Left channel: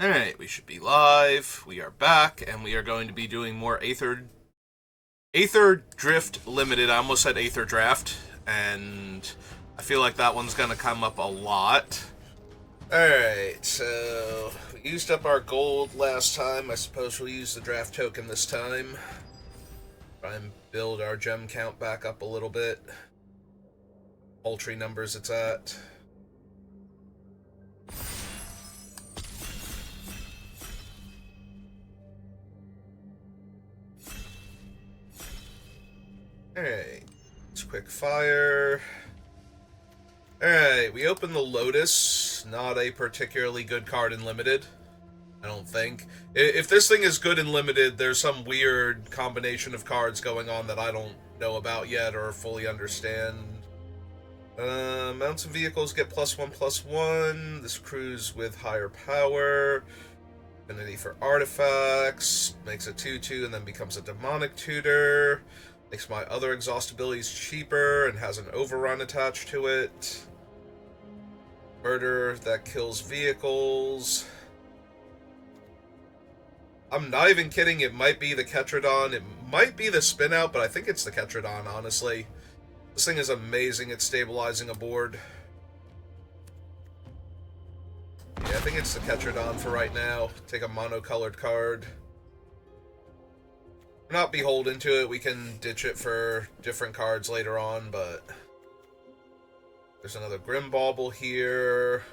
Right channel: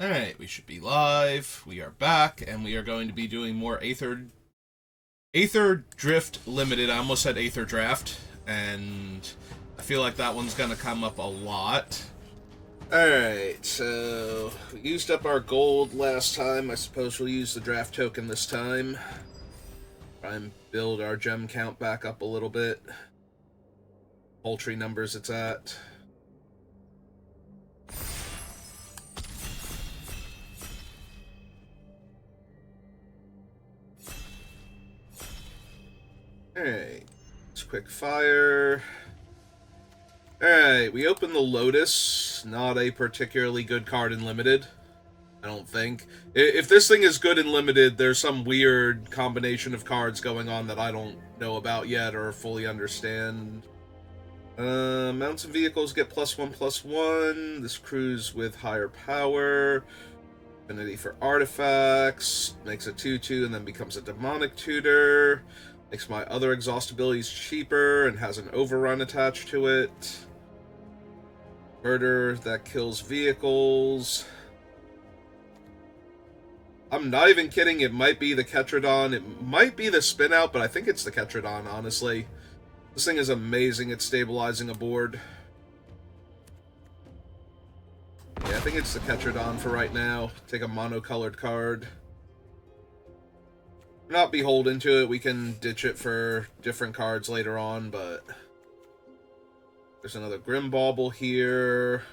Alright, we should be live. We are back, and we are going to be doing more Aetherdrift Limited. I almost said Aetherdrift, and I feel like that one's going to come up a lot. Alright, so we used up our gold last time. I suppose we'll use the draft token this time. Try and build our gem count back up a little bit. Paltry numbers it's at. Alright, let's quick fire. Alright, we open the Lotus. Not a particularly good card in Limited, I don't think. If this thing is good in Limited, there's some weird combination of cards going on that I don't know about yet or fully understand. Mounts and vehicles get +1/+1. This crew's with higher power. Affinity for artifacts. Makes a 2/2 and then becomes a demonic tutor. Makes my other exhaust abilities cheaper and has an overrun attached to it. Murder that kills vehicles. I'm not even kidding, it might be the Ketradon. It might be the spin out, but I think it's the Ketradon, honestly. This thing is amazing at stabilizing a board. Yeah, I think it's the Ketradon for right now. Take a monocolored card. We're not beholden to it. We can ditch it for different cards later on, but there's another Grim Bauble here.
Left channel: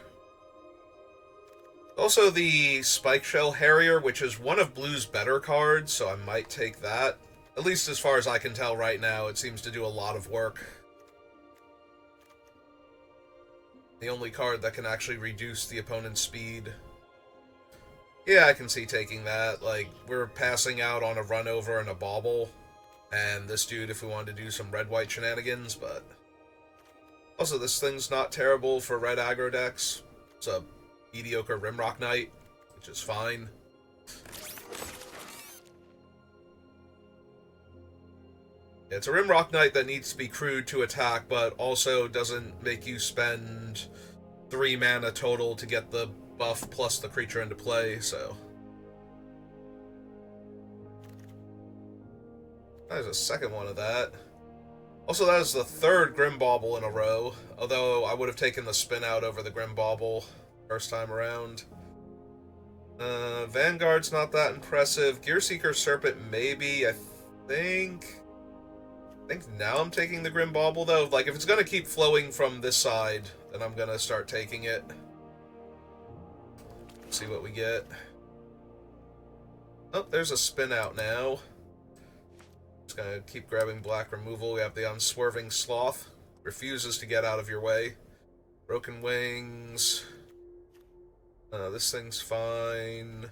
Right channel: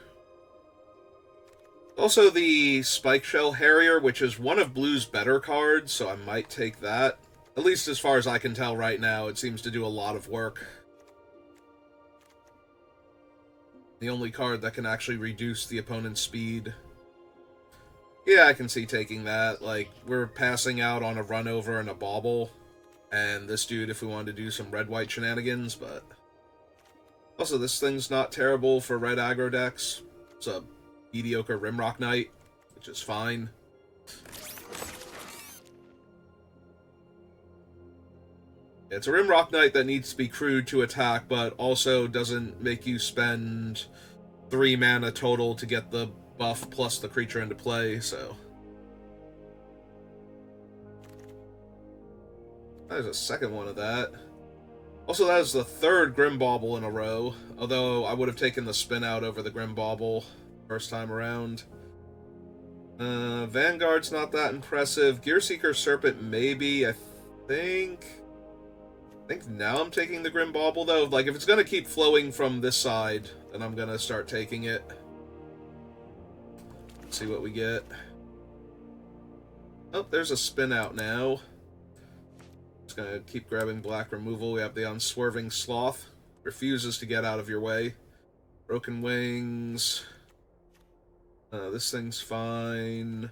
Also the Spike Shell Harrier, which is one of Blue's better cards, so I might take that. At least as far as I can tell right now, it seems to do a lot of work. The only card that can actually reduce the opponent's speed. Yeah, I can see taking that. Like, we're passing out on a run over and a bauble. And this dude, if we wanted to do some red-white shenanigans, but... Also, this thing's not terrible for red aggro decks. It's a mediocre Rimrock Knight, which is fine. It's a Rimrock Knight that needs to be crewed to attack, but also doesn't make you spend 3 mana total to get the buff plus the creature into play, so... There's a second one of that. Also, that is the third Grim Bauble in a row, although I would have taken the spin out over the Grim Bauble first time around. Vanguard's not that impressive. Gearseeker Serpent, maybe. I think now I'm taking the Grim Bauble, though. Like, if it's going to keep flowing from this side, then I'm going to start taking it. Let's see what we get. Oh, there's a spin out now. Just going to keep grabbing black removal. We have the Unswerving Sloth. Refuses to get out of your way. Broken Wings. This thing's fine.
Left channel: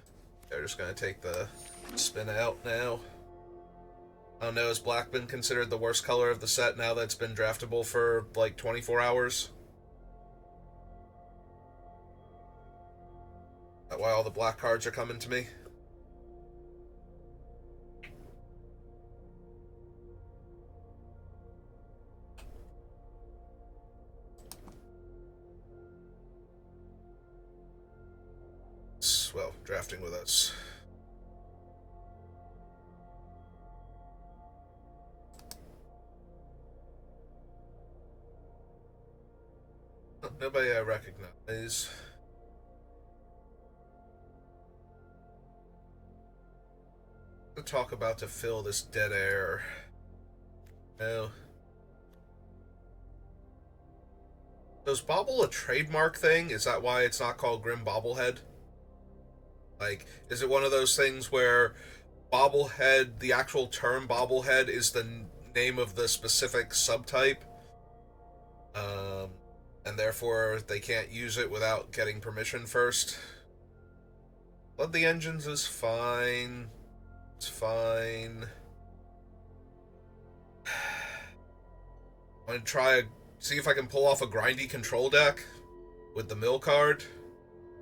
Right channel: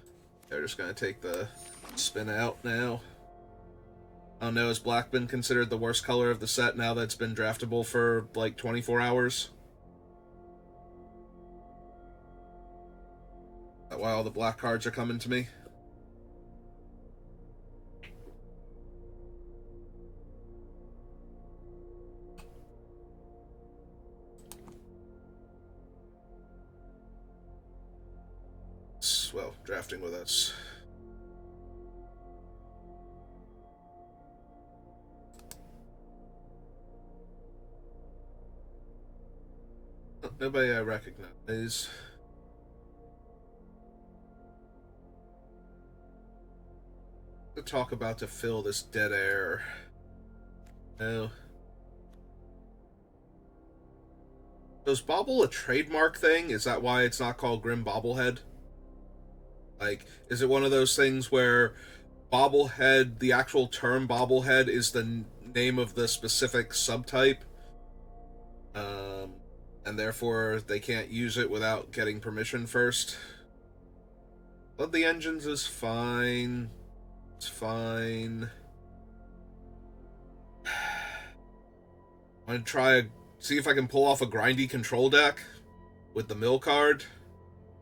They're just going to take the spin out now. I don't know, has black been considered the worst color of the set now that it's been draftable for like 24 hours? Is that why all the black cards are coming to me? Well, drafting with us. Oh, nobody I recognize. To talk about to fill this dead air. No. So is Bauble a trademark thing? Is that why it's not called Grim Bobblehead? Like, is it one of those things where bobblehead, the actual term bobblehead, is the name of the specific subtype? And therefore they can't use it without getting permission first? But the engines is fine. It's fine. I'm gonna see if I can pull off a grindy control deck with the mill card.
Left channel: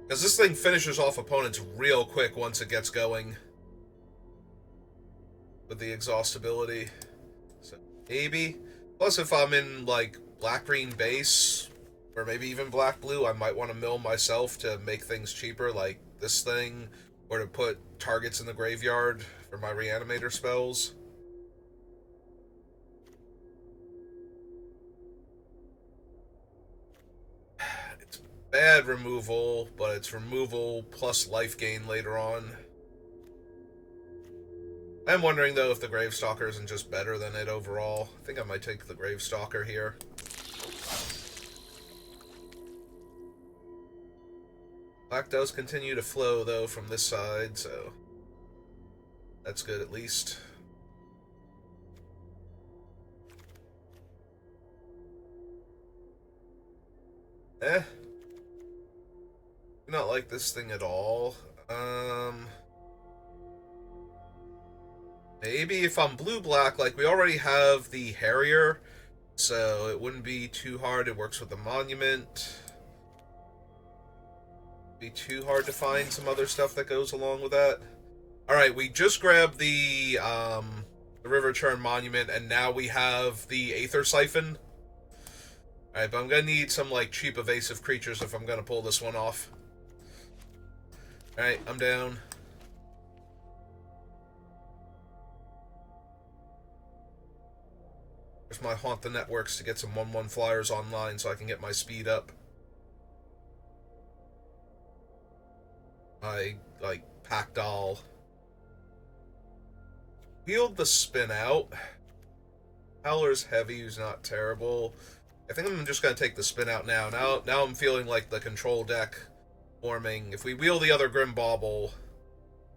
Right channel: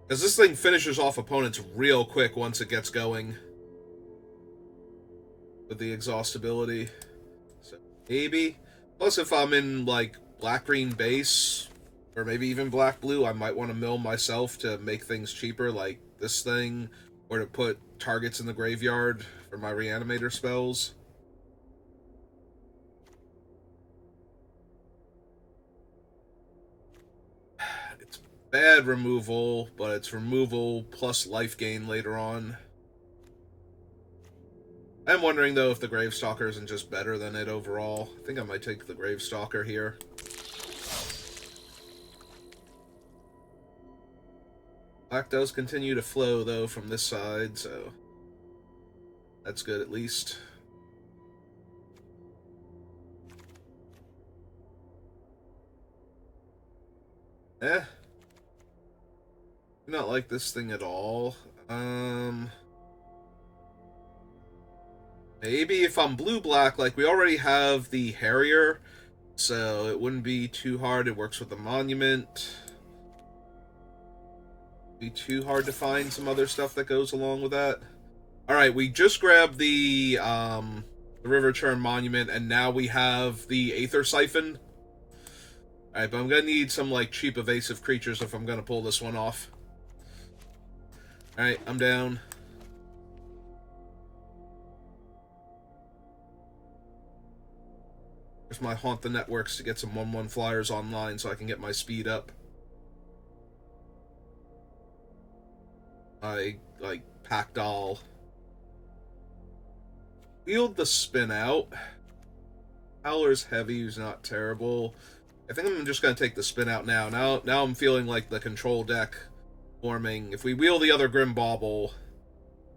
Because this thing finishes off opponents real quick once it gets going. With the exhaust ability. So, maybe. Plus, if I'm in, like, black-green base, or maybe even black-blue, I might want to mill myself to make things cheaper. Like, this thing, or to put targets in the graveyard for my reanimator spells. It's bad removal, but it's removal plus life gain later on. I'm wondering, though, if the Gravestalker isn't just better than it overall. I think I might take the Gravestalker here. Black does continue to flow, though, from this side, so that's good at least. Do not like this thing at all. Maybe if I'm blue-black, like, we already have the Harrier, so it wouldn't be too hard. It works with the Monument. Be too hard to find some other stuff that goes along with that. Alright, we just grabbed the River Churn Monument, and now we have the Aether Siphon. Alright, but I'm gonna need some, like, cheap evasive creatures if I'm gonna pull this one off. Alright, I'm down. There's my Haunt the Networks to get some 1/1 flyers online so I can get my speed up. I, like, Pack Doll. Wield the Spin Out. Howler's Heavy is not terrible. I think I'm just going to take the Spin Out now. Now I'm feeling like the control deck forming. If we wheel the other Grim Bauble,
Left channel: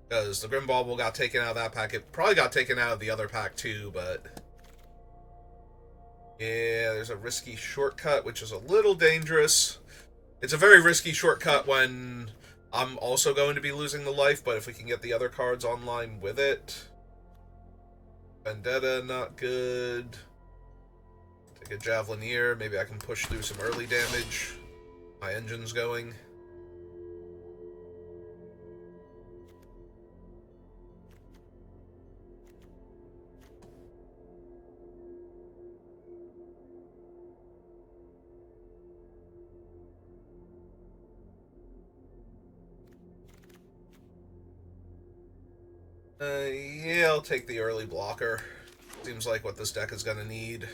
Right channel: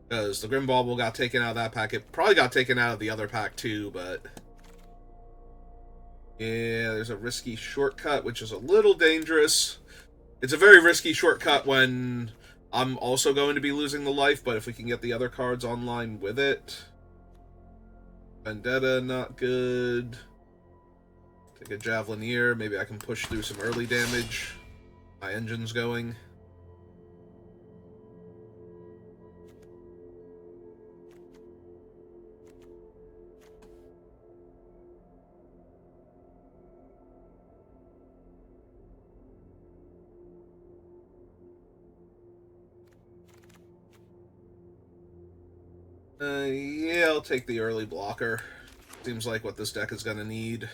because the Grim Bauble got taken out of that pack. It probably got taken out of the other pack too, but... yeah, there's a risky shortcut, which is a little dangerous. It's a very risky shortcut when I'm also going to be losing the life, but if we can get the other cards online with it... Vendetta, not good. Take a Javelineer. Maybe I can push through some early damage. My engine's going. Yeah, I'll take the early blocker. Seems like what this deck is going to need.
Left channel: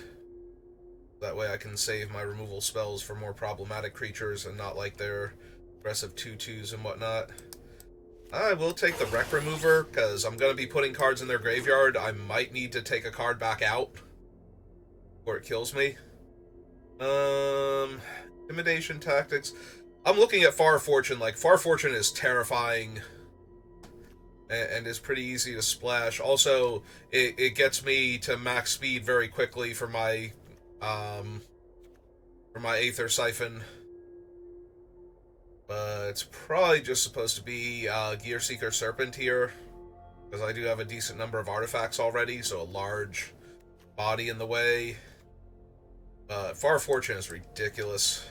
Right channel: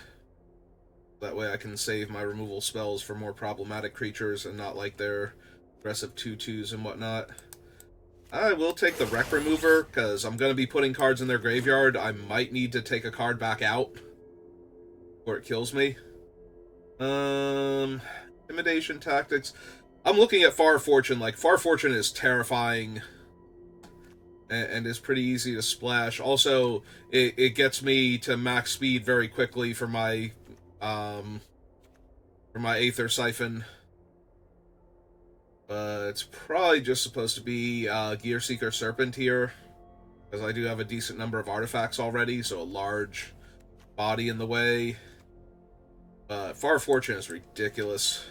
That way I can save my removal spells for more problematic creatures and not like their aggressive 2/2s and whatnot. I will take the Wreck Remover, because I'm going to be putting cards in their graveyard. I might need to take a card back out before it kills me. Intimidation Tactics. I'm looking at Far Fortune. Like, Far Fortune is terrifying and is pretty easy to splash. Also, it gets me to max speed very quickly for my Aether Siphon. It's probably just supposed to be Gear Seeker Serpent here, because I do have a decent number of artifacts already, so a large body in the way. Far Fortune is ridiculous.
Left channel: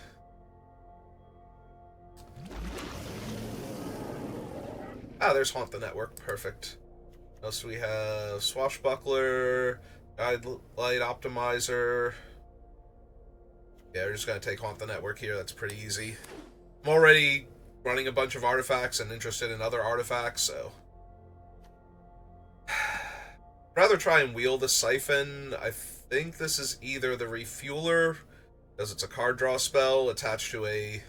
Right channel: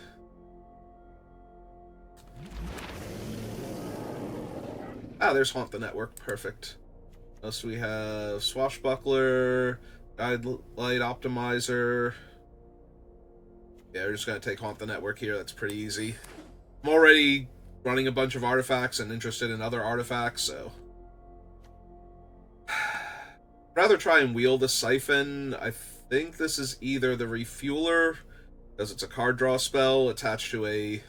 Ah, there's Haunt the Network. Perfect. What else do we have? Swashbuckler, Guide Light Optimizer. Yeah, we're just going to take Haunt the Network here. That's pretty easy. I'm already running a bunch of artifacts and interested in other artifacts, so... rather try and wheel the Siphon. I think this is either the Refueler, because it's a card draw spell attached to a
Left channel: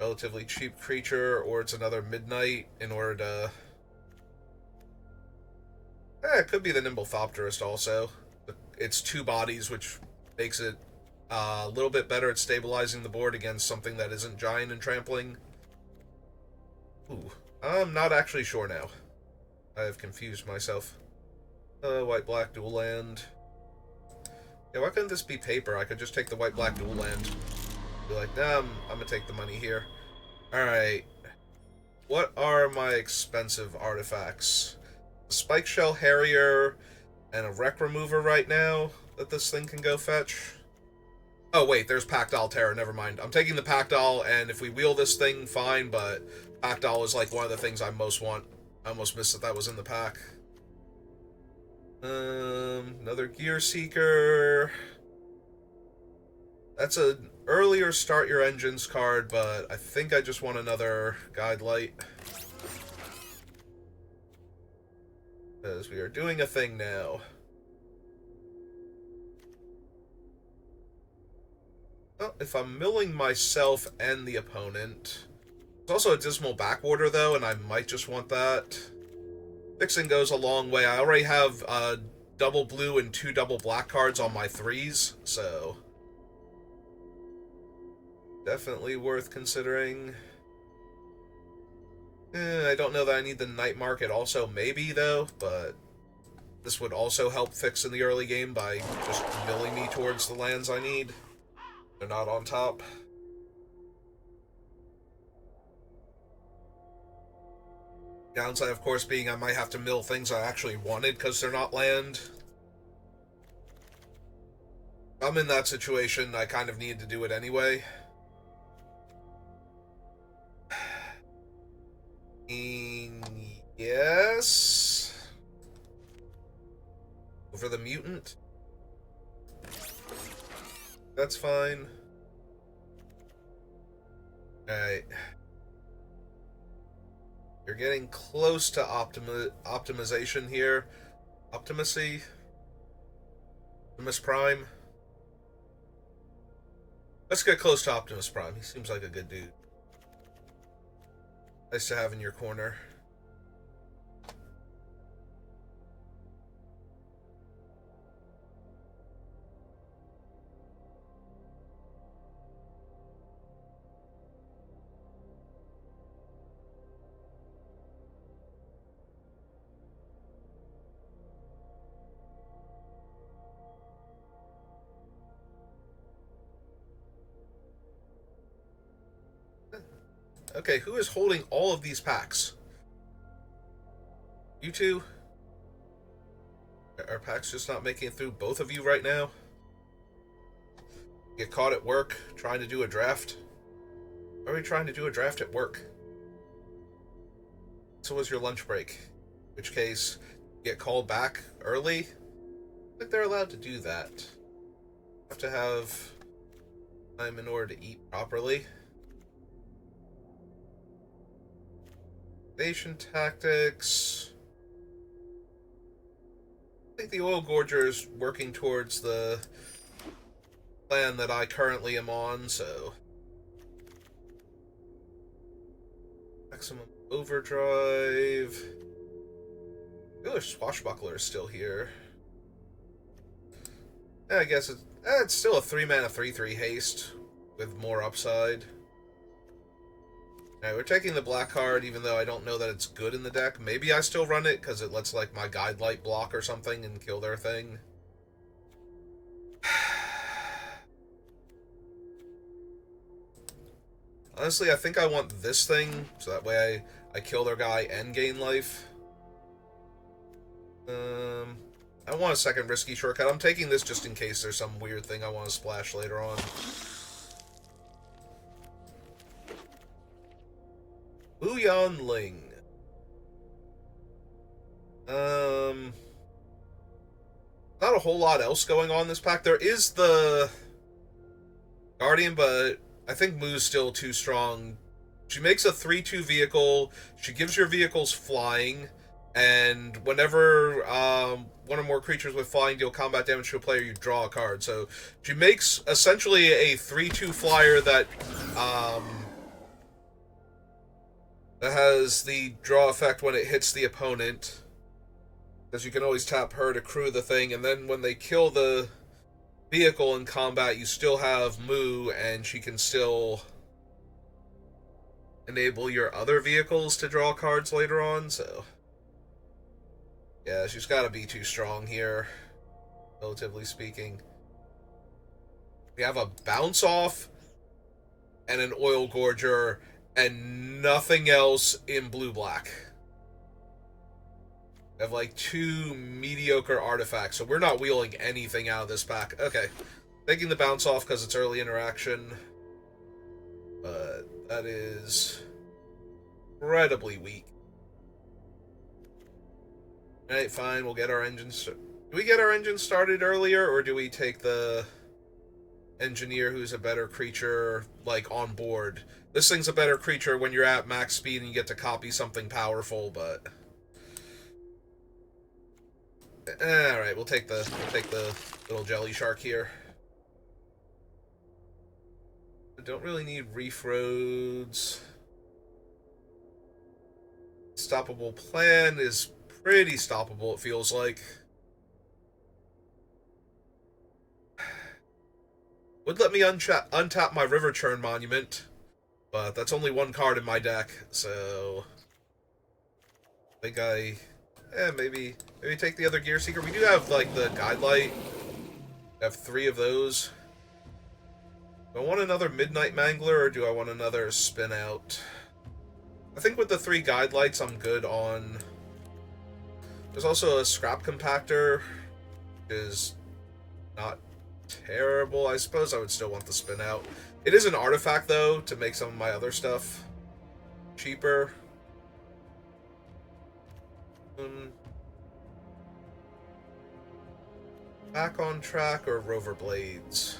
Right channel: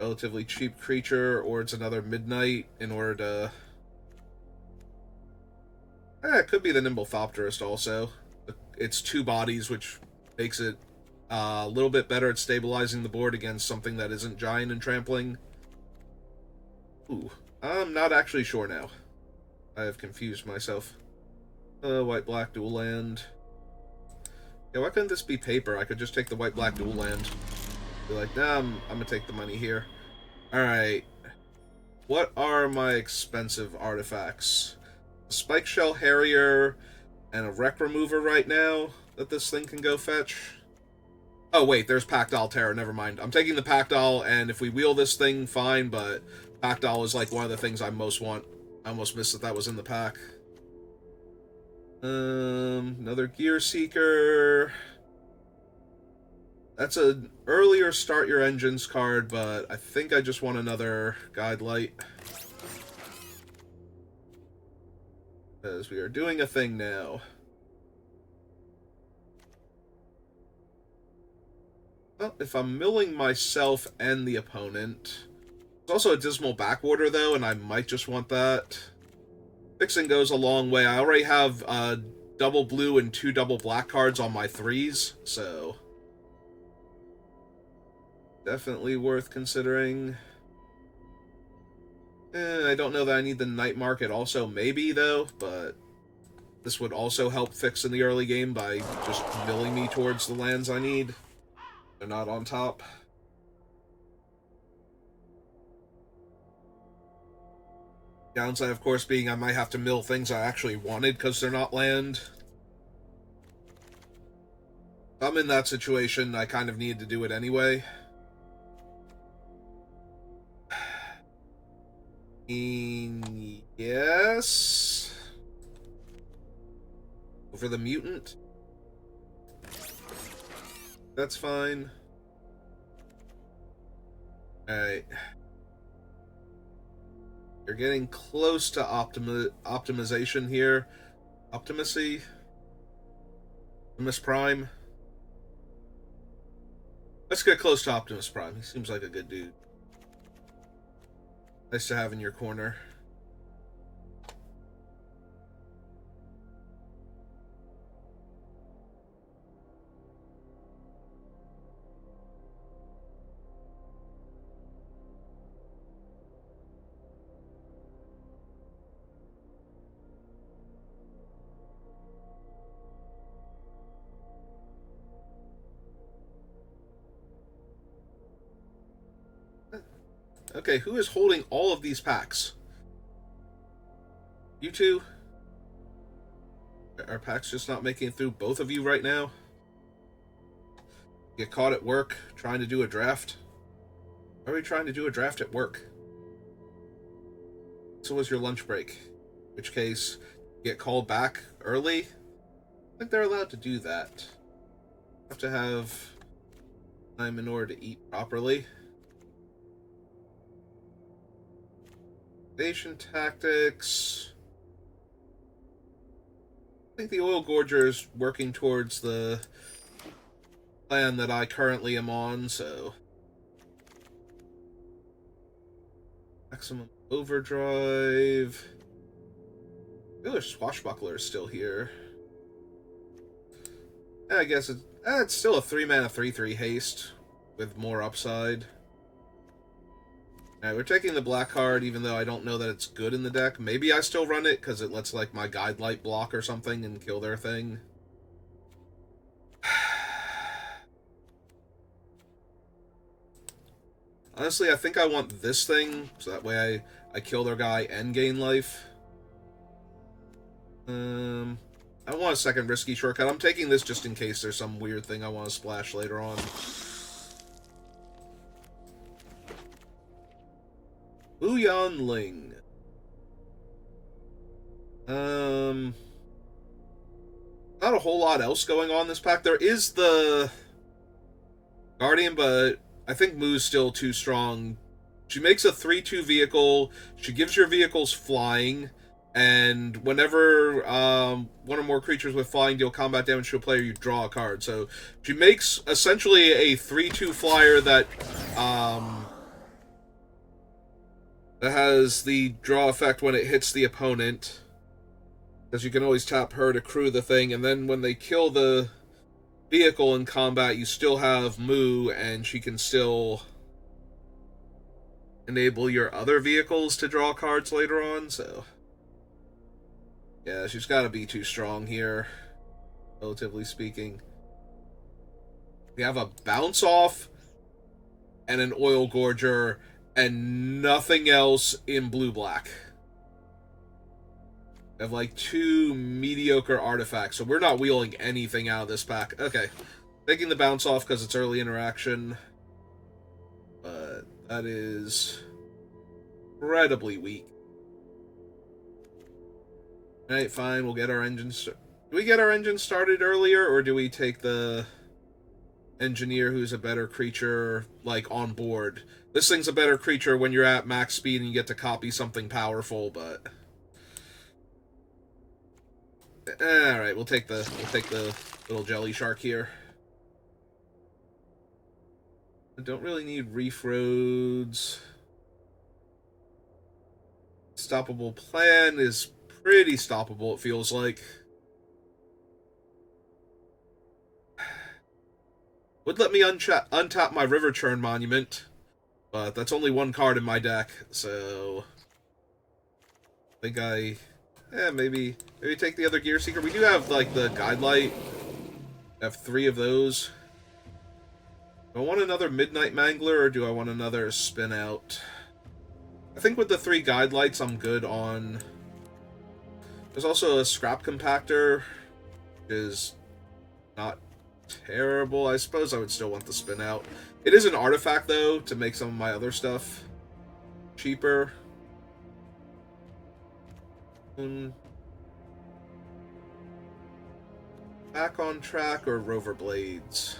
relatively cheap creature, or it's another Midnight in order to... it could be the Nimblethopterist also. It's 2 bodies, which makes it a little bit better at stabilizing the board against something that isn't giant and trampling. Ooh, I'm not actually sure now. I have confused myself. White-black dual land. Yeah, why couldn't this be paper? I could just take the white-black dual land. Be like, nah, I'm gonna take the money here. Alright. What are my expensive artifacts? A Spike Shell Harrier and a Wreck Remover right now that this thing can go fetch. Oh, wait, there's Pack-Doll Terror. Never mind. I'm taking the Pack-Doll, and if we wheel this thing, fine, but Pack-Doll is like one of the things I most want. I almost missed that was in the pack. Another Gear Seeker. That's an earlier start your engines card, but I think I just want another guide light. Because we are doing a thing now. Well, if I'm milling myself and the opponent... There's also a Dismal Backwater, though, and I might just want that. Fixing goes a long way. I already have double blue and 2 double black cards on my 3s, so... Definitely worth considering. I don't know that I need the Night Market also, maybe, though, but... This would also help fix in the early game by just milling me towards the lands I need. They're not on top. Downside, of course, being I might have to mill things I actually wanted because they're not land. If I'm in that situation, I kind of need to do it anyway. Yes. Over the mutant. That's fine. Alright. You're getting close to optimization here. Optimacy? Optimus Prime? Let's get close to Optimus Prime. He seems like a good dude. Nice to have in your corner. Okay, who is holding all of these packs? You two? Are packs just not making it through both of you right now? Get caught at work trying to do a draft? Why are we trying to do a draft at work? So was your lunch break. In which case, get called back early? I think they're allowed to do that. Have to have time in order to eat properly. Invasion tactics. I think the Oil Gorger is working towards the plan that I currently am on, so... Maximum Overdrive... I feel like Swashbuckler is still here. I guess it's still a 3-mana 3/3 haste with more upside. Alright, we're taking the black card, even though I don't know that it's good in the deck. Maybe I still run it, because it lets, like, my Guide Light block or something and kill their thing. Honestly, I think I want this thing, so that way I kill their guy and gain life. I don't want a second risky shortcut. I'm taking this just in case there's some weird thing I want to splash later on. Booyan Ling. Not a whole lot else going on in this pack. There is the Guardian, but I think Moo's still too strong. She makes a 3/2 vehicle. She gives your vehicles flying. And whenever one or more creatures with flying deal combat damage to a player, you draw a card. So she makes essentially a 3/2 flyer that has the draw effect when it hits the opponent. Because you can always tap her to crew the thing, and then when they kill the vehicle in combat, you still have Moo, and she can still enable your other vehicles to draw cards later on, so... Yeah, she's got to be too strong here, relatively speaking. We have a Bounce Off and an Oil Gorger and nothing else in blue-black. We have like 2 mediocre artifacts, so we're not wheeling anything out of this pack. Okay, taking the Bounce Off because it's early interaction, but that is incredibly weak. Alright, fine, we'll get our engines... Do we get our engine started earlier, or do we take the... engineer who's a better creature, like, on board. This thing's a better creature when you're at max speed and you get to copy something powerful, but... Alright, we'll take the little jelly shark here. I don't really need reef roads. Stoppable plan is pretty stoppable, it feels like. Would let me untap my River Churn Monument, but that's only one card in my deck, so... I think maybe take the other Gear Seeker. We do have, like, the Guide Light. I have 3 of those. Do I want another Midnight Mangler, or do I want another Spin Out? I think with the 3 Guide Lights, I'm good on... There's also a Scrap Compactor, which is not terrible. I suppose I would still want the Spin Out. It is an artifact, though, to make some of my other stuff cheaper. Back on Track or Rover Blades?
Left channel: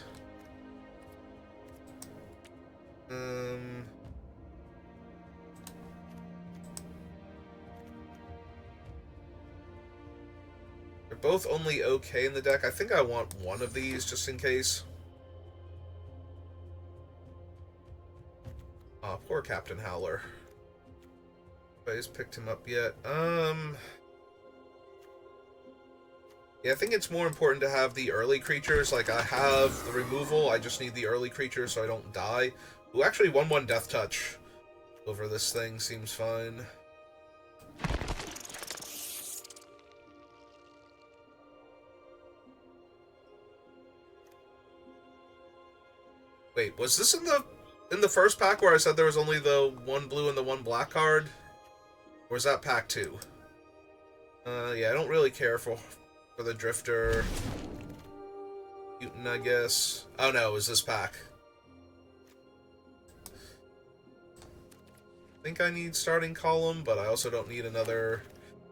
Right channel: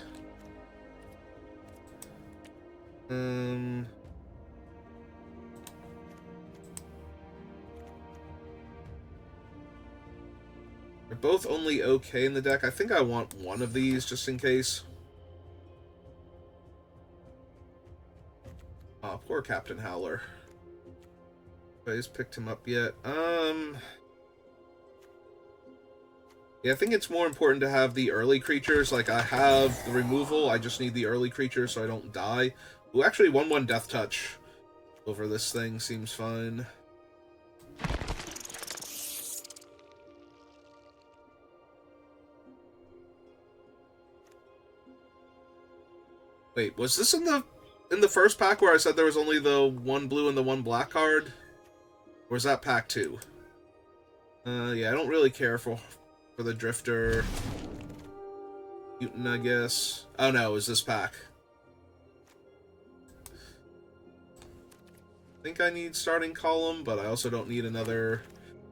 They're both only okay in the deck. I think I want one of these just in case. Oh, poor Captain Howler. Nobody's picked him up yet. Yeah, I think it's more important to have the early creatures. Like, I have the removal, I just need the early creatures so I don't die. Ooh, actually, 1/1 Death Touch over this thing seems fine. Wait, was this in the first pack where I said there was only the 1 blue and the 1 black card? Or was that pack 2? Yeah, I don't really care for the Drifter. Mutant, I guess. Oh no, it was this pack. I think I need Starting Column, but I also don't need another...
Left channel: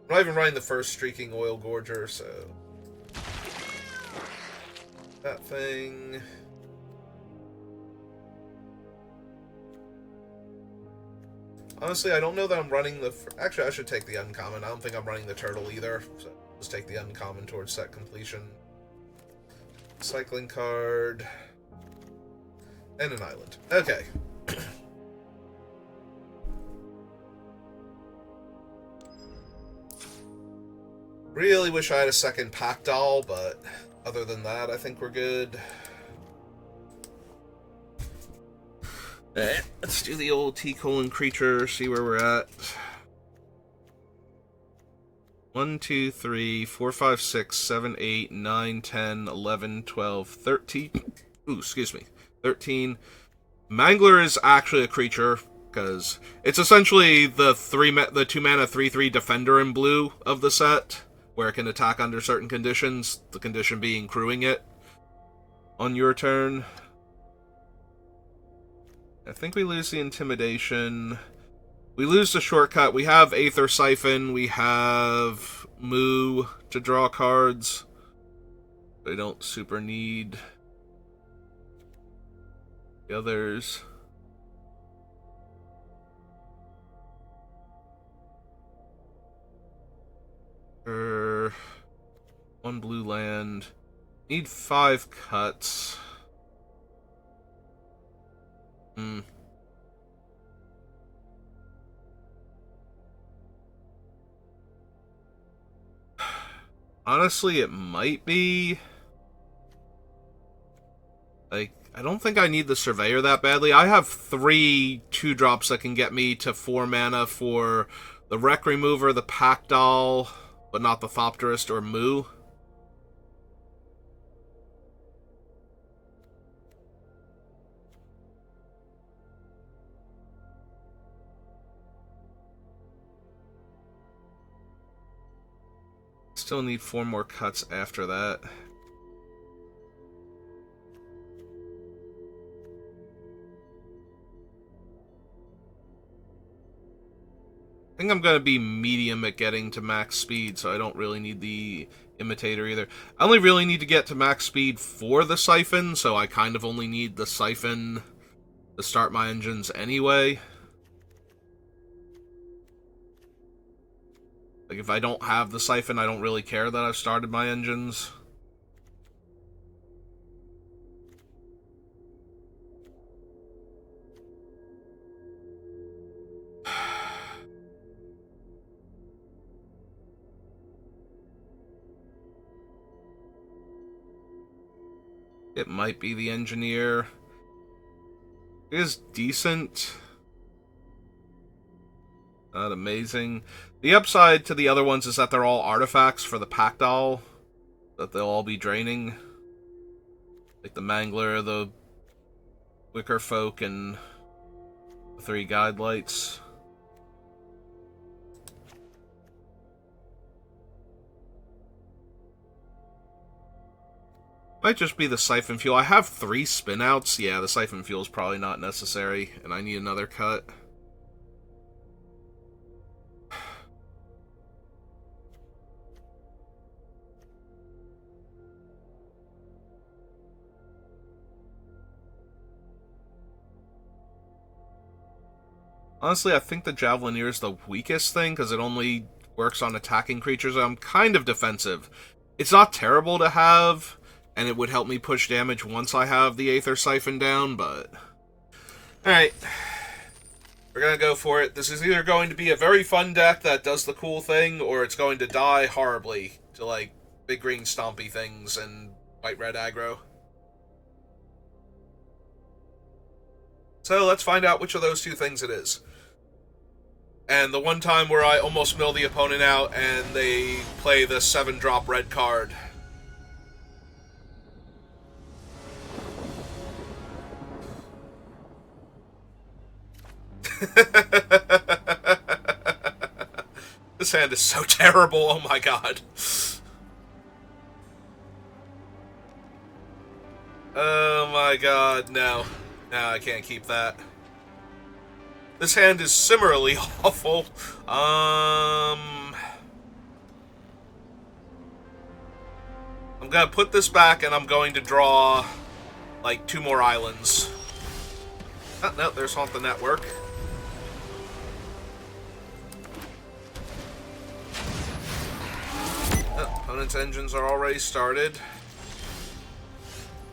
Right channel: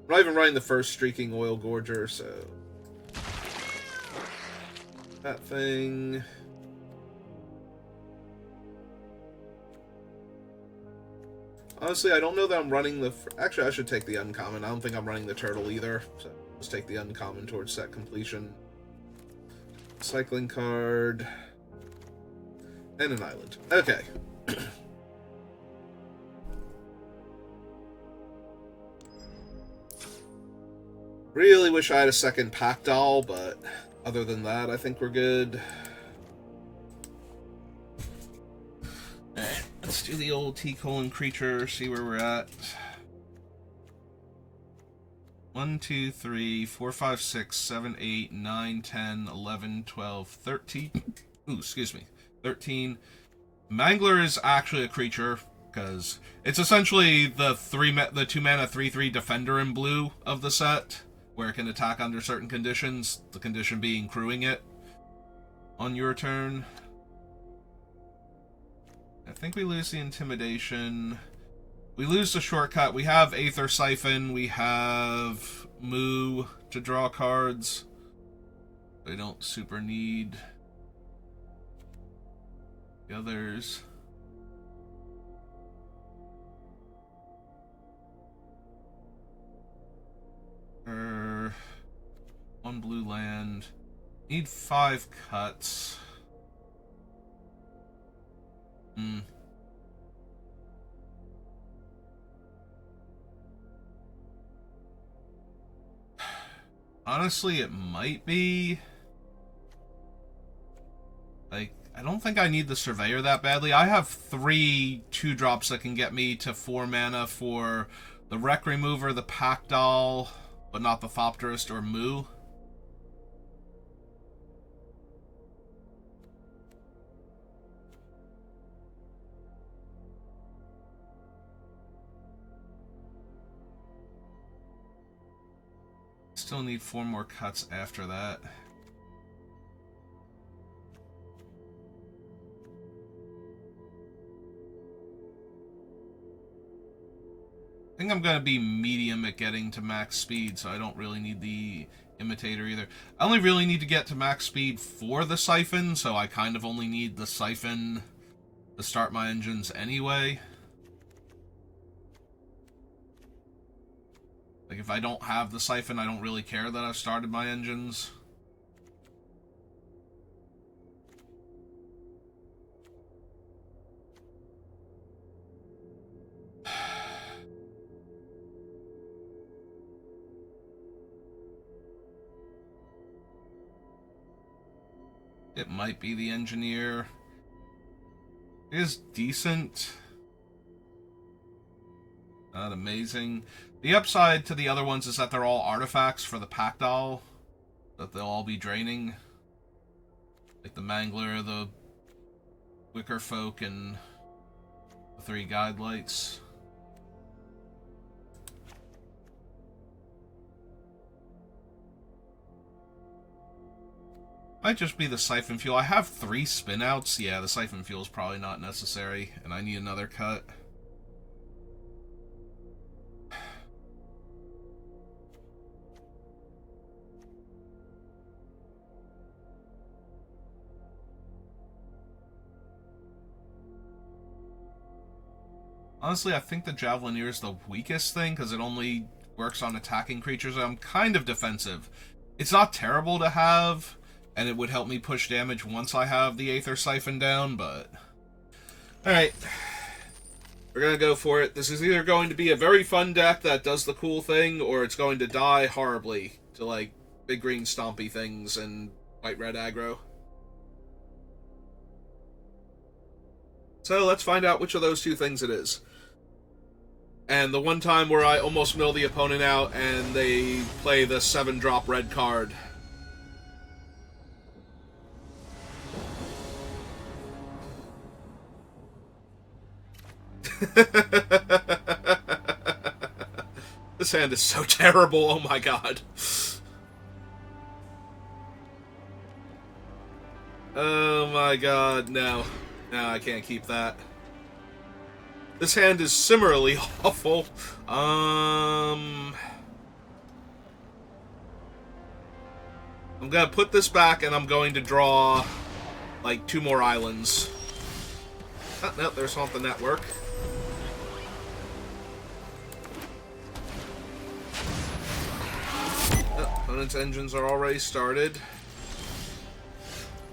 I'm not even running the first Streaking Oil Gorger, so... That thing... Honestly, I don't know that I'm running the... Actually, I should take the uncommon. I don't think I'm running the turtle either. So let's take the uncommon towards set completion. Cycling card. And an island. Okay. Really wish I had a second pack doll, but other than that, I think we're good. Alright, let's do the old T-colon creature, see where we're at. 1, 2, 3, 4, 5, 6, 7, 8, 9, 10, 11, 12, 13. Ooh, excuse me. 13. Mangler is actually a creature, because it's essentially the 2-mana 3/3 defender in blue of the set, where it can attack under certain conditions, the condition being crewing it on your turn. I think we lose the Intimidation. We lose the Shortcut. We have Aether Siphon. We have Moo to draw cards. They don't super need the others. One blue land. Need 5 cuts. Honestly, it might be... Like, I don't think I need the Surveyor that badly. I have 3 2-drops that can get me to 4 mana for the Wreck Remover, the Pack Doll, but not the Thopterist or Moo. Still need 4 more cuts after that. I think I'm going to be medium at getting to max speed, so I don't really need the imitator either. I only really need to get to max speed for the siphon, so I kind of only need the siphon to start my engines anyway. Like, if I don't have the siphon, I don't really care that I've started my engines. It might be the engineer. It is decent. Not amazing. The upside to the other ones is that they're all artifacts for the pack doll. That they'll all be draining. Like the Mangler, the Wicker Folk, and the 3 guide lights. Might just be the siphon fuel. I have 3 spinouts. Yeah, the siphon fuel is probably not necessary, and I need another cut. Honestly, I think the Javelineer is the weakest thing, because it only works on attacking creatures. I'm kind of defensive. It's not terrible to have, and it would help me push damage once I have the Aether Siphon down, but... Alright. We're gonna go for it. This is either going to be a very fun deck that does the cool thing, or it's going to die horribly to, like, big green stompy things and white-red aggro. So let's find out which of those 2 things it is. And the one time where I almost mill the opponent out and they play the 7-drop red card. This hand is so terrible, oh my god. Oh my god, no. No, I can't keep that. This hand is similarly awful. I'm gonna put this back and I'm going to draw, like, 2 more islands. Oh, no, there's Haunt the Network. Oh, opponent's engines are already started.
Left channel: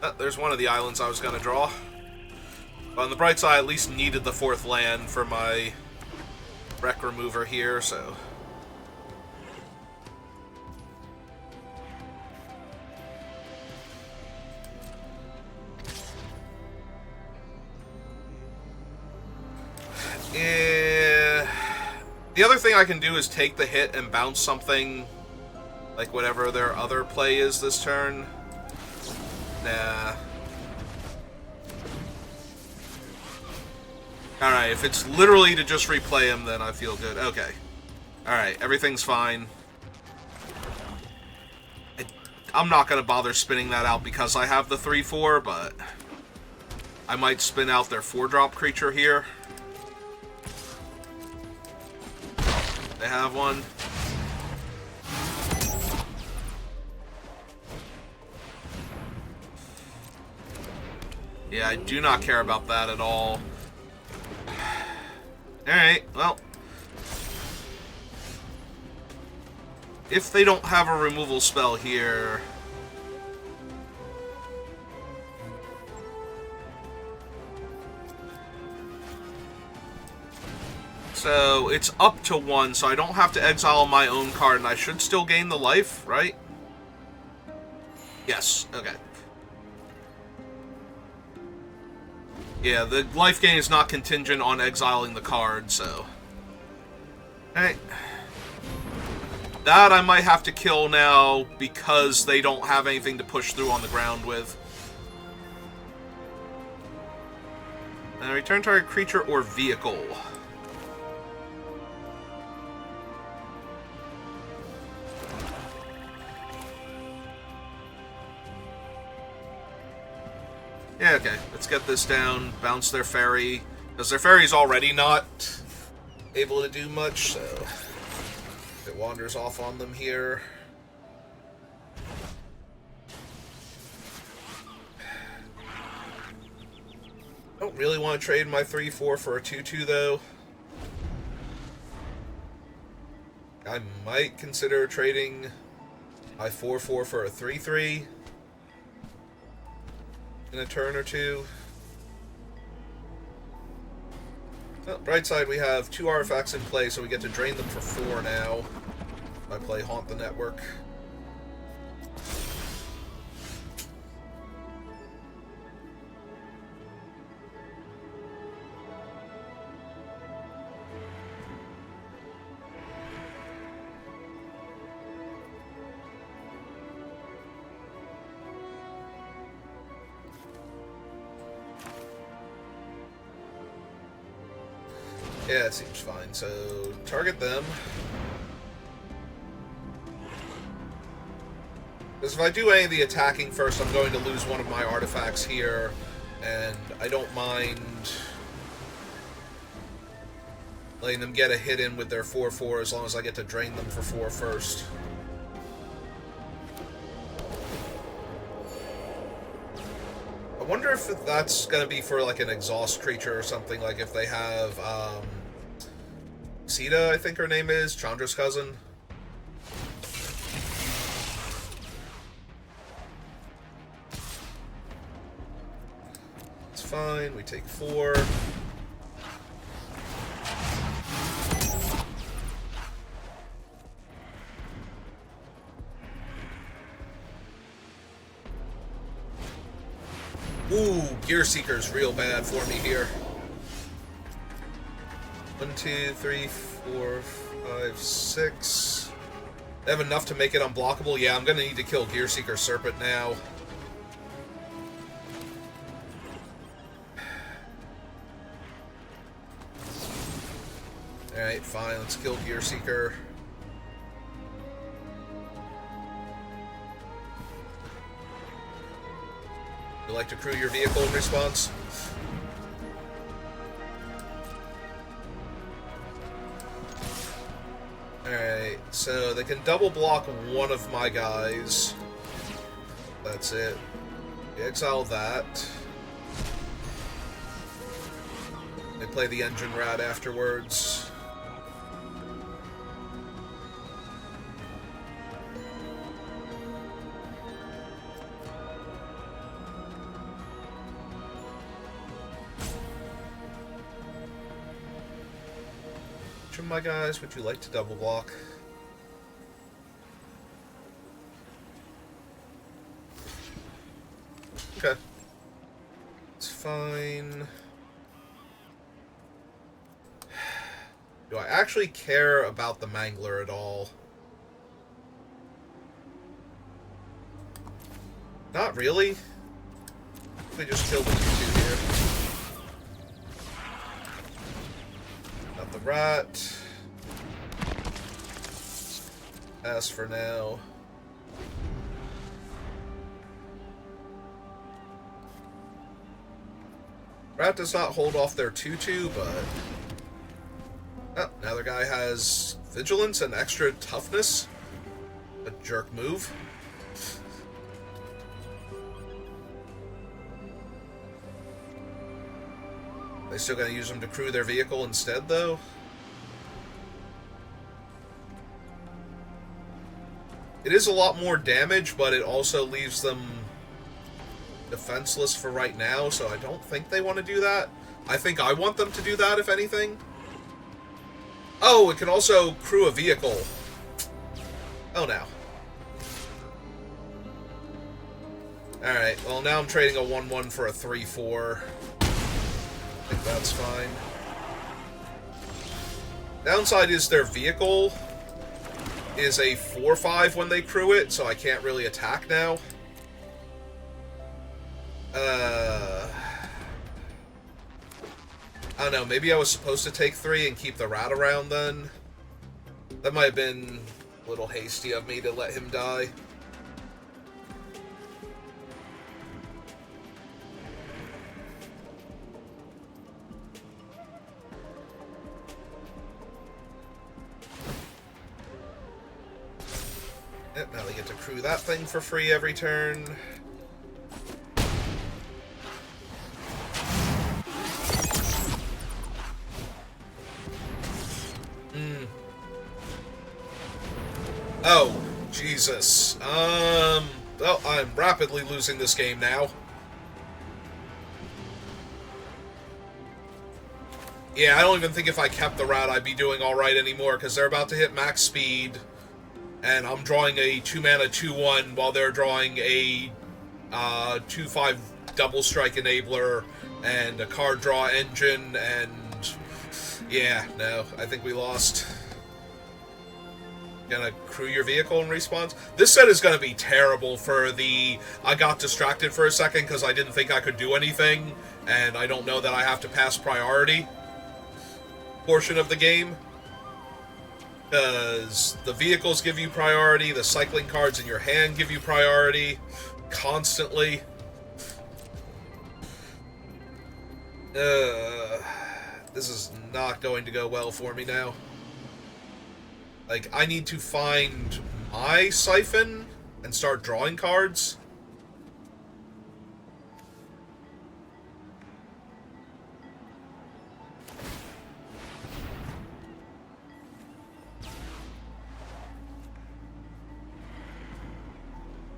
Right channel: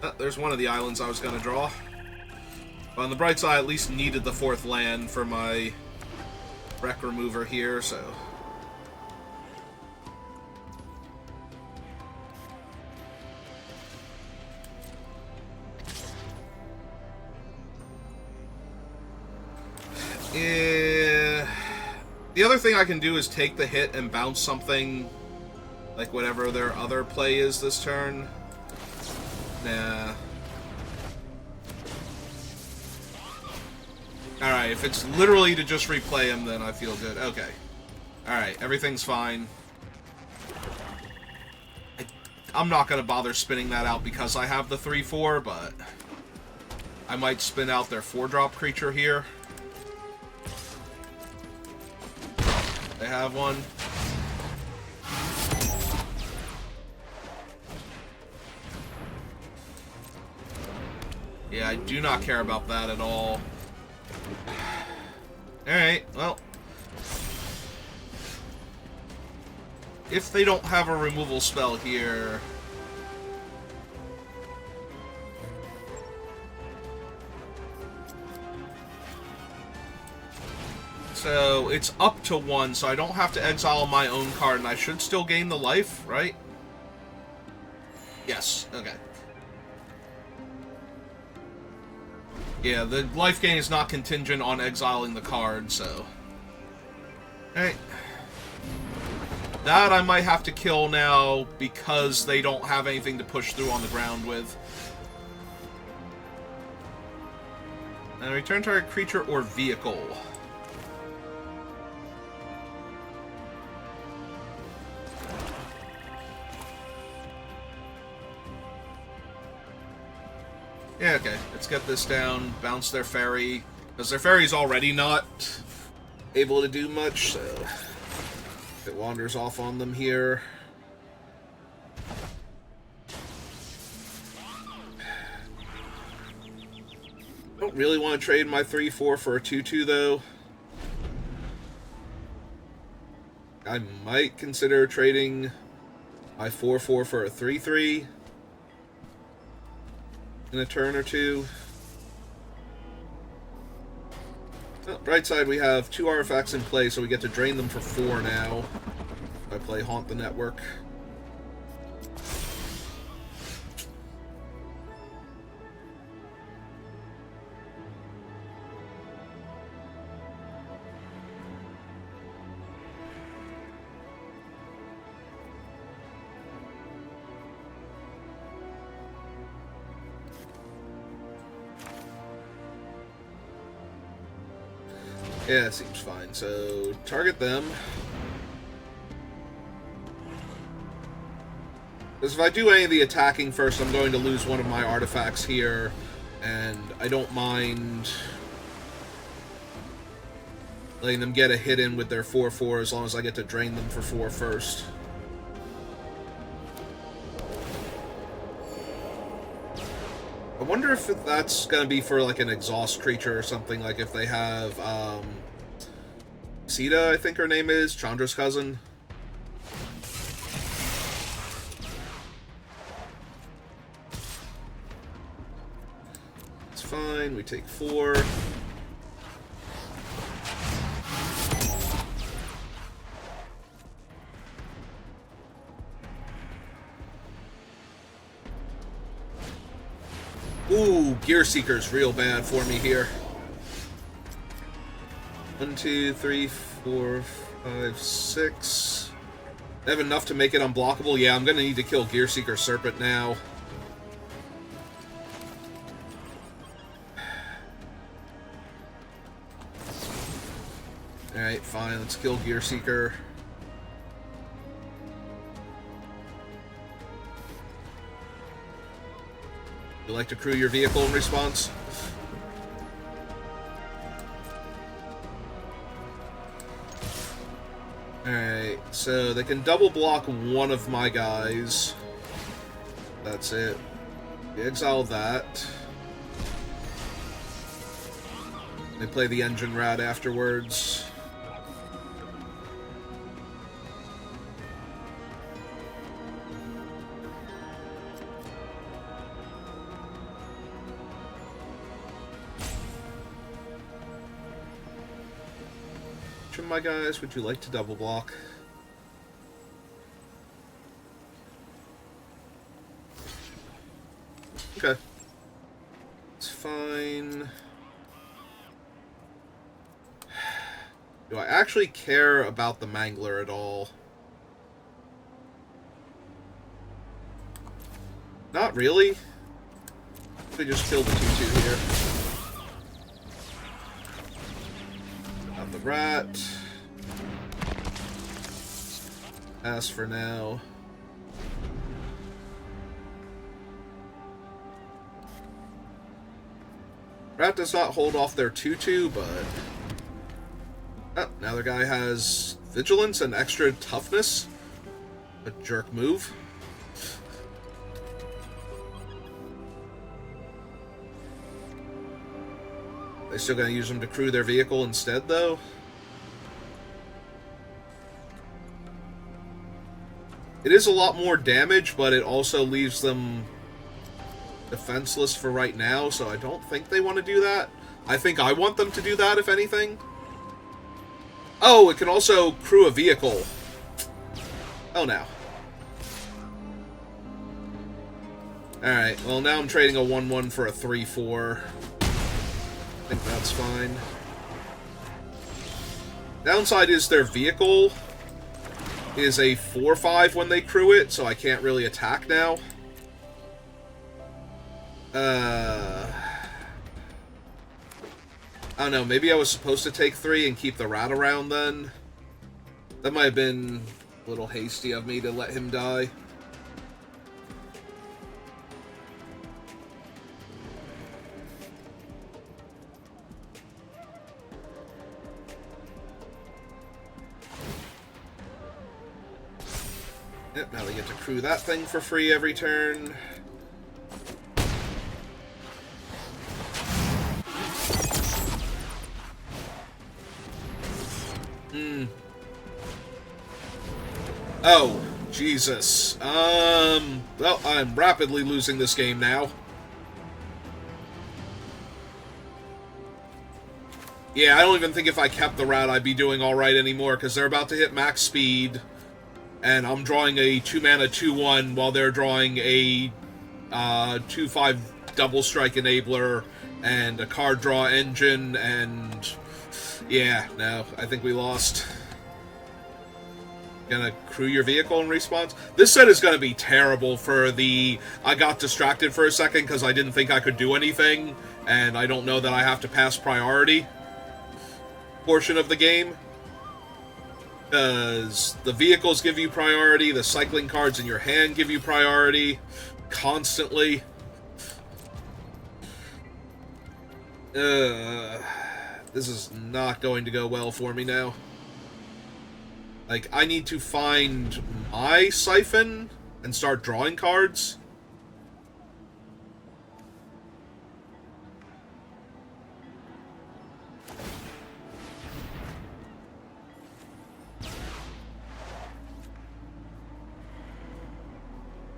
Oh, there's one of the islands I was gonna draw. But on the bright side, I at least needed the 4th land for my wreck remover here, so... The other thing I can do is take the hit and bounce something, like whatever their other play is this turn. Nah. Alright, if it's literally to just replay him, then I feel good. Okay. Alright, everything's fine. I'm not going to bother spinning that out because I have the 3/4, but I might spin out their 4-drop creature here. They have one. Yeah, I do not care about that at all. Alright, well. If they don't have a removal spell here... So, it's up to 1, so I don't have to exile my own card, and I should still gain the life, right? Yes, okay. Yeah, the life gain is not contingent on exiling the card, so... Alright. That I might have to kill now because they don't have anything to push through on the ground with. And return target creature or vehicle. Yeah, okay. Let's get this down. Bounce their ferry. Because their ferry's already not able to do much, so it wanders off on them here. Don't really want to trade my 3-4 for a 2-2 though. I might consider trading my 4-4 for a 3-3 in a turn or two. Oh, right side, we have 2 artifacts in play, so we get to drain them for 4 now. If I play Haunt the Network. Yeah, it seems fine. So, target them. Because if I do any of the attacking first, I'm going to lose one of my artifacts here, and I don't mind letting them get a hit in with their 4-4 as long as I get to drain them for 4 first. I wonder if that's going to be for like an exhaust creature or something, like if they have Sita, I think her name is, Chandra's cousin. It's fine, we take 4. Ooh, Gear Seeker's real bad for me here. 1, 2, 3, 4, 5, 6. I have enough to make it unblockable. Yeah, I'm going to need to kill Gear Seeker Serpent now. Alright, fine. Let's kill Gear Seeker. You like to crew your vehicle in response? Alright, so they can double block one of my guys. That's it. Exile that. They play the engine rat afterwards. Which of my guys would you like to double block? Okay. It's fine. Do I actually care about the Mangler at all? Not really. We just killed the 2-2 here. Got the rat. Pass for now. Rat does not hold off their 2-2, but... Oh, now the guy has Vigilance and extra toughness. A jerk move. They still gonna use them to crew their vehicle instead, though? It is a lot more damage, but it also leaves them defenseless for right now, so I don't think they want to do that. I think I want them to do that, if anything. Oh, it can also crew a vehicle. Oh, no. Alright, well, now I'm trading a 1-1 for a 3-4. I think that's fine. Downside is their vehicle is a 4-5 when they crew it, so I can't really attack now. I don't know, maybe I was supposed to take 3 and keep the rat around then. That might have been a little hasty of me to let him die. get to crew that thing for free every turn. Oh, Jesus. Well, I'm rapidly losing this game now. Yeah, I don't even think if I kept the route I'd be doing alright anymore, because they're about to hit max speed, and I'm drawing a 2-mana 2-1 while they're drawing a 2-5 double strike enabler and a card draw engine, and yeah, no, I think we lost. Gonna crew your vehicle in response. This set is gonna be terrible for the I got distracted for a second because I didn't think I could do anything, and I don't know that I have to pass priority portion of the game. Because the vehicles give you priority, the cycling cards in your hand give you priority constantly. This is not going to go well for me now. Like, I need to find my siphon and start drawing cards.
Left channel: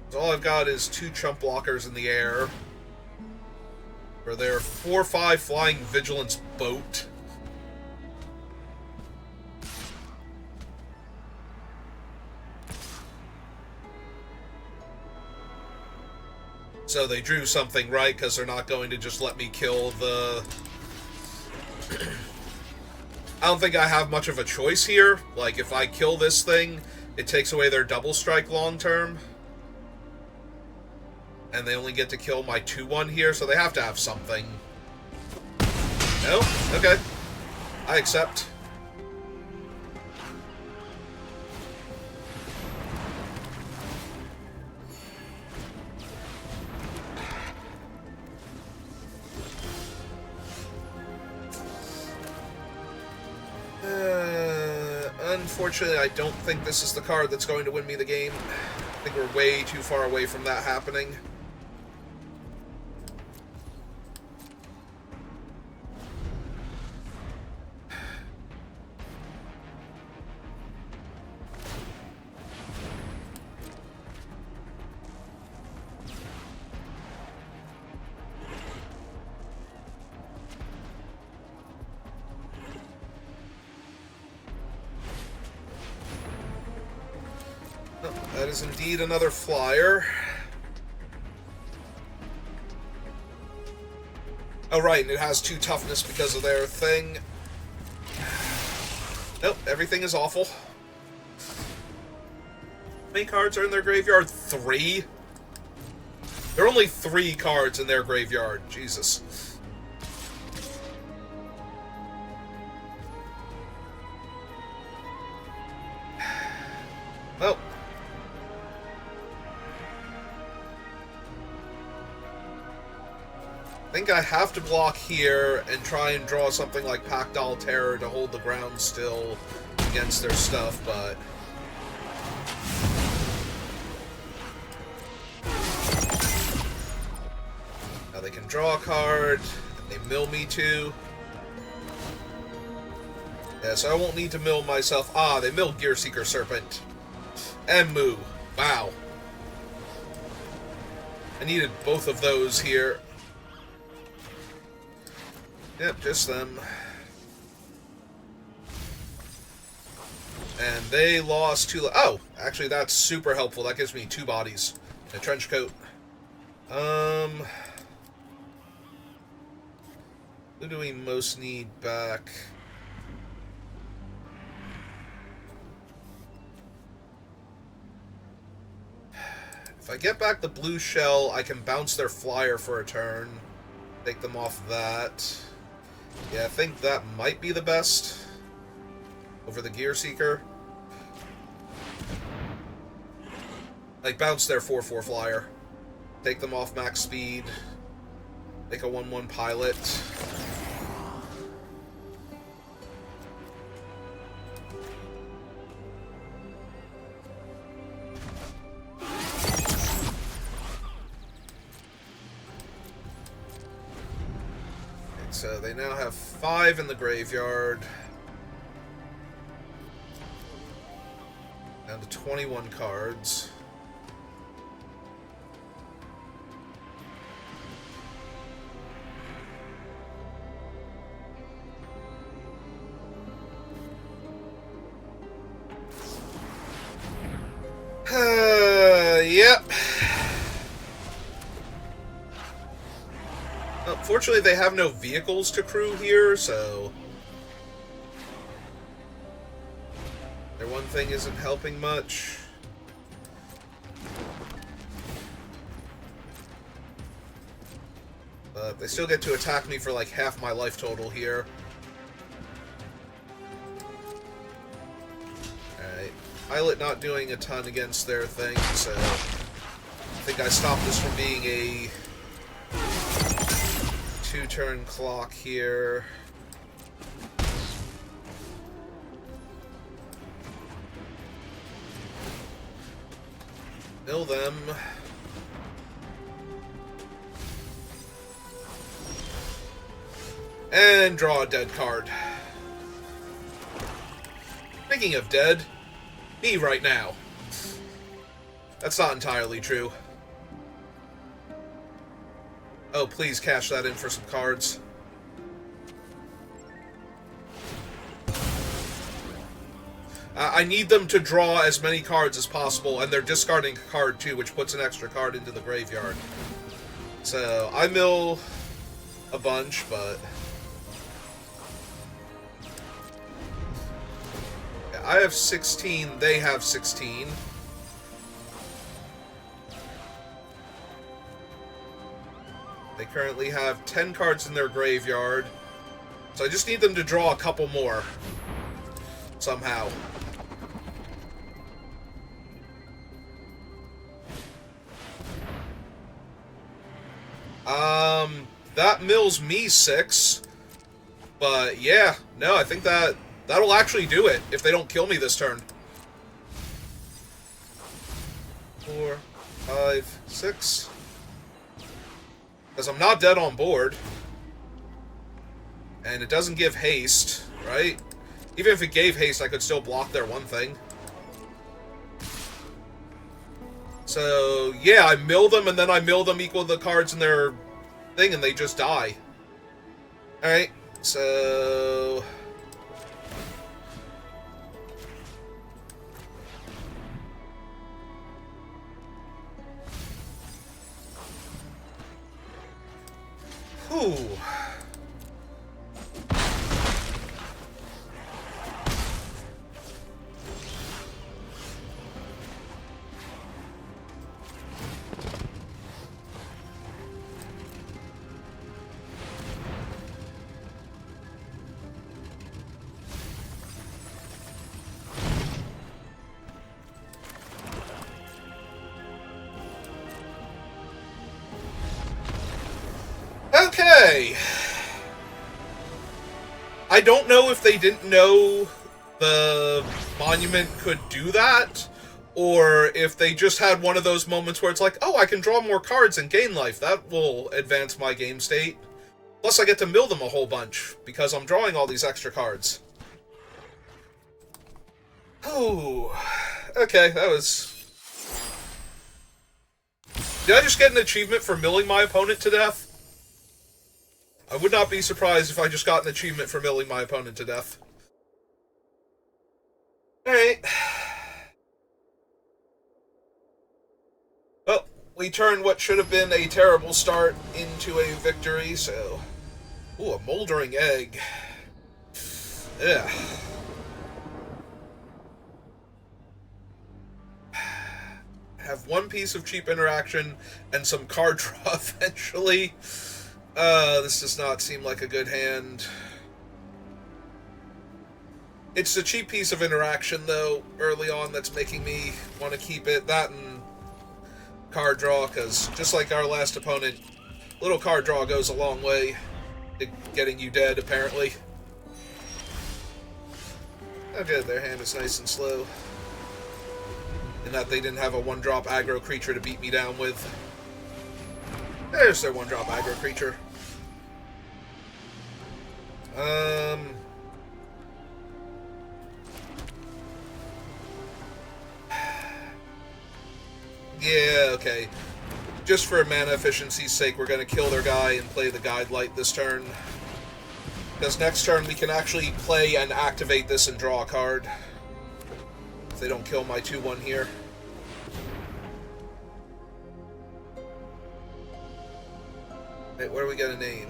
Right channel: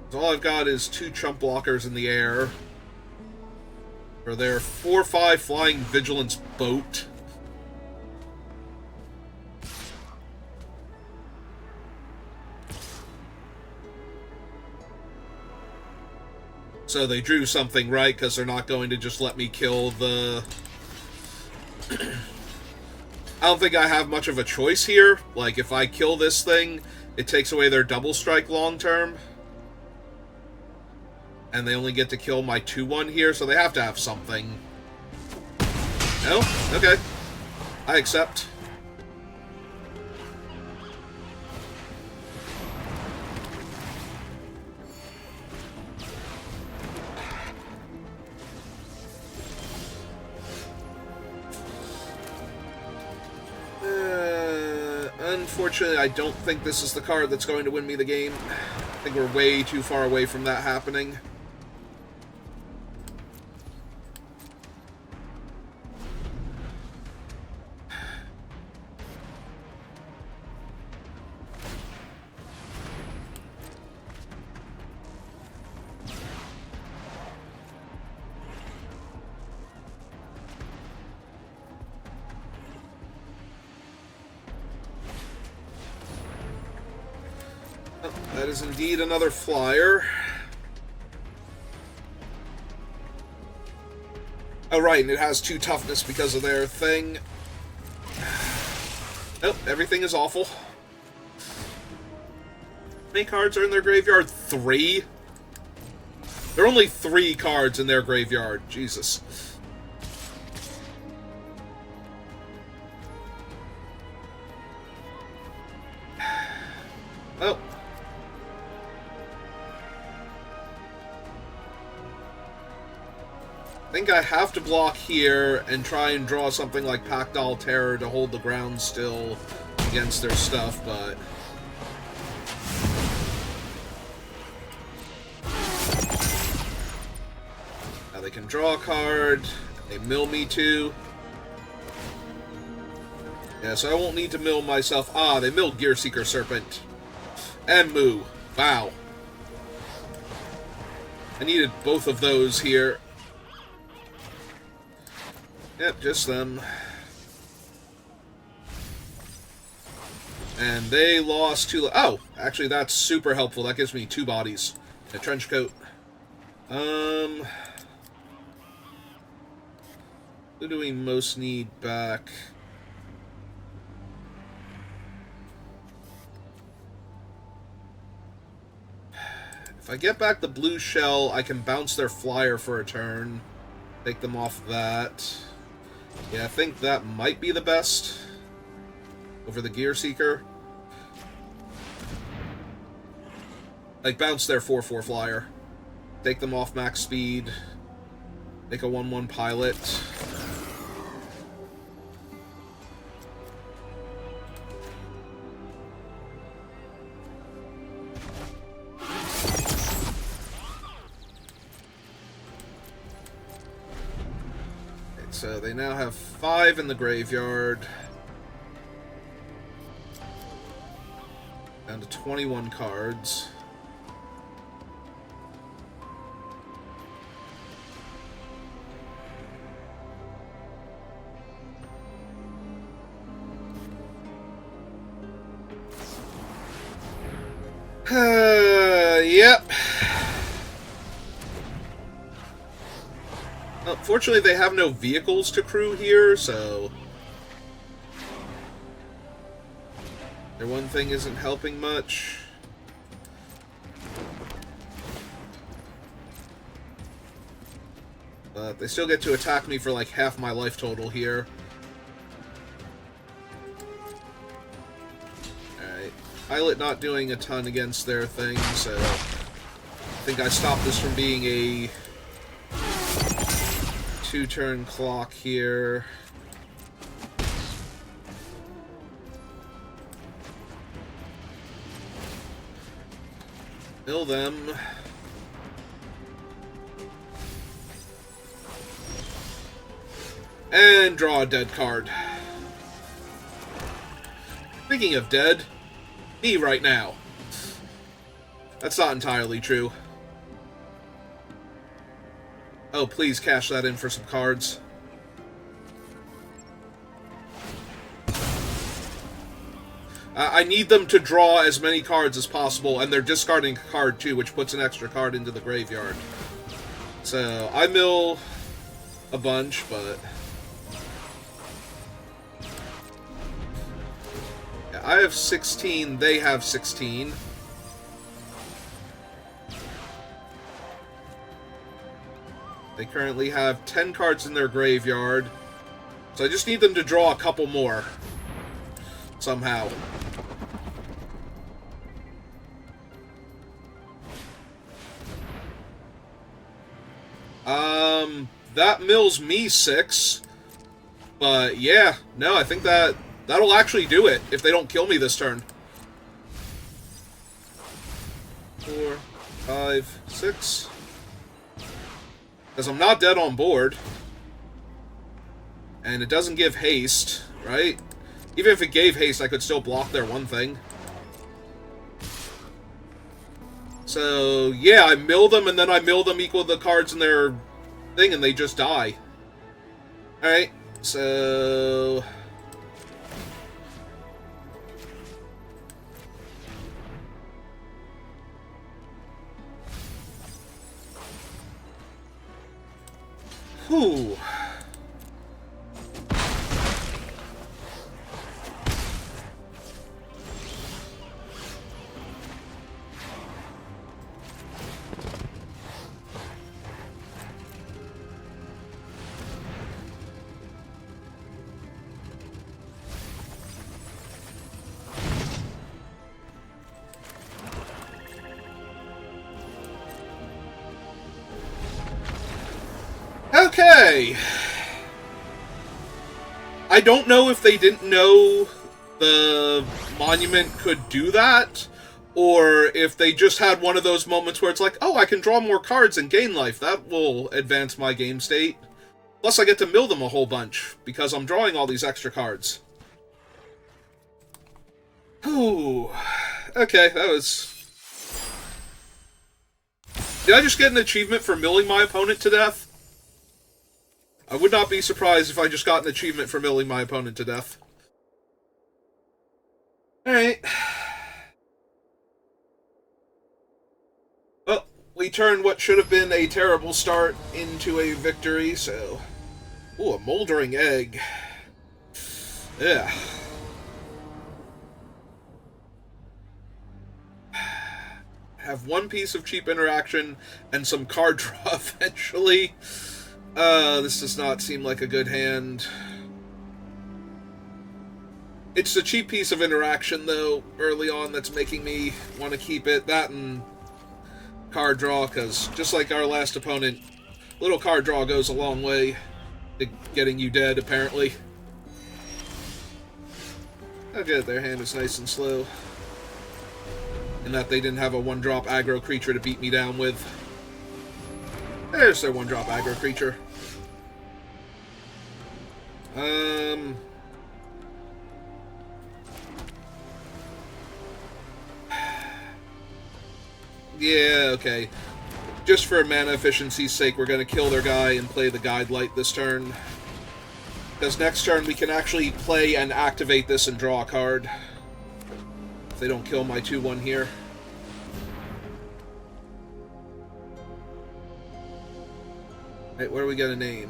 So all I've got is 2 chump blockers in the air for their 4/5 flying vigilance boat. So they drew something right, because they're not going to just let me kill the... I don't think I have much of a choice here. Like, if I kill this thing, it takes away their double strike long term. And they only get to kill my 2-1 here, so they have to have something. No? Okay. I accept. Unfortunately, I don't think this is the card that's going to win me the game. I think we're way too far away from that happening. That is indeed another flyer. Oh, right, and it has 2 toughness because of their thing. Nope, everything is awful. How many cards are in their graveyard? 3? There are only 3 cards in their graveyard. Jesus. Well. I think I have to block here and try and draw something like Pactile Terror to hold the ground still against their stuff, but... Now they can draw a card. They mill me too. Yeah, so I won't need to mill myself. Ah, they milled Gearseeker Serpent. And Moo. Wow. I needed both of those here. Yep, just them. And they lost 2... Oh, actually, that's super helpful. That gives me 2 bodies. A trench coat. Who do we most need back? If I get back the blue shell, I can bounce their flyer for a turn. Take them off that. Yeah, I think that might be the best over the Gearseeker. Like, bounce their 4/4 flyer. Take them off max speed. Make a 1/1 pilot. so they now have 5 in the graveyard. Down to 21 cards. Yep. Fortunately, they have no vehicles to crew here, so their one thing isn't helping much. But they still get to attack me for like half my life total here. Alright. Pilot not doing a ton against their thing, so I think I stopped this from being a 2-turn clock here. Mill them. And draw a dead card. Speaking of dead, me right now. That's not entirely true. Oh, please cash that in for some cards. I need them to draw as many cards as possible, and they're discarding a card too, which puts an extra card into the graveyard. So, I mill a bunch, but yeah, I have 16, they have 16. They currently have 10 cards in their graveyard, so I just need them to draw a couple more, somehow. That mills me 6, but yeah, no, I think that'll actually do it if they don't kill me this turn. 4, 5, 6. Because I'm not dead on board. And it doesn't give haste, right? Even if it gave haste, I could still block their one thing. So, yeah, I mill them, and then I mill them equal to the cards in their thing, and they just die. Alright, so whew. Okay. I don't know if they didn't know the monument could do that, or if they just had one of those moments where it's like, oh, I can draw more cards and gain life. That will advance my game state. Plus, I get to mill them a whole bunch, because I'm drawing all these extra cards. Ooh. Okay, that was... Did I just get an achievement for milling my opponent to death? I would not be surprised if I just got an achievement for milling my opponent to death. Alright. Well, we turned what should have been a terrible start into a victory, so... Ooh, a moldering egg. Yeah. Have one piece of cheap interaction and some card draw eventually. This does not seem like a good hand. It's a cheap piece of interaction, though, early on that's making me want to keep it. That and card draw, because just like our last opponent, little card draw goes a long way to getting you dead, apparently. Oh good, their hand is nice and slow. In that they didn't have a 1-drop aggro creature to beat me down with. There's their 1-drop aggro creature. Yeah, okay. Just for mana efficiency's sake, we're going to kill their guy and play the Guide Light this turn. Because next turn we can actually play and activate this and draw a card. If they don't kill my 2/1 here. Wait, what are we going to name?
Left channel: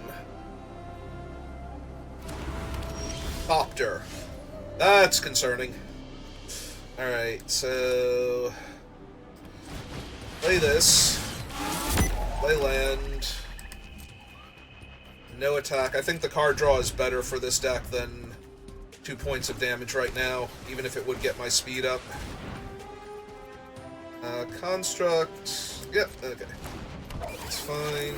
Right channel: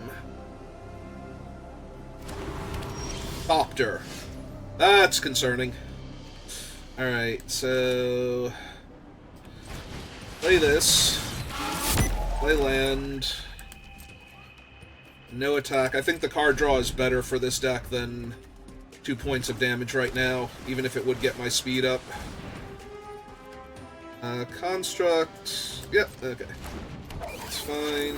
Thopter. That's concerning. Alright, so... play this. Play land. No attack. I think the card draw is better for this deck than 2 points of damage right now, even if it would get my speed up. Construct. Yep, okay. It's fine.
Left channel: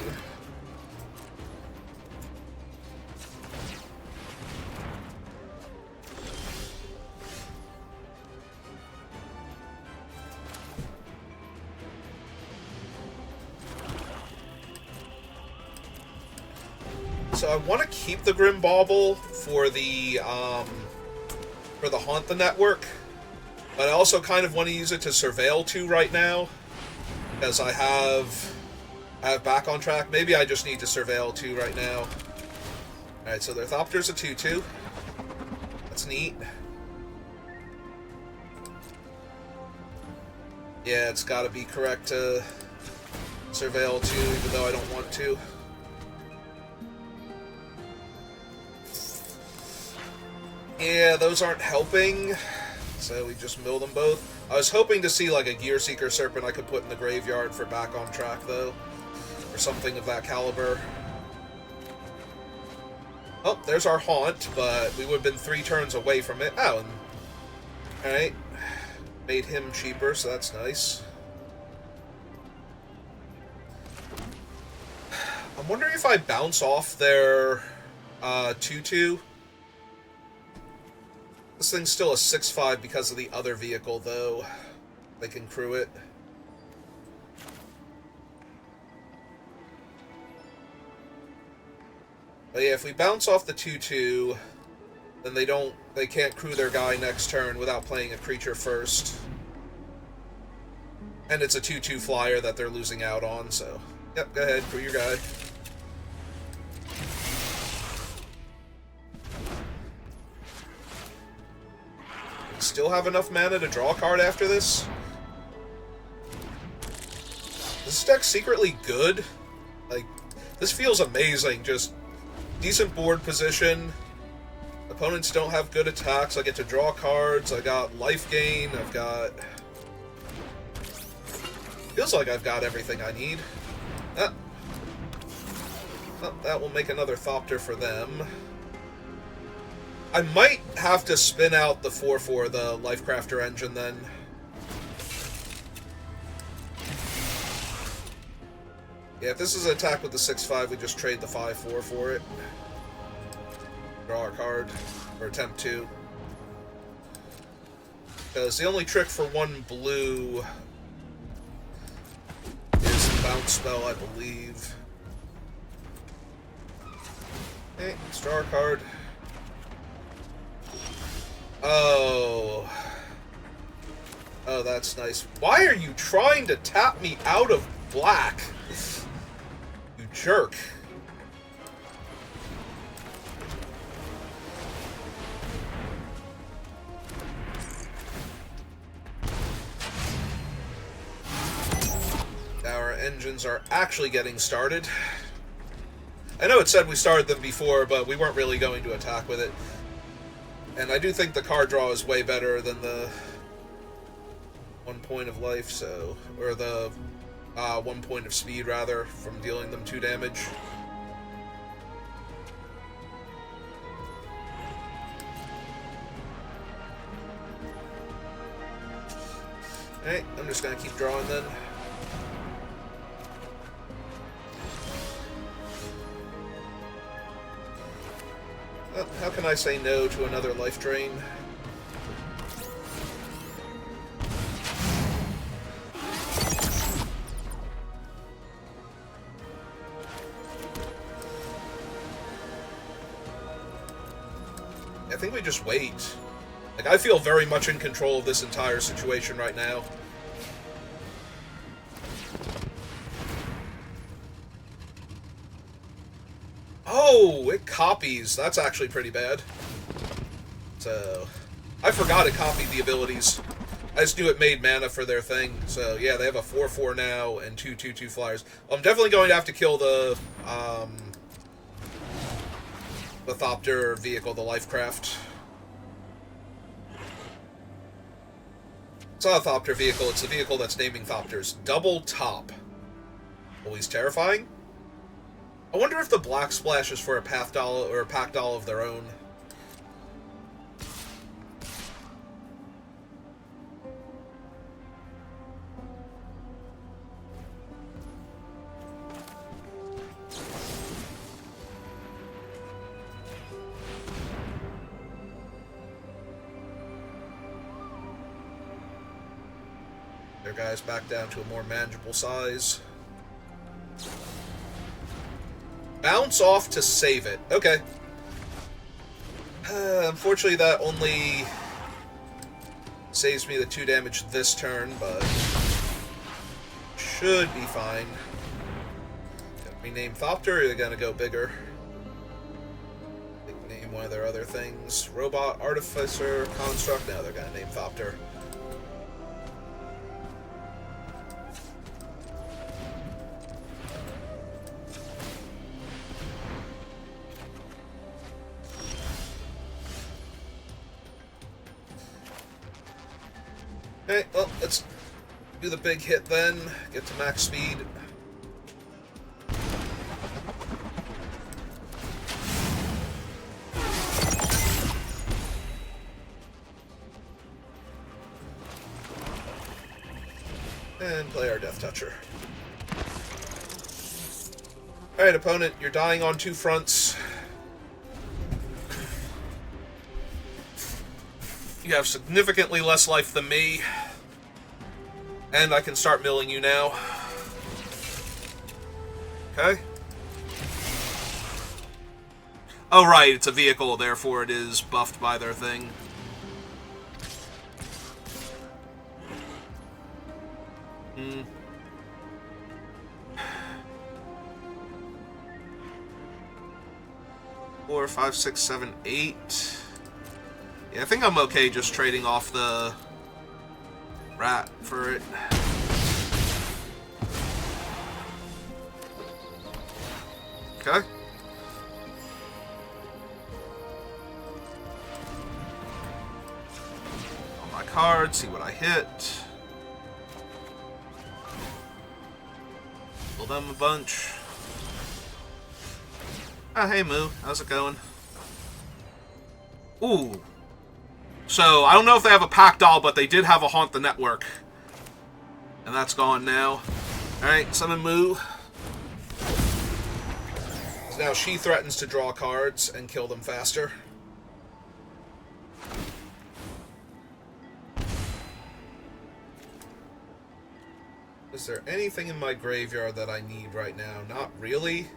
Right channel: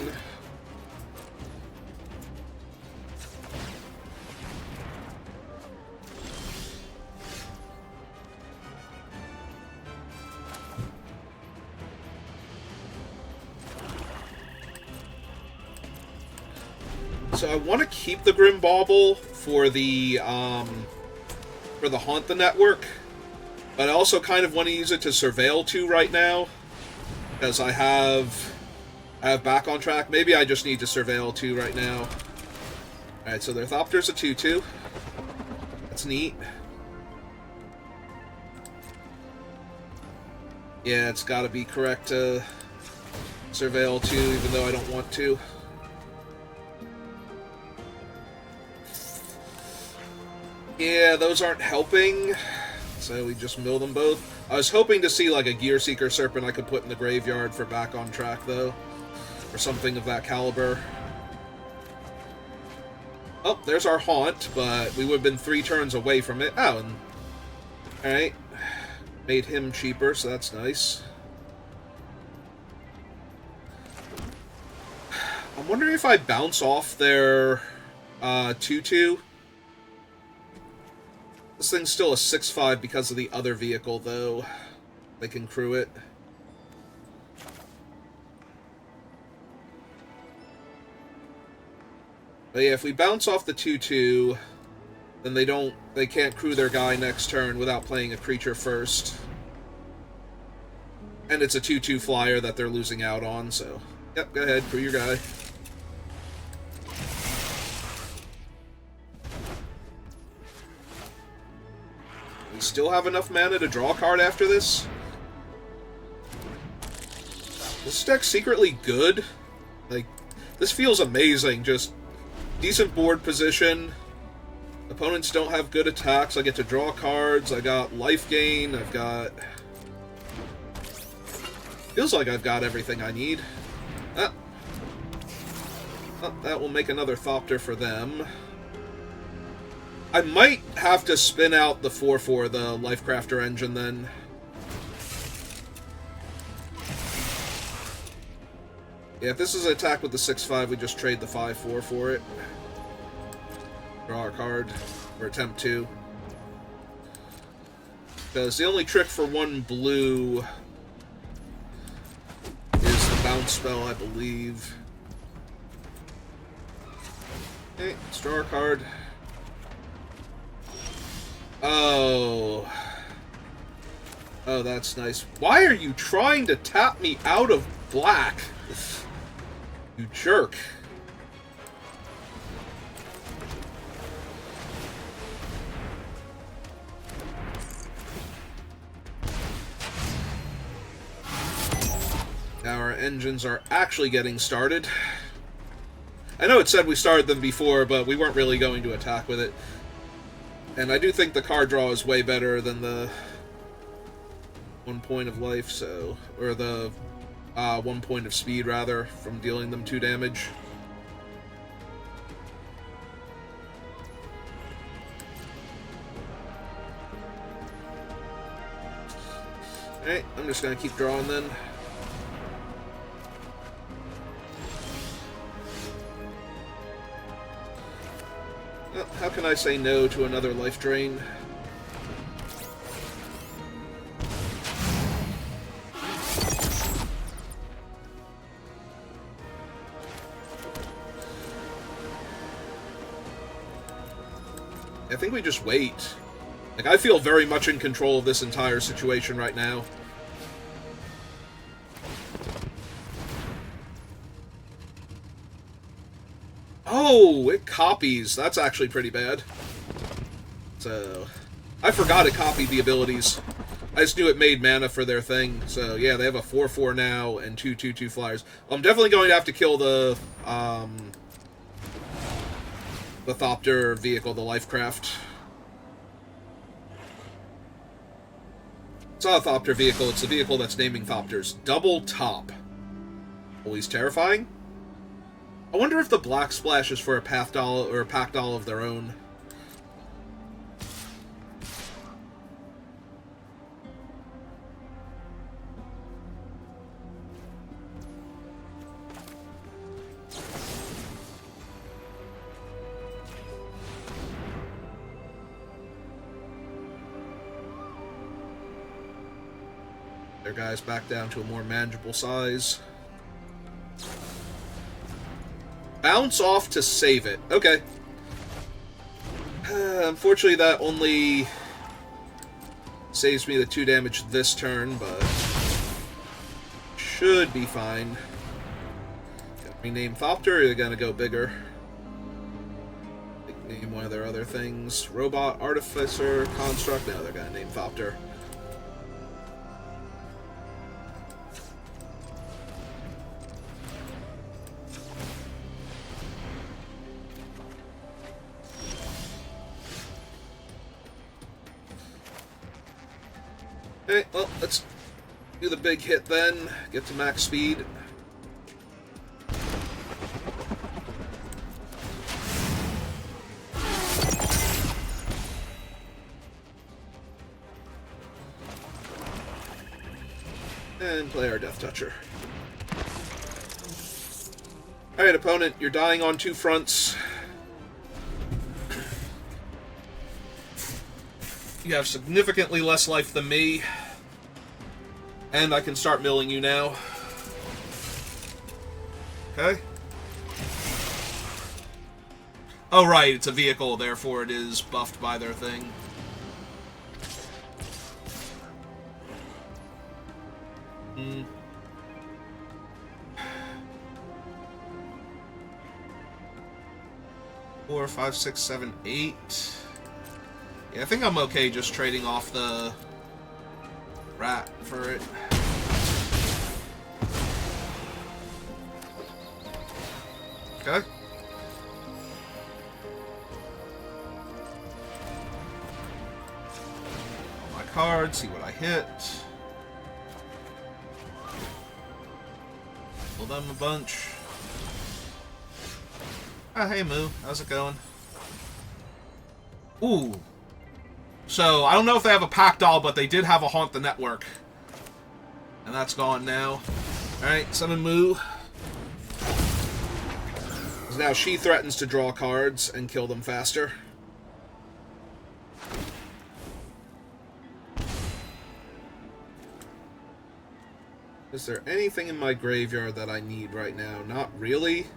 So I want to keep the Grim Bauble for the Haunt the Network, but I also kind of want to use it to Surveil 2 right now, because I have back on track. Maybe I just need to Surveil 2 right now. Alright, so their Thopter's a 2/2. That's neat. Yeah, it's got to be correct to Surveil 2, even though I don't want to. Yeah, those aren't helping, so we just mill them both. I was hoping to see like a Gear Seeker Serpent I could put in the graveyard for back on track, though, or something of that caliber. Oh, there's our Haunt, but we would have been 3 turns away from it. Oh, and... alright. Made him cheaper, so that's nice. I'm wondering if I bounce off their 2/2. This thing's still a 6/5 because of the other vehicle, though. They can crew it. But yeah, if we bounce off the 2/2, then they can't crew their guy next turn without playing a creature first. And it's a 2/2 flyer that they're losing out on, so... yep, go ahead, crew your guy. Still have enough mana to draw a card after this? This deck's secretly good. Like, this feels amazing. Just decent board position. Opponents don't have good attacks. I get to draw cards. I got life gain. I've got... feels like I've got everything I need. Ah. Oh, that will make another Thopter for them. I might have to spin out the 4/4, the Lifecrafter engine, then. Yeah, if this is an attack with the 6/5, we just trade the 5/4 for it. Draw a card, or attempt to. Because the only trick for 1 blue is the bounce spell, I believe. Okay, let's draw a card. Oh. Oh, that's nice. Why are you trying to tap me out of black? You jerk. Our engines are actually getting started. I know it said we started them before, but we weren't really going to attack with it. And I do think the card draw is way better than the 1 point of life, so... or the 1 point of speed, rather, from dealing them 2 damage. Alright, I'm just gonna keep drawing then. Well, how can I say no to another life drain? think we just wait. Like, I feel very much in control of this entire situation right now. Oh, it copies. That's actually pretty bad. So, I forgot it copied the abilities. I just knew it made mana for their thing. So, yeah, they have a 4/4 now and 2/2/2 flyers. I'm definitely going to have to kill the Thopter vehicle, the Lifecraft. It's not a Thopter vehicle, it's a vehicle that's naming Thopters. Double top. Always terrifying. I wonder if the Black Splash is for a path doll or a pack doll of their own. Their guys back down to a more manageable size. Bounce off to save it. Okay. Unfortunately, that only saves me the 2 damage this turn, but should be fine. Gonna rename Thopter, or are they gonna go bigger? Name one of their other things. Robot, Artificer, Construct. No, they're gonna name Thopter. Okay, well, let's do the big hit then. Get to max speed. And play our Death Toucher. Alright, opponent, you're dying on 2 fronts. You have significantly less life than me. And I can start milling you now. Okay. Oh, right, it's a vehicle, therefore it is buffed by their thing. Hmm. Four, 5, 6, 7, 8. Yeah, I think I'm okay just trading off the rat for it. Okay. All my cards, see what I hit. Pull them a bunch. Oh, hey Moo, how's it going? Ooh. So, I don't know if they have a pack doll, but they did have a Haunt the Network. And that's gone now. Alright, summon Moo. Now she threatens to draw cards and kill them faster. Is there anything in my graveyard that I need right now? Not really.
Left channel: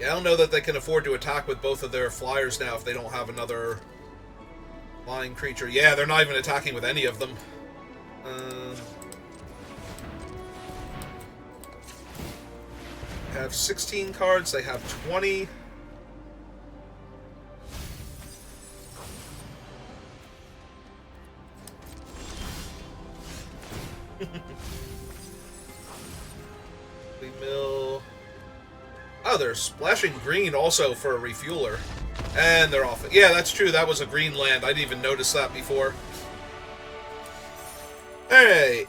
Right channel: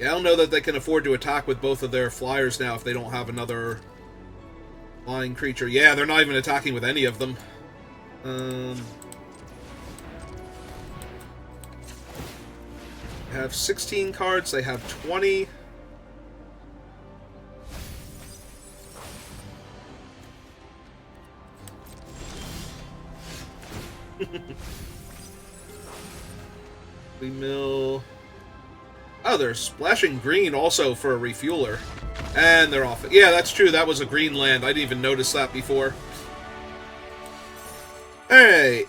Yeah, I don't know that they can afford to attack with both of their flyers now if they don't have another flying creature. Yeah, they're not even attacking with any of them. They have 16 cards, they have 20. We mill. Oh, they're splashing green also for a refueler. And they're off. Yeah, that's true. That was a green land. I didn't even notice that before. Alright.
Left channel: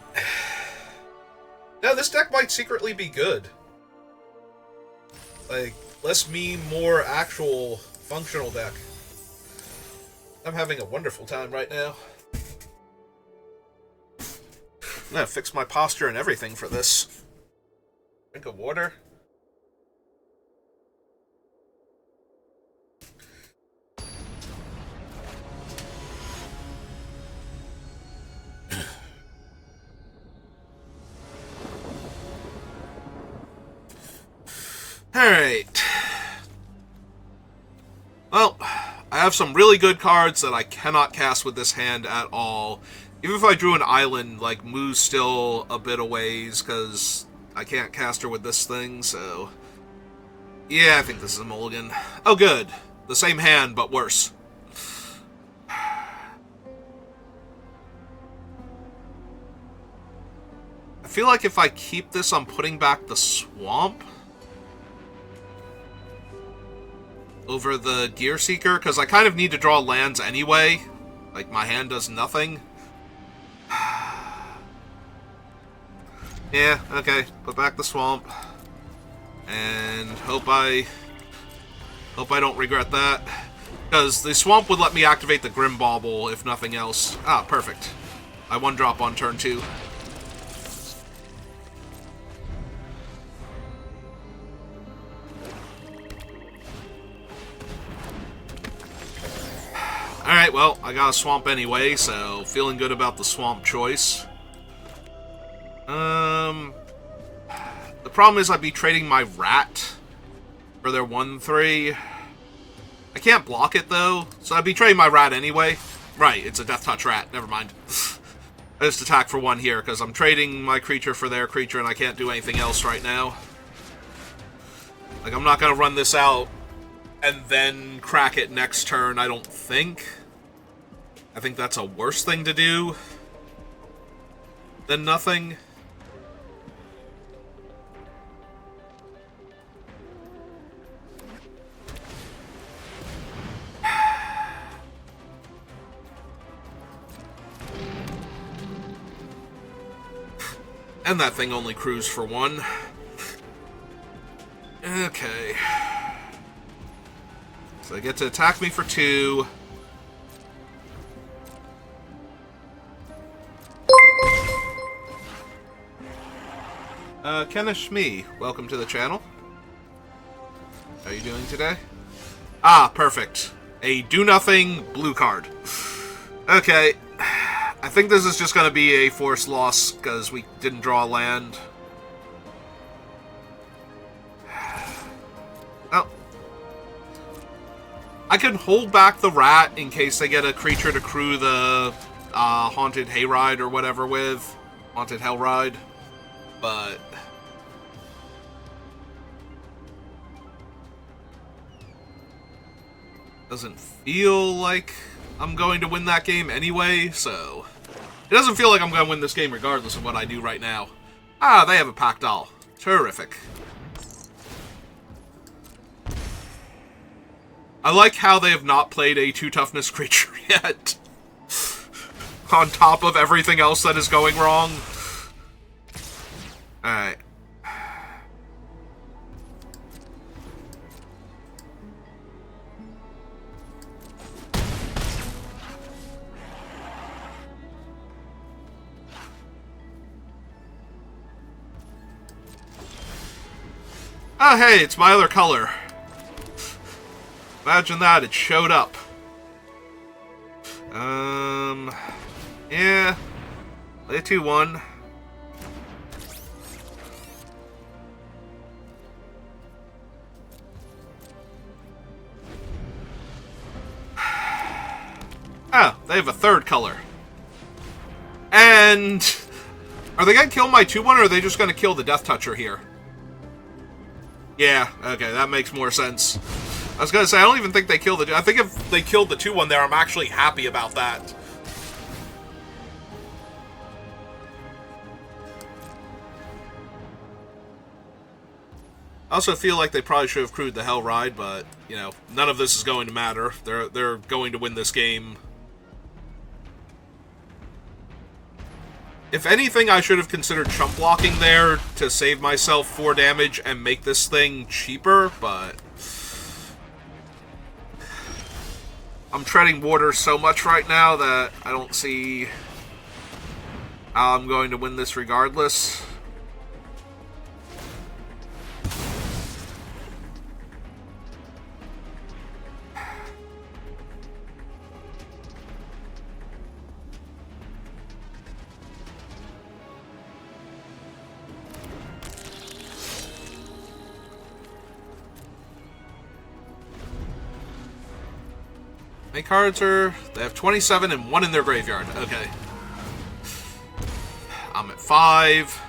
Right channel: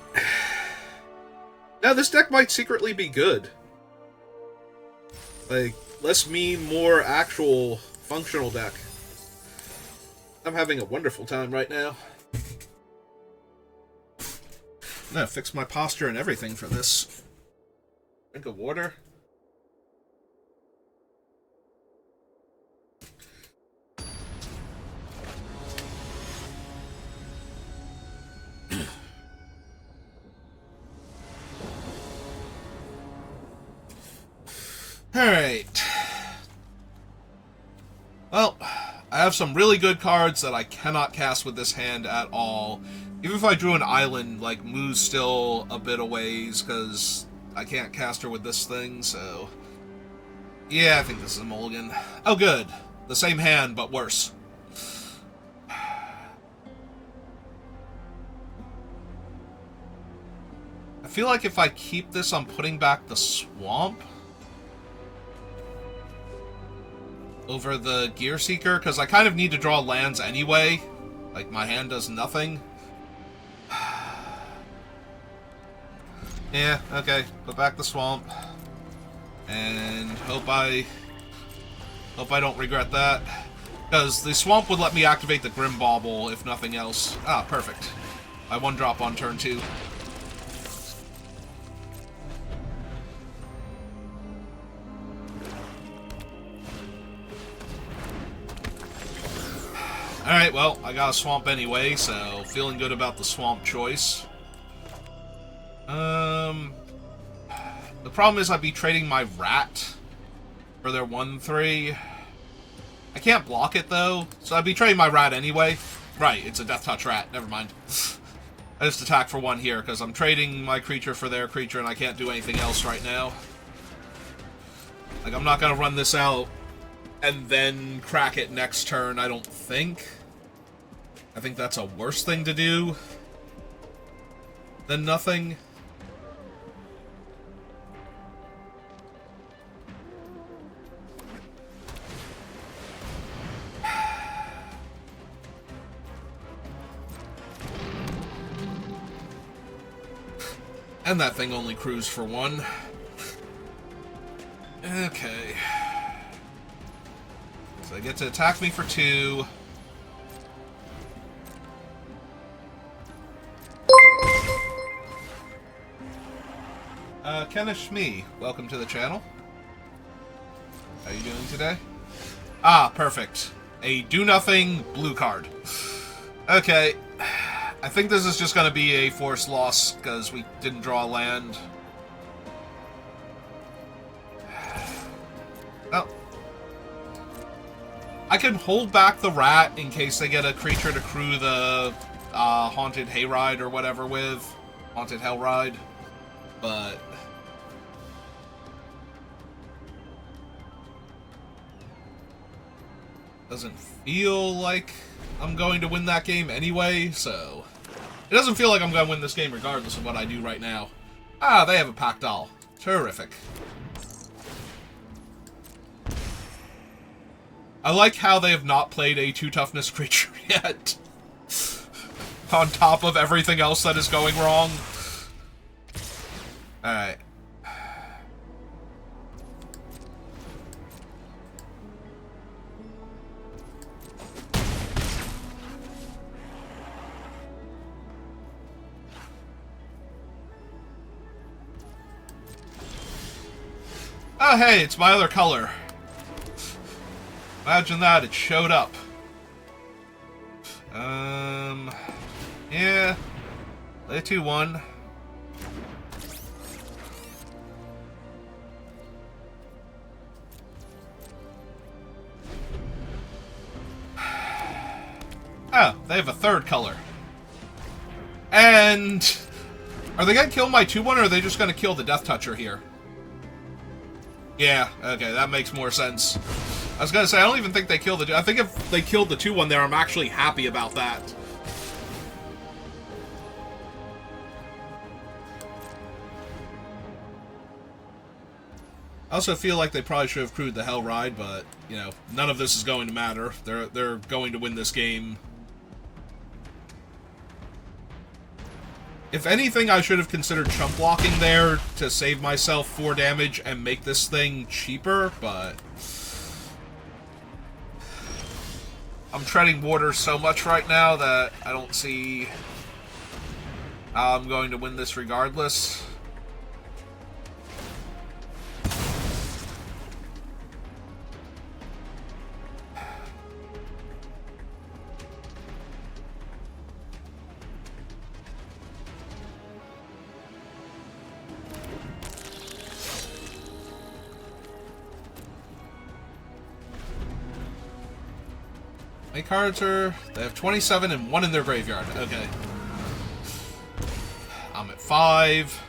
Now, this deck might secretly be good. Like, less meme, more actual functional deck. I'm having a wonderful time right now. I'm gonna fix my posture and everything for this. Drink of water. Alright. Well, I have some really good cards that I cannot cast with this hand at all. Even if I drew an island, like, Moo's still a bit a ways, because I can't cast her with this thing, so... Yeah, I think this is a mulligan. Oh, good. The same hand, but worse. I feel like if I keep this, I'm putting back the Swamp over the Gear Seeker, because I kind of need to draw lands anyway. Like, my hand does nothing. Yeah, okay. Put back the Swamp. And hope I don't regret that. Because the Swamp would let me activate the Grim Bauble, if nothing else. Ah, perfect. I 1-drop on turn 2. Alright, well, I got a Swamp anyway, so feeling good about the Swamp choice. The problem is I'd be trading my Rat for their 1/3. I can't block it, though, so I'd be trading my Rat anyway. Right, it's a Death Touch Rat, never mind. I just attack for 1 here, because I'm trading my creature for their creature, and I can't do anything else right now. Like, I'm not going to run this out and then crack it next turn, I don't think. I think that's a worse thing to do than nothing. And that thing only crews for 1. Okay. So they get to attack me for 2. Kenneth Shmee, welcome to the channel. How are you doing today? Ah, perfect. A do-nothing blue card. Okay. I think this is just going to be a forced loss, because we didn't draw a land. Well, I could hold back the Rat in case they get a creature to crew the Haunted Hayride or whatever with. Haunted Hellride. But... doesn't feel like I'm going to win that game anyway, so... It doesn't feel like I'm going to win this game regardless of what I do right now. Ah, they have a Pack Doll. Terrific. I like how they have not played a 2-toughness creature yet. On top of everything else that is going wrong. Alright. Oh, hey, it's my other color. Imagine that, it showed up. Yeah. Play a 2-1. Oh, they have a 3rd color. And... are they going to kill my 2-1, or are they just going to kill the Death Toucher here? Yeah, okay, that makes more sense. I was going to say, I don't even think they killed the... I think if they killed the 2-1 there, I'm actually happy about that. I also feel like they probably should have crewed the Hellride, but, you know, none of this is going to matter. They're going to win this game. If anything, I should have considered chump blocking there to save myself 4 damage and make this thing cheaper, but... I'm treading water so much right now that I don't see how I'm going to win this regardless. How many cards are... They have 27 and 1 in their graveyard. Okay. I'm at 5.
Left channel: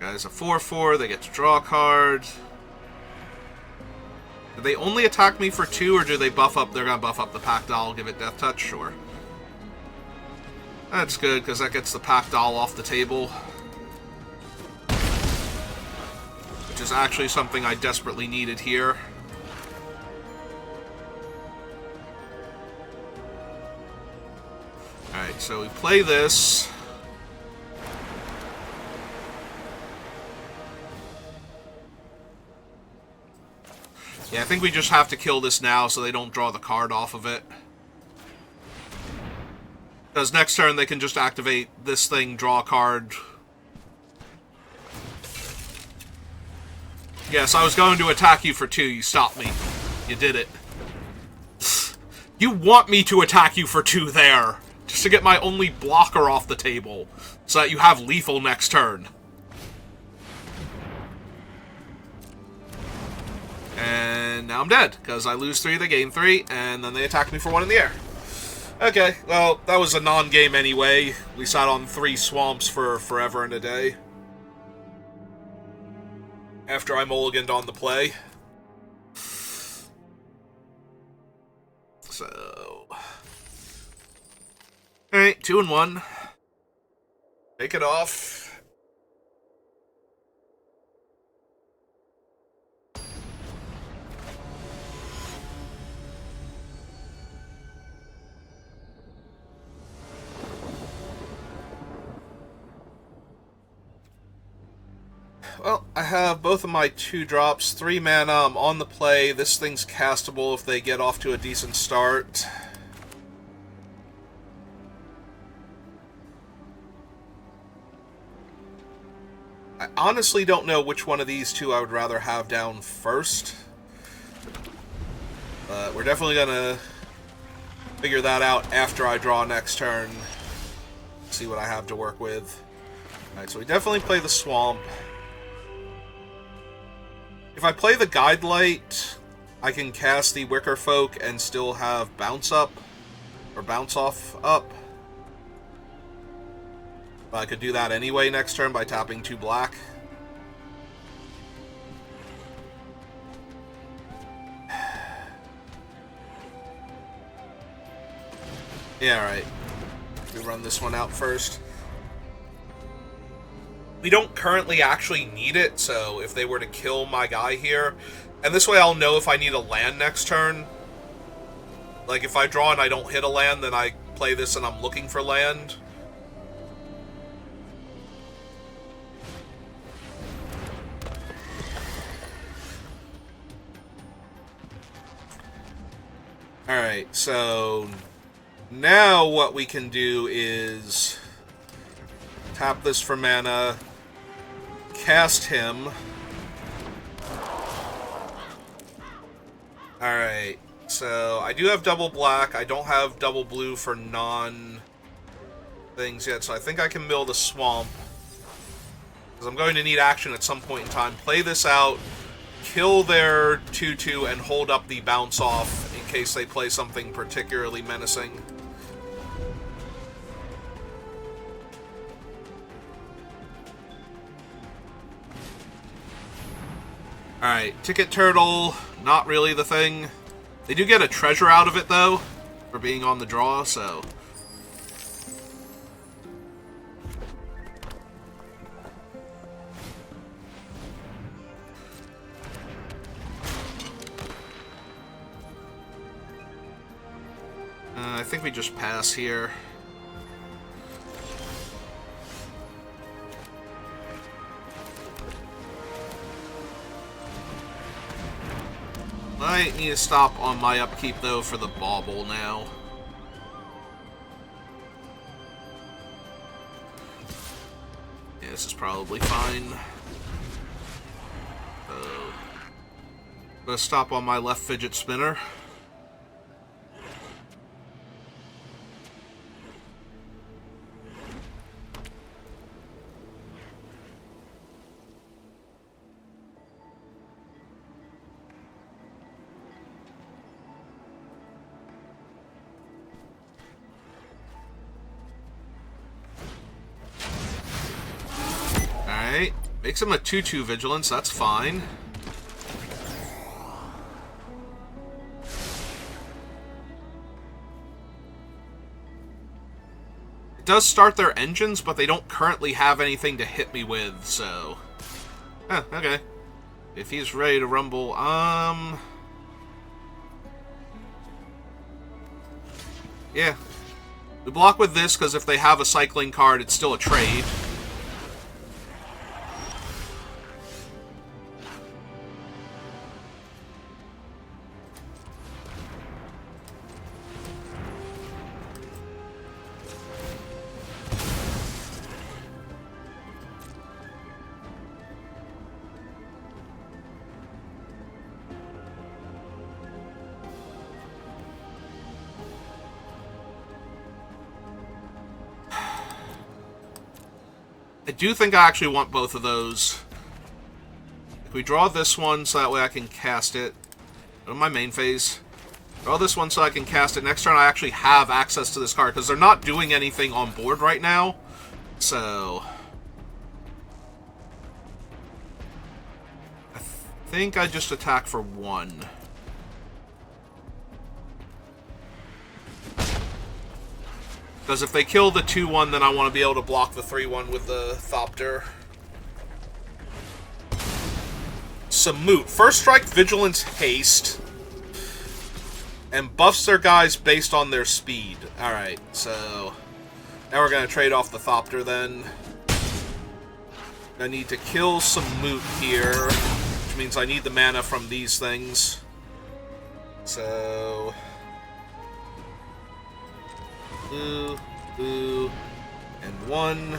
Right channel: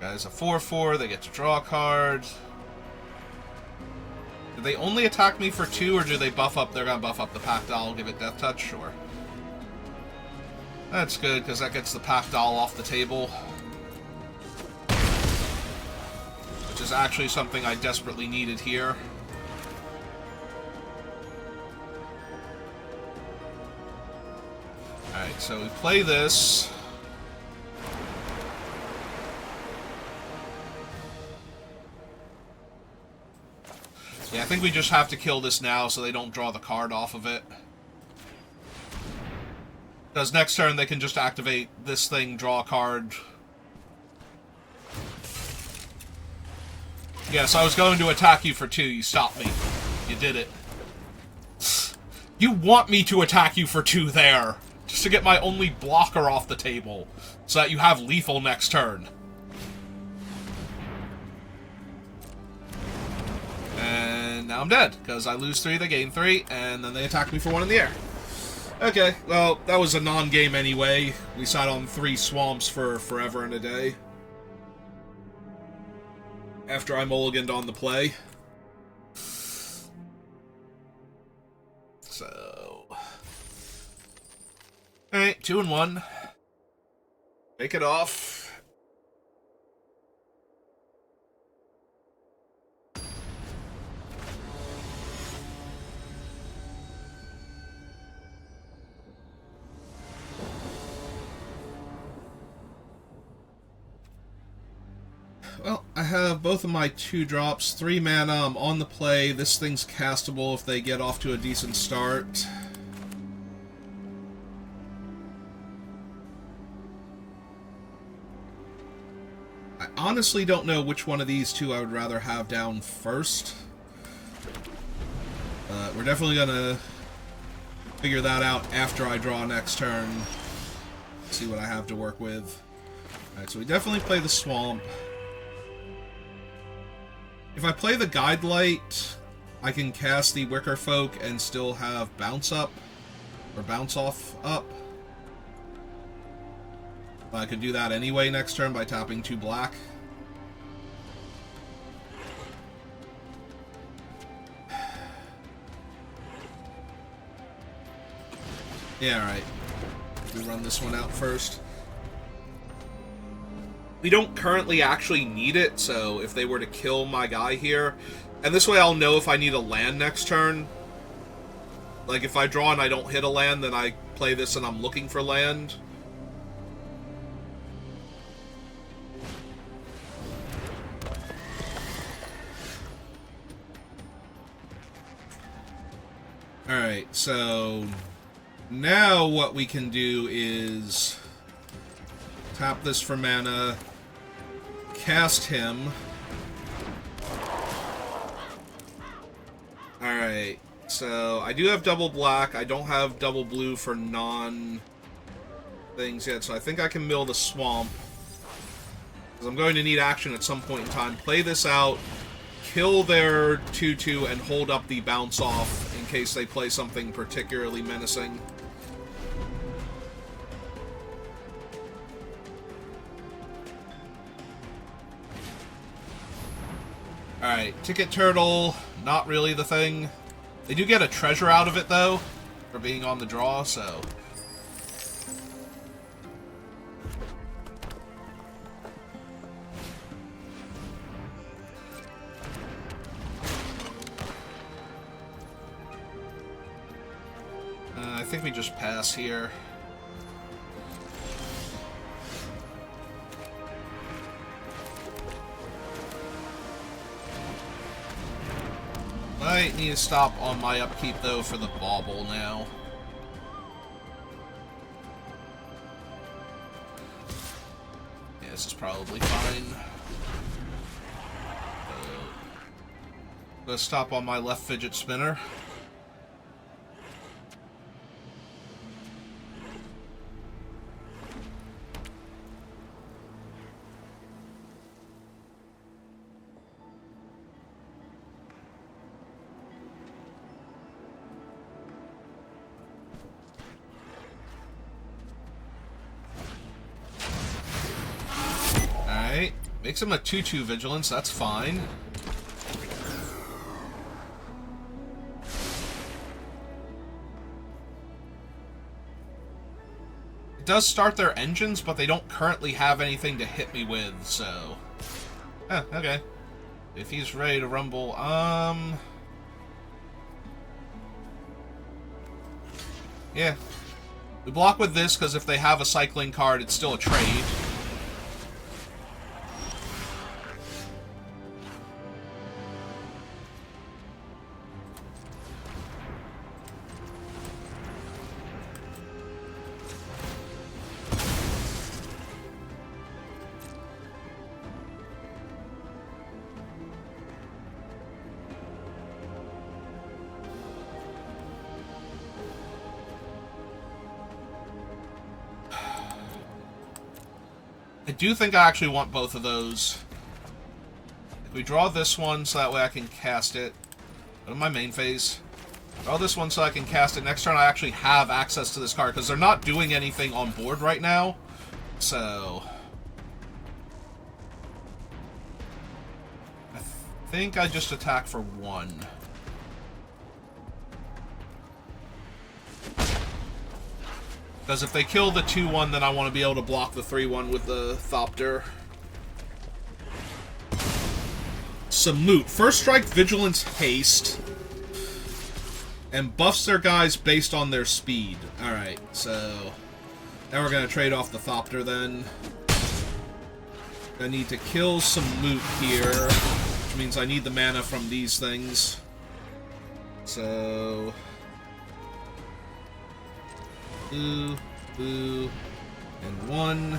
Guys, a 4/4. They get to draw a card. Do they only attack me for 2, or do they buff up? They're going to buff up the Pack Doll, give it Death Touch? Sure. That's good, because that gets the Pack Doll off the table. Which is actually something I desperately needed here. Alright, so we play this. Yeah, I think we just have to kill this now so they don't draw the card off of it. Because next turn they can just activate this thing, draw a card. Yeah, so I was going to attack you for 2, you stopped me. You did it. You want me to attack you for 2 there, just to get my only blocker off the table, so that you have lethal next turn. And now I'm dead, because I lose 3, they gain 3, and then they attack me for 1 in the air. Okay, well, that was a non-game anyway. We sat on 3 swamps for forever and a day. After I mulliganed on the play. So... Alright, 2 and 1. Take it off. Well, I have both of my 2 drops, 3 mana, I'm on the play. This thing's castable if they get off to a decent start. I honestly don't know which one of these 2 I would rather have down first. But we're definitely gonna figure that out after I draw next turn. See what I have to work with. Alright, so we definitely play the Swamp. If I play the Guide Light, I can cast the Wicker Folk and still have Bounce Up, or Bounce Off up. But I could do that anyway next turn by tapping 2 black. Yeah, alright. We run this one out first. We don't currently actually need it, so if they were to kill my guy here... And this way I'll know if I need a land next turn. Like, if I draw and I don't hit a land, then I play this and I'm looking for land. Alright, so... Now what we can do is... Tap this for mana... Cast him. Alright, so I do have double black. I don't have double blue for non-things yet, so I think I can mill the Swamp. Because I'm going to need action at some point in time. Play this out, kill their 2/2, and hold up the bounce off in case they play something particularly menacing. Alright, Ticket Turtle, not really the thing. They do get a treasure out of it, though, for being on the draw, so... I think we just pass here. I need to stop on my upkeep, though, for the bauble now. Yeah, this is probably fine. I'm gonna stop on my left fidget spinner. Makes him a 2/2 vigilance, that's fine. It does start their engines, but they don't currently have anything to hit me with, so... okay. If he's ready to rumble, yeah. We block with this, because if they have a cycling card, it's still a trade. I do think I actually want both of those. If we draw this one so that way I can cast it. Go to my main phase. Draw this one so I can cast it. Next turn I actually have access to this card because they're not doing anything on board right now. So... I think I just attack for 1. Because if they kill the 2/1, then I want to be able to block the 3/1 with the Thopter. Samut. First strike, vigilance, haste. And buffs their guys based on their speed. Alright, so... Now we're going to trade off the Thopter then. I need to kill Samut here. Which means I need the mana from these things. So... Blue, blue, and 1.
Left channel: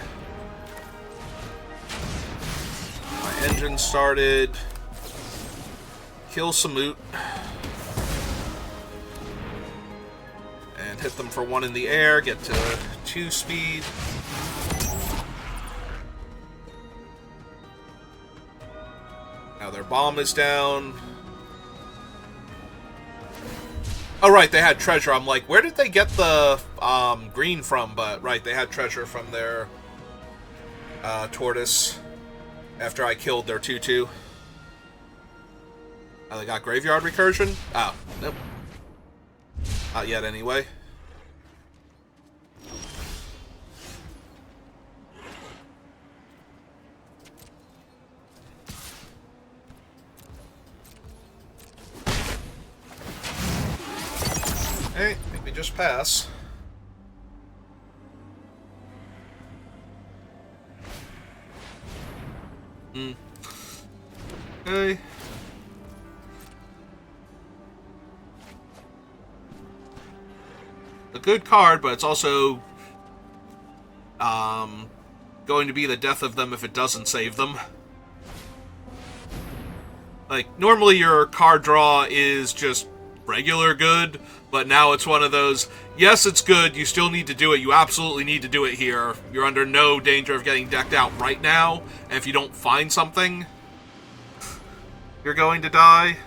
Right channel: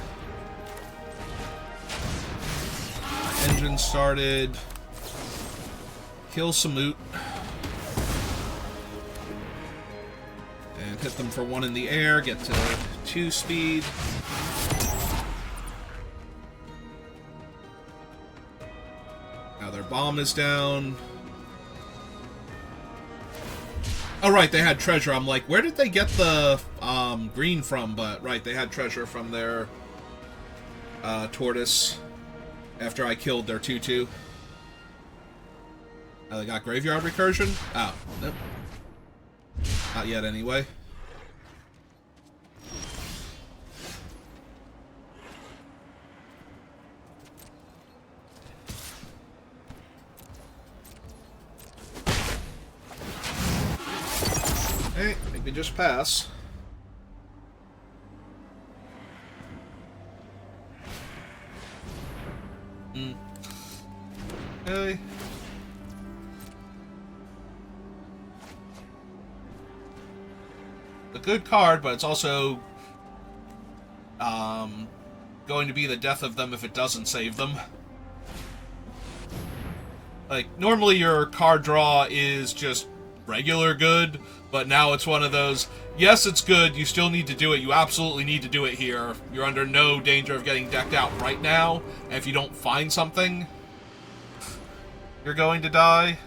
My engine started. Kill Samut. And hit them for 1 in the air, get to 2 speed. Now their bomb is down. Oh, right, they had treasure. I'm like, where did they get the green from? But, right, they had treasure from their tortoise after I killed their 2/2. Oh, they got graveyard recursion? Oh, nope. Not yet, anyway. Hey, I think we just pass. Okay. A good card, but it's also going to be the death of them if it doesn't save them. Like, normally your card draw is just regular good, but now it's one of those, yes, it's good, you still need to do it, you absolutely need to do it here. You're under no danger of getting decked out right now, and if you don't find something, you're going to die.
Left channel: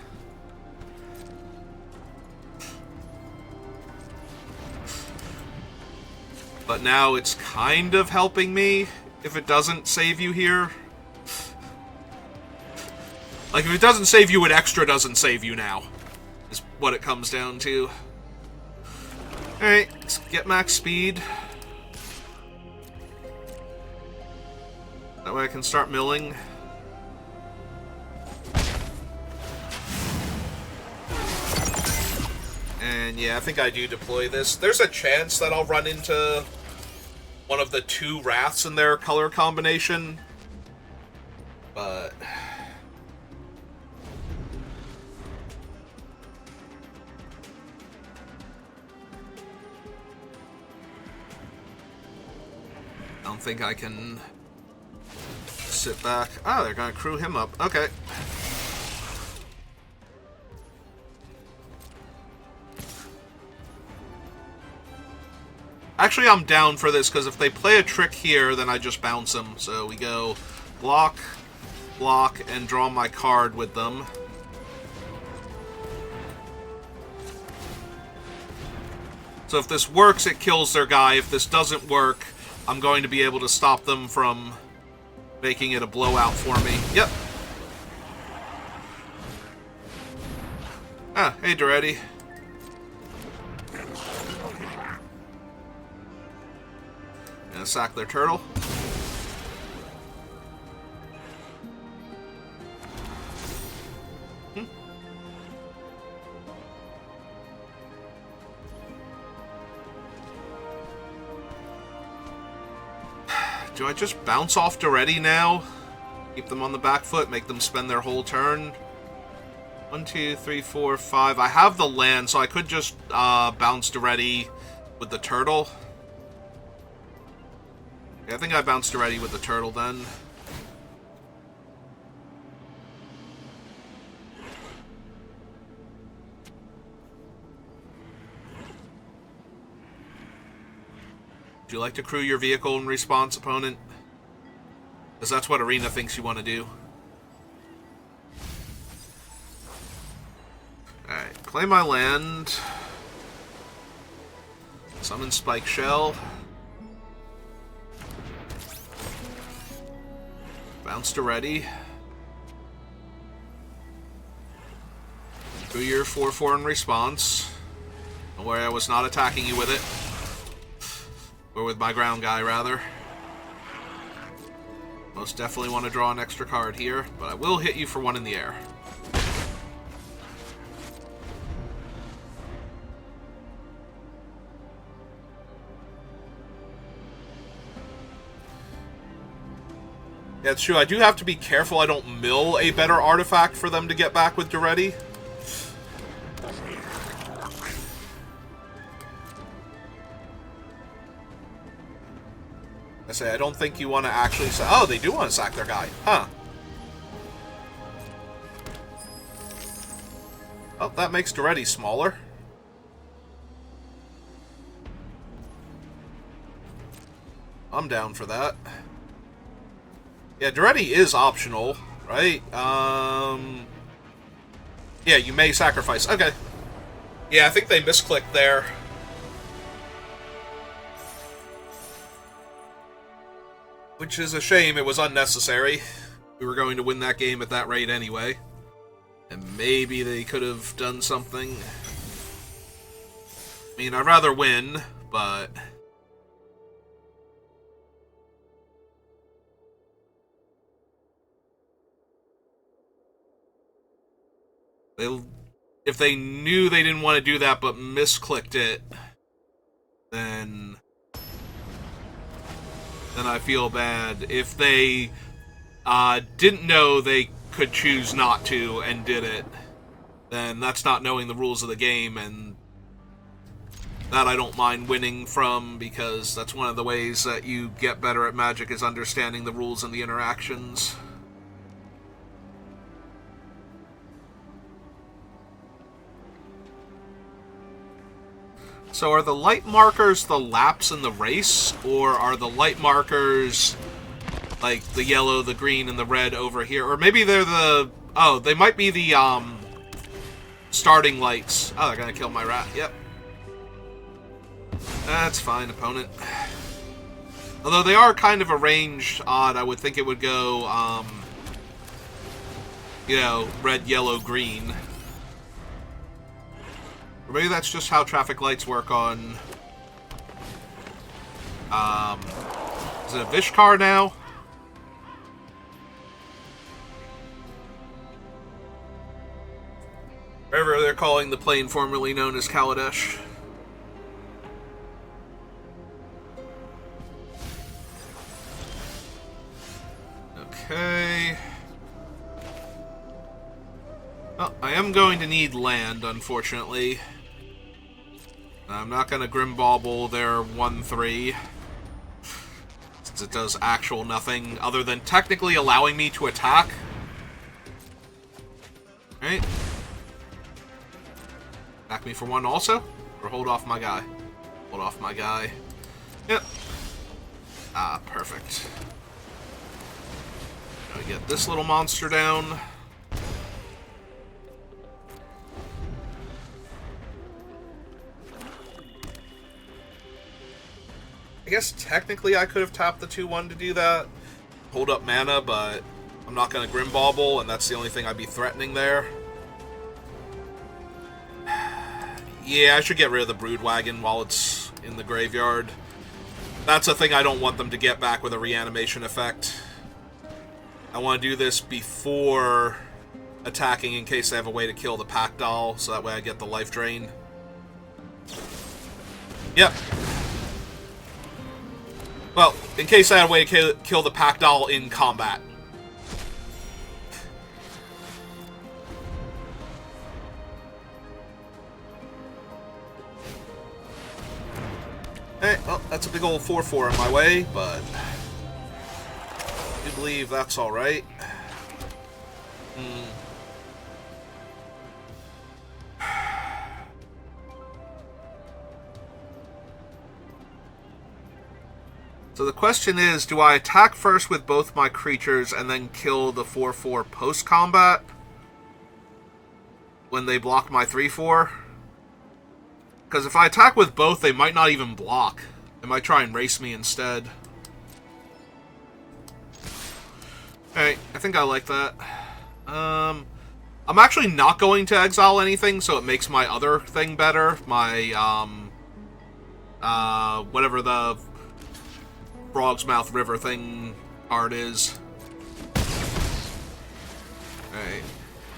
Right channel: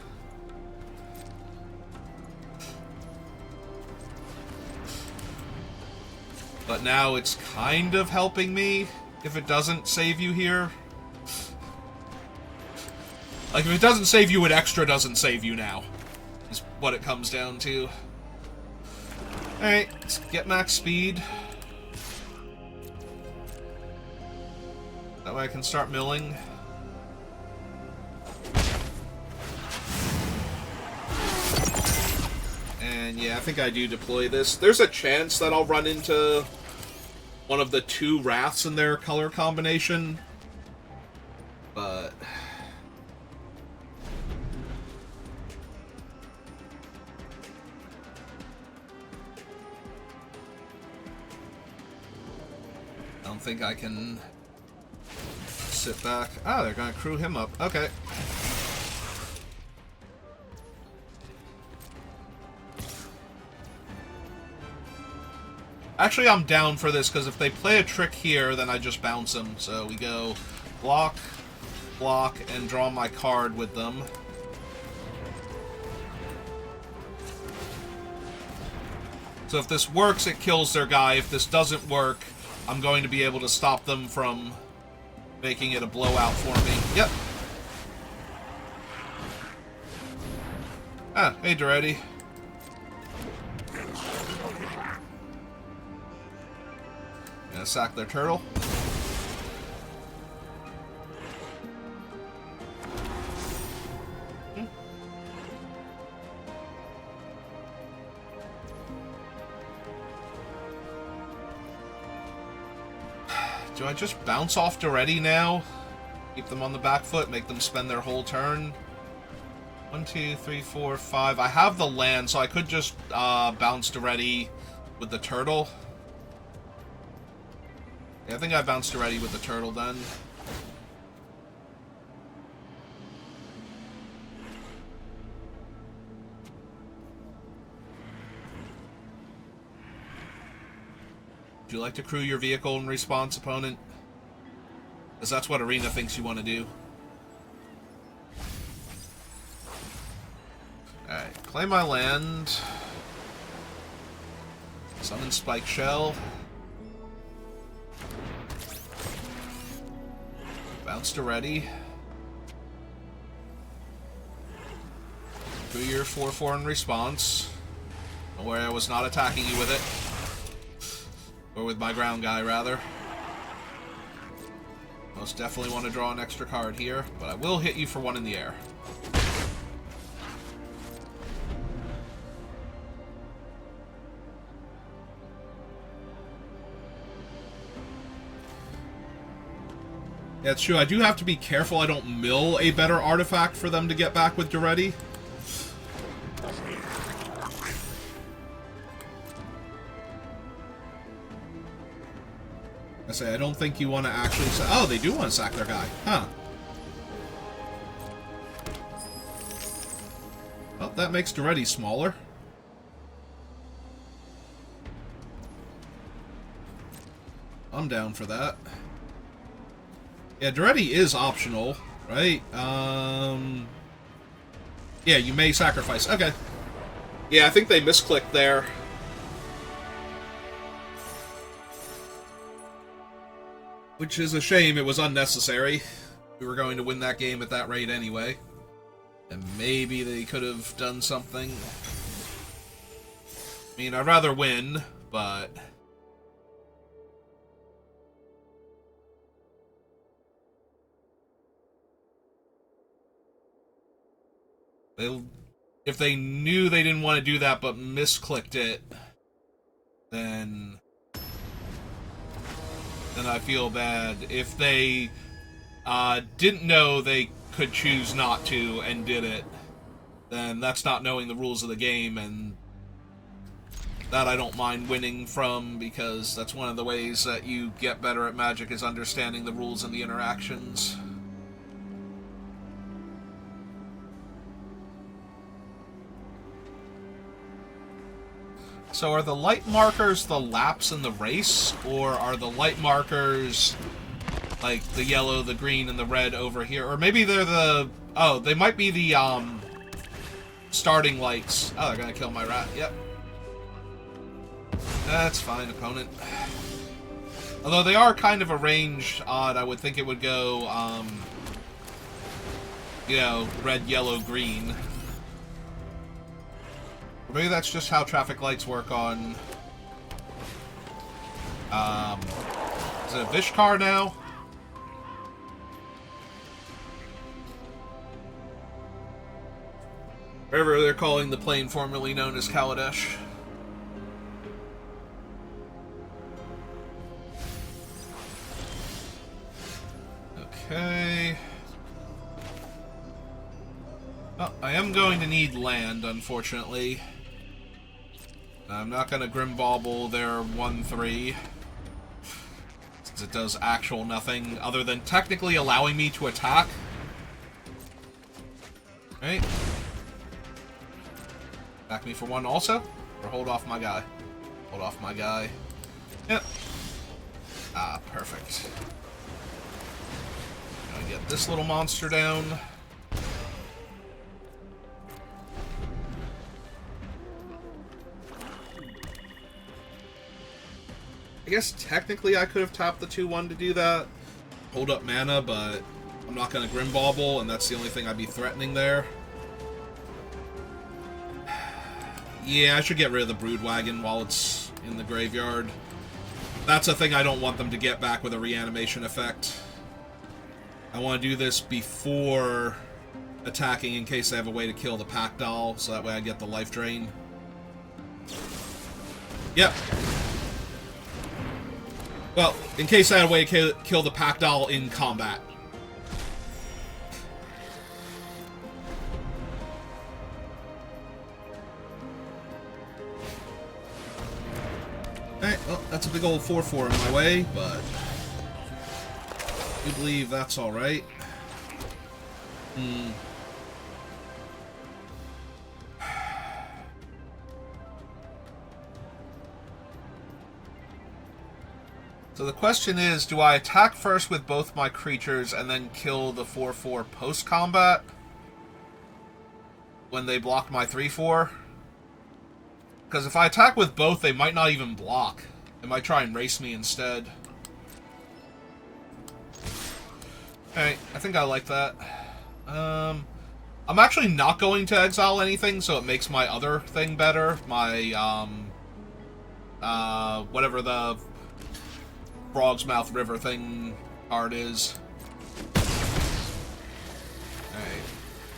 But now it's kind of helping me if it doesn't save you here. Like, if it doesn't save you, it extra doesn't save you now. Is what it comes down to. Alright, let's get max speed. That way I can start milling. And yeah, I think I do deploy this. There's a chance that I'll run into one of the 2 Wraths in their color combination. But... I don't think I can sit back. Oh, they're gonna crew him up. Okay. Actually, I'm down for this, because if they play a trick here, then I just bounce them. So we go block, block, and draw my card with them. So if this works, it kills their guy. If this doesn't work, I'm going to be able to stop them from making it a blowout for me. Yep. Ah, hey, Duretti. Gonna sack their turtle. Do I just bounce off Duretti now? Keep them on the back foot, make them spend their whole turn? 1, 2, 3, 4, 5. I have the land, so I could just bounce Duretti with the turtle. Yeah, I think I bounced Duretti with the turtle then. Would you like to crew your vehicle in response, opponent? Because that's what Arena thinks you want to do. Alright, play my land. Summon Spike Shell. Bounce Duretti. Crew your 4/4 in response. Don't worry, I was not attacking you with it. Or with my ground guy, rather. Most definitely want to draw an extra card here, but I will hit you for 1 in the air. Yeah, it's true. I do have to be careful I don't mill a better artifact for them to get back with Duretti. I say, I don't think you want to actually say... Oh, they do want to sack their guy. Huh. Well, that makes Duretti smaller. I'm down for that. Yeah, Duretti is optional, right? Yeah, you may sacrifice. Okay. Yeah, I think they misclicked there. Which is a shame. It was unnecessary. We were going to win that game at that rate anyway. And maybe they could have done something. I mean, I'd rather win, but... If they knew they didn't want to do that but misclicked it, then I feel bad. If they didn't know they could choose not to and did it, then that's not knowing the rules of the game, and that I don't mind winning from, because that's one of the ways that you get better at Magic, is understanding the rules and the interactions. So are the light markers the laps in the race, or are the light markers like the yellow, the green, and the red over here? Or maybe they're the... Oh, they might be the starting lights. Oh, they're gonna kill my rat. Yep. That's fine, opponent. Although they are kind of arranged odd, I would think it would go, you know, red, yellow, green. Or maybe that's just how traffic lights work on... is it a Vishkar now? Whatever they're calling the plane formerly known as Kaladesh. Okay. Well, I am going to need land, unfortunately. I'm not going to Grim Bauble their 1/3, since it does actual nothing other than technically allowing me to attack. Right? Attack me for 1 also? Or hold off my guy? Hold off my guy. Yep. Ah, perfect. Gonna get this little monster down. I guess technically I could have tapped the 2/1 to do that. hold up mana, but I'm not going to Grim Bauble, and that's the only thing I'd be threatening there. Yeah, I should get rid of the Brood Wagon while it's in the graveyard. That's a thing I don't want them to get back with a reanimation effect. I want to do this before attacking in case they have a way to kill the Pack Doll, so that way I get the life drain. Yep. Well, in case I had a way to kill the Pack Doll in combat. Hey, well, that's a big old 4/4 on my way, but I do believe that's alright. So the question is, do I attack first with both my creatures and then kill the 4/4 post-combat when they block my 3/4? Because if I attack with both, they might not even block. They might try and race me instead. Alright, I think I like that. I'm actually not going to exile anything, so it makes my other thing better. My, whatever the Frog's Mouth River thing card is. Alright,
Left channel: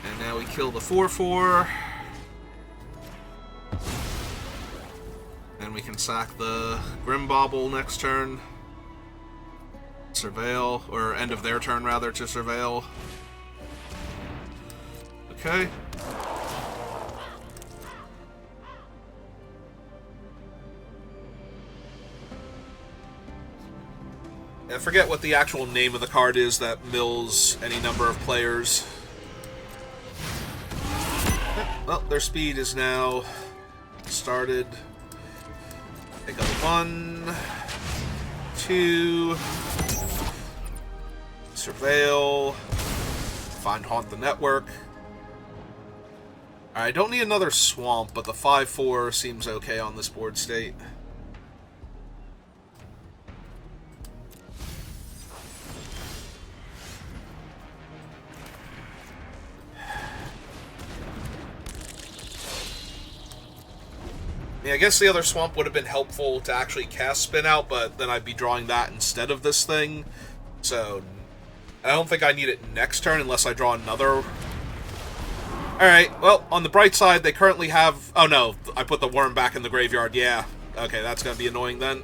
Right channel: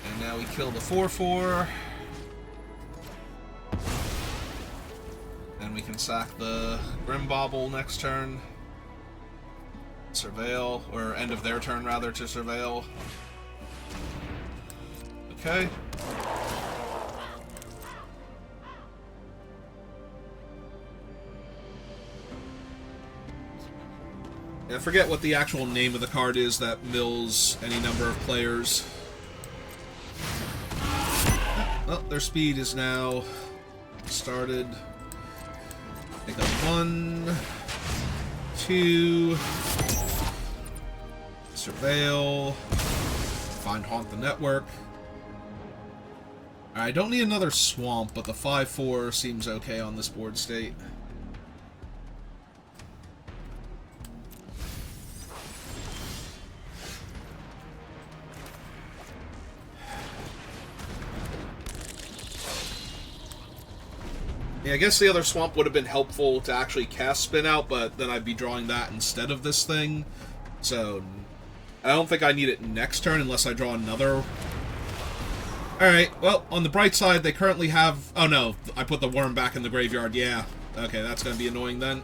and now we kill the 4/4. And we can sack the Grim Bauble next turn. Surveil, or end of their turn rather, to Surveil. Okay. I forget what the actual name of the card is that mills any number of players. Well, their speed is now started. Take up 1, 2, Surveil, find Haunt the Network. Alright, I don't need another Swamp, but the 5/4 seems okay on this board state. Yeah, I guess the other Swamp would have been helpful to actually cast Spin Out, but then I'd be drawing that instead of this thing. So, I don't think I need it next turn unless I draw another. Alright, well, on the bright side, they currently have... Oh no, I put the worm back in the graveyard, yeah. Okay, that's gonna be annoying then.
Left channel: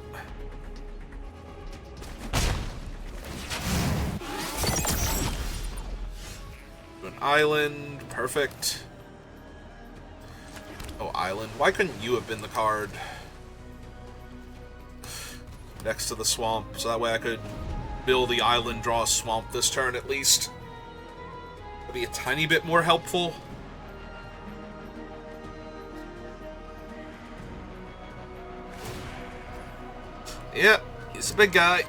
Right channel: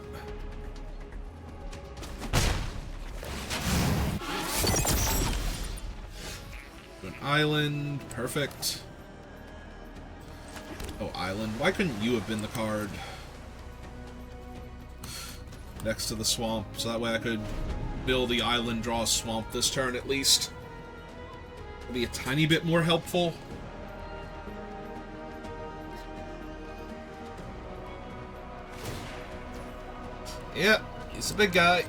An island, perfect. Oh, island. Why couldn't you have been the card next to the swamp? So that way I could build the island, draw a swamp this turn at least. Would be a tiny bit more helpful. Yep, he's a big guy.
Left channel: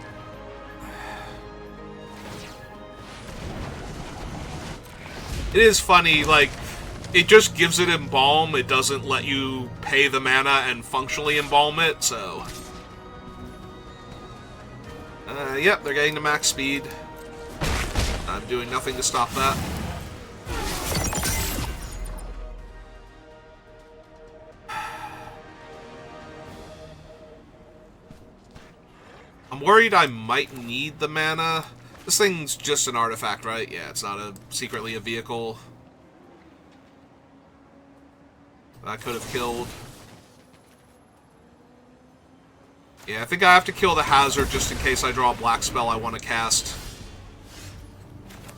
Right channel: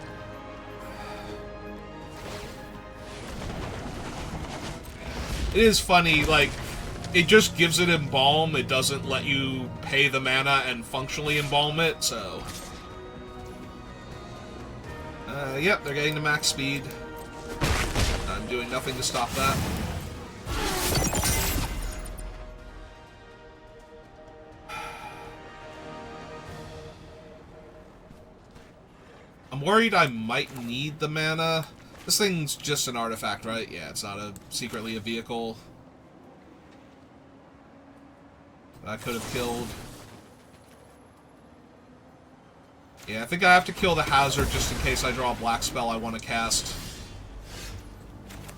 It is funny, like, it just gives it Embalm, it doesn't let you pay the mana and functionally embalm it, so... yep, they're getting to max speed. I'm doing nothing to stop that. I'm worried I might need the mana. This thing's just an artifact, right? Yeah, it's not secretly a vehicle. I could have killed. Yeah, I think I have to kill the hazard just in case I draw a black spell I want to cast.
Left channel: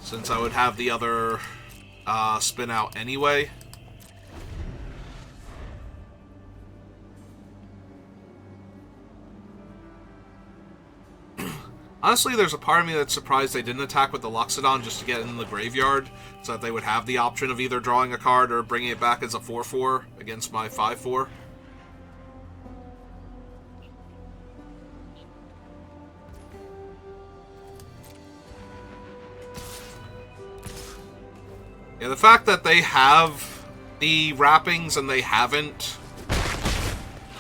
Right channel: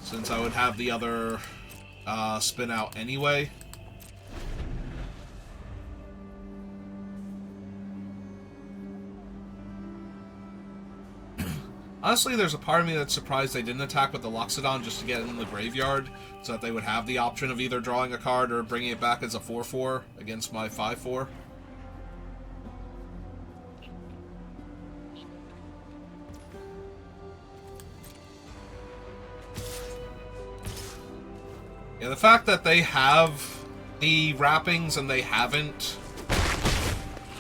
Since I would have the other spin out anyway. Honestly, there's a part of me that's surprised they didn't attack with the Loxodon just to get in the graveyard, so that they would have the option of either drawing a card or bringing it back as a 4/4 against my 5/4. Yeah, the fact that they have the wrappings and they haven't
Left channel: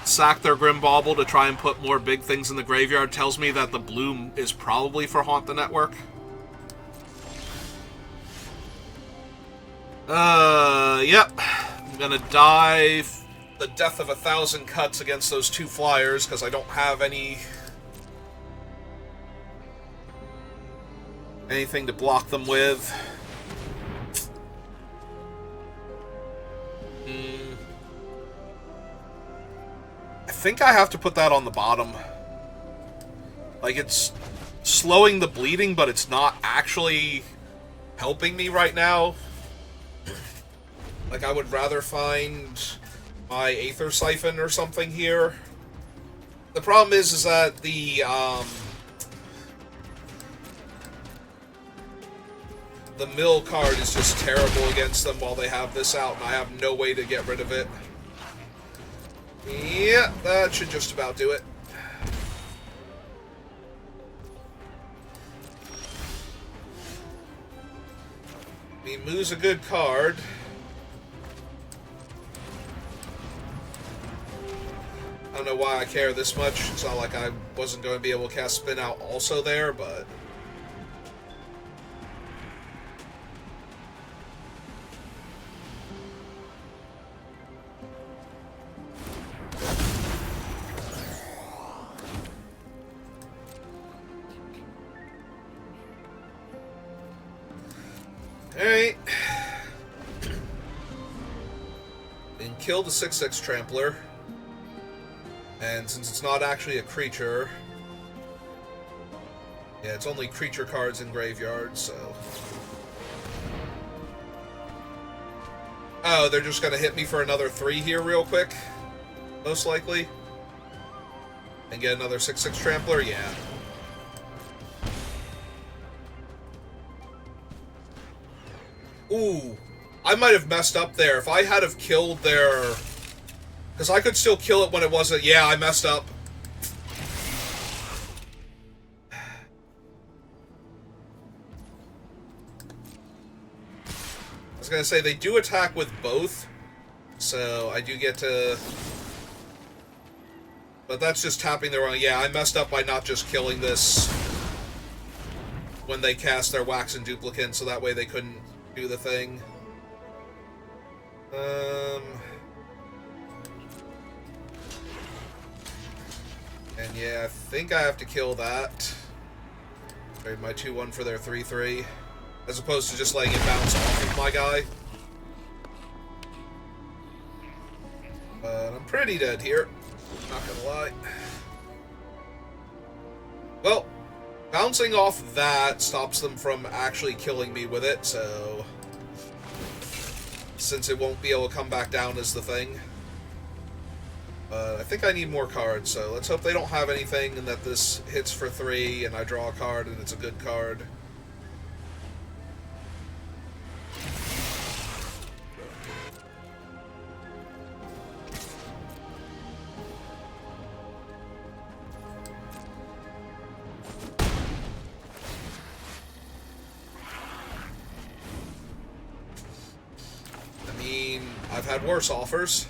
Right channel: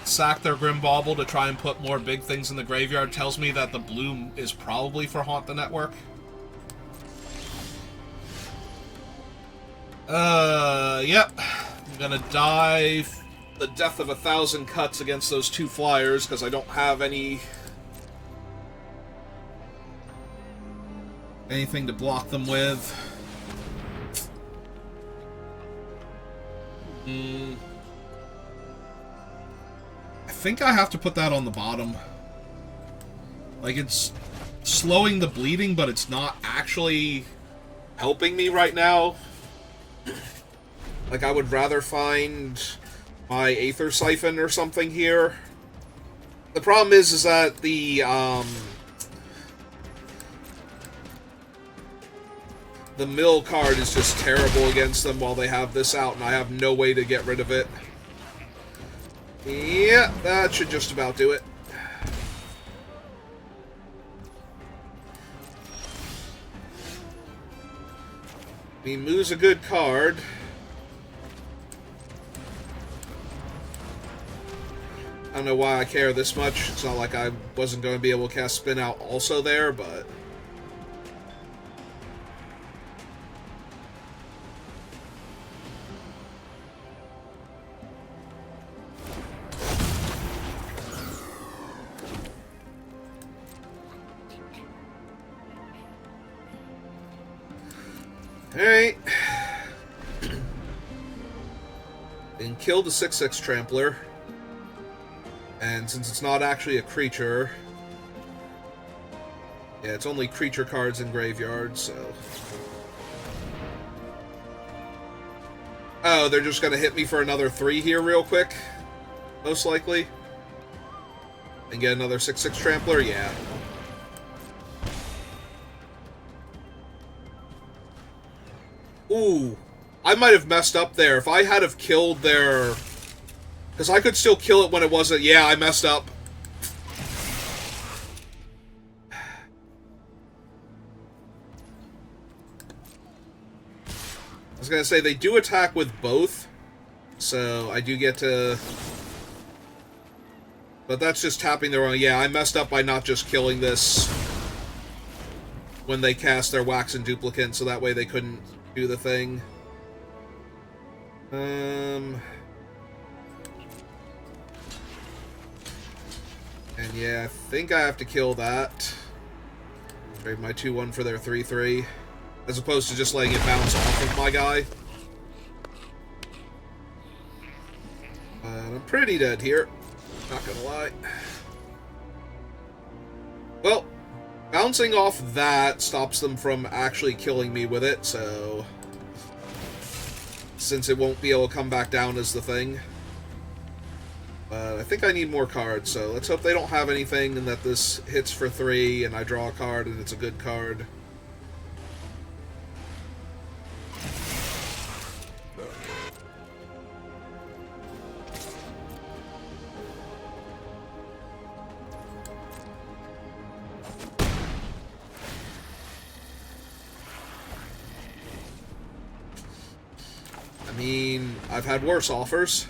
sacked their Grim Bauble to try and put more big things in the graveyard tells me that the bloom is probably for Haunt the Network. Yep. I'm gonna die the death of 1,000 cuts against those 2 flyers, because I don't have anything to block them with. I think I have to put that on the bottom. Like, it's slowing the bleeding, but it's not actually helping me right now. Like, I would rather find my Aether Siphon or something here. The problem is that the mill card is just terrible against them while they have this out, and I have no way to get rid of it. Yeah, that should just about do it. I mean, Moo's a good card. I don't know why I care this much. It's not like I wasn't going to be able to cast Spin Out also there, but... Alright. And kill the 6/6 Trampler. And since it's not actually a creature... Yeah, it's only creature cards in graveyard, so... Oh, they're just gonna hit me for another 3 here real quick? Most likely. And get another 6/6 Trampler? Yeah. Ooh, I might have messed up there. If I had have killed their... Because I could still kill it when it wasn't... Yeah, I messed up. I was going to say, they do attack with both. So, I do get to... But that's just tapping the wrong... Yeah, I messed up by not just killing this when they cast their Wax and Duplicate, so that way they couldn't do the thing. And yeah, I think I have to kill that. Trade my 2/1 for their 3/3, as opposed to just letting it bounce off of my guy. But I'm pretty dead here, not gonna lie. Well, bouncing off that stops them from actually killing me with it, so... Since it won't be able to come back down as the thing. I think I need more cards, so let's hope they don't have anything and that this hits for 3 and I draw a card and it's a good card. I mean, I've had worse offers.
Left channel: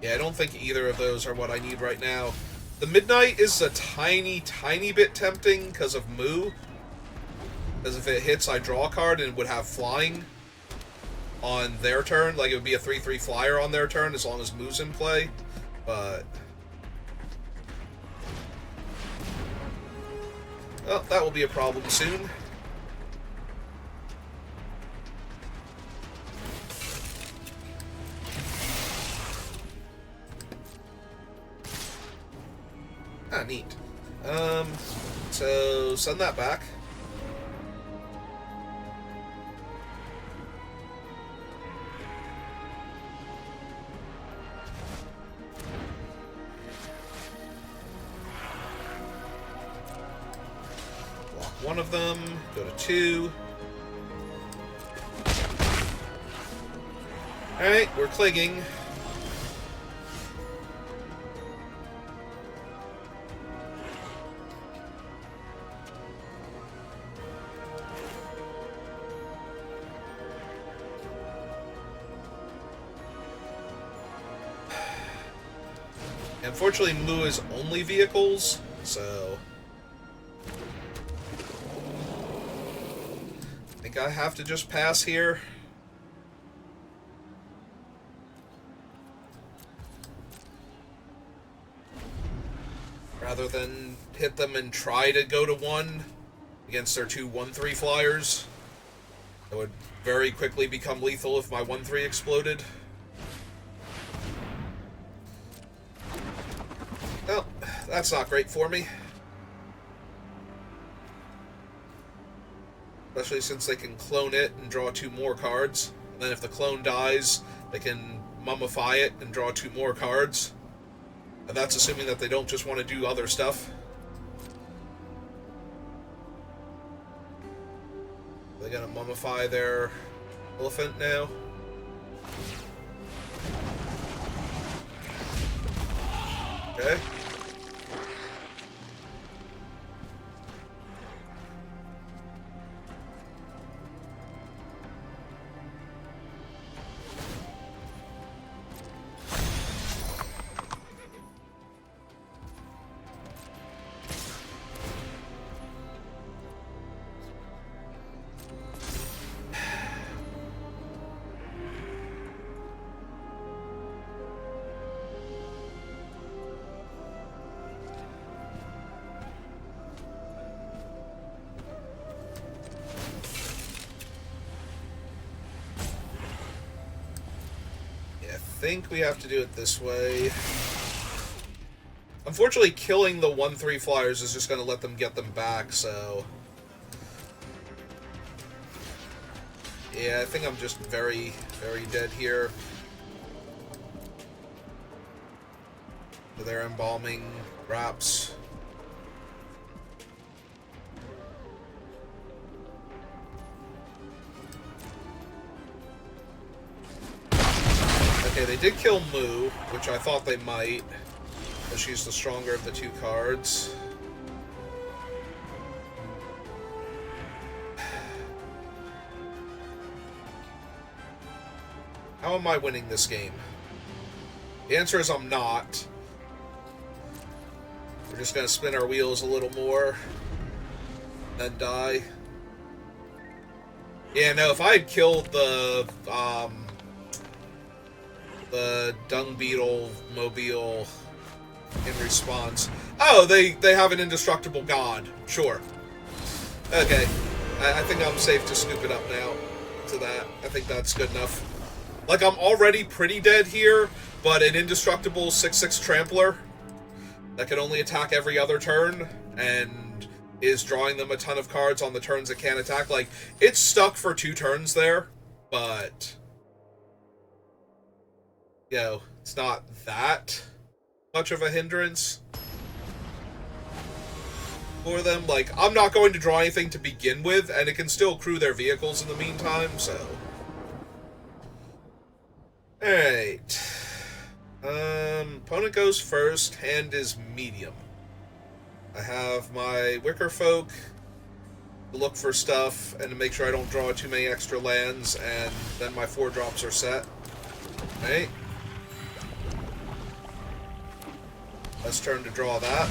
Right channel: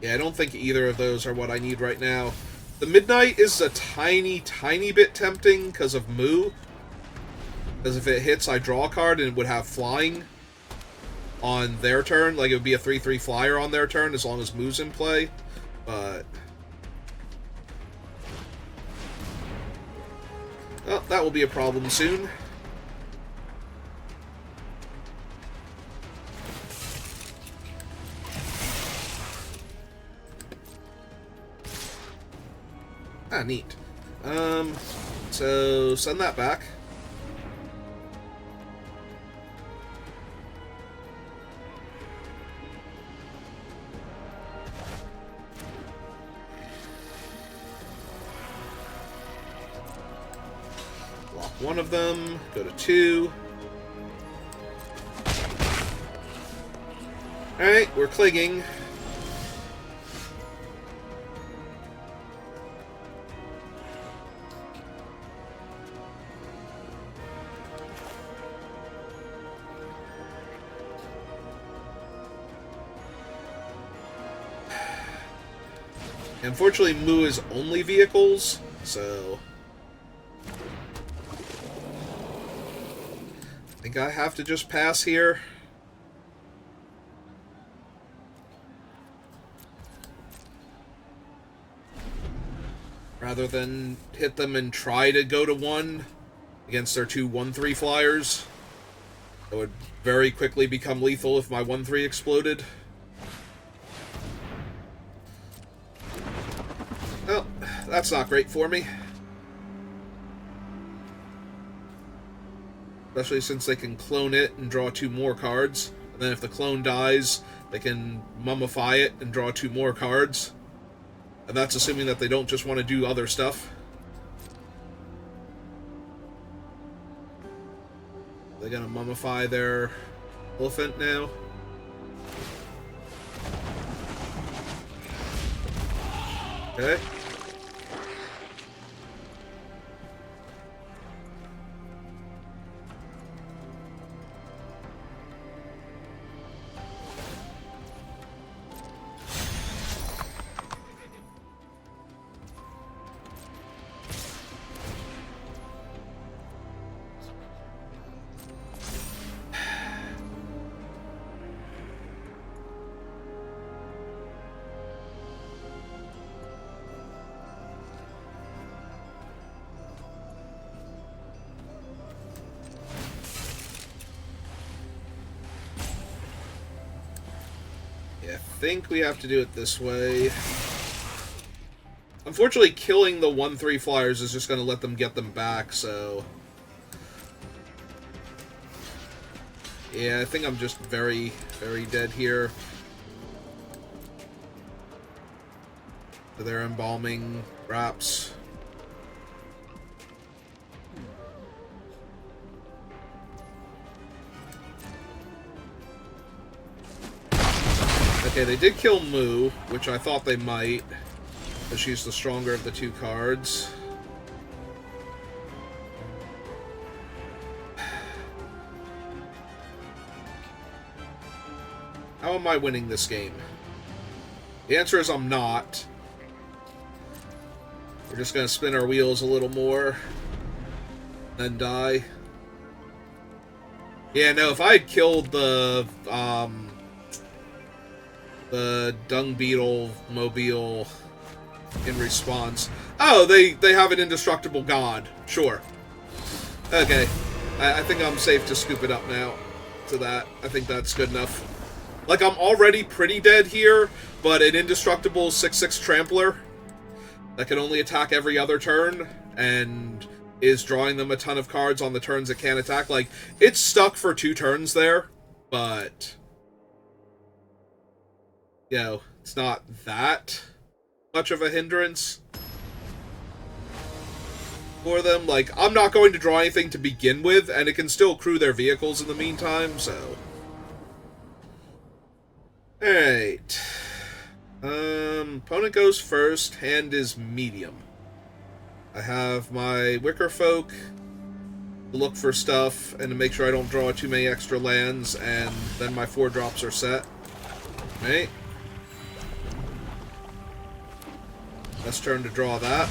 Yeah, I don't think either of those are what I need right now. The Midnight is a tiny, tiny bit tempting because of Moo. Because if it hits, I draw a card and it would have flying on their turn. Like, it would be a 3/3 flyer on their turn as long as Moo's in play. But... well, that will be a problem soon. Ah, neat. So send that back. Block one of them, go to 2. Alright, we're clinging. Unfortunately, Moo is only vehicles, so... think I have to just pass here. Rather than hit them and try to go to 1 against their 2 1-3 flyers. It would very quickly become lethal if my 1-3 exploded. Well, that's not great for me. Especially since they can clone it and draw 2 more cards. And then if the clone dies, they can mummify it and draw 2 more cards. And that's assuming that they don't just want to do other stuff. They're gonna mummify their elephant now. Okay. I think we have to do it this way. Unfortunately, killing the 1-3 flyers is just going to let them get them back, so... Yeah, I think I'm just very, very dead here. They're embalming wraps. Okay, they did kill Moo, which I thought they might, because she's the stronger of the 2 cards. How am I winning this game? The answer is I'm not. We're just going to spin our wheels a little more, then die. Yeah, no, if I had killed the dung beetle mobile in response. Oh, they have an indestructible god. Sure. Okay. I think I'm safe to scoop it up now to that. I think that's good enough. Like, I'm already pretty dead here, but an indestructible 6/6 trampler that can only attack every other turn and is drawing them a ton of cards on the turns it can't attack. Like, it's stuck for 2 turns there, but... You know, it's not that much of a hindrance for them. Like, I'm not going to draw anything to begin with, and it can still crew their vehicles in the meantime, so... Alright. Opponent goes first, hand is medium. I have my Wicker Folk to look for stuff, and to make sure I don't draw too many extra lands, and then my 4 drops are set. Right? Let's turn to draw that.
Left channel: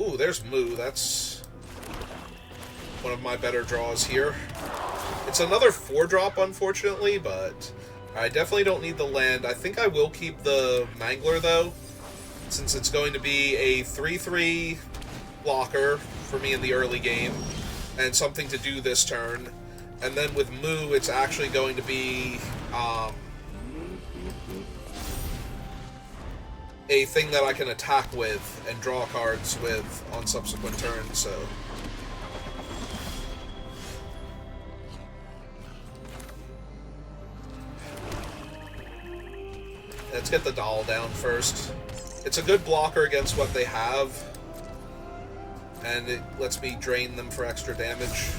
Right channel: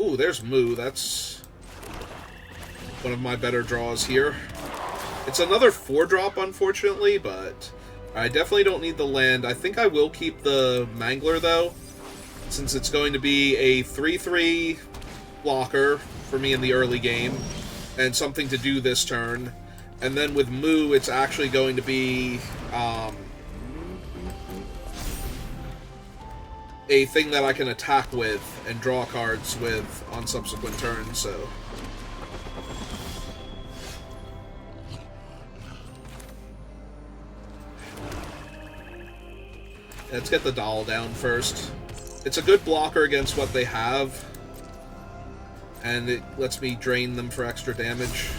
Ooh, there's Moo. That's one of my better draws here. It's another 4-drop, unfortunately, but I definitely don't need the land. I think I will keep the Mangler, though, since it's going to be a 3/3 blocker for me in the early game, and something to do this turn. And then with Moo, it's actually going to be... a thing that I can attack with and draw cards with on subsequent turns, so... Let's get the doll down first. It's a good blocker against what they have, and it lets me drain them for extra damage.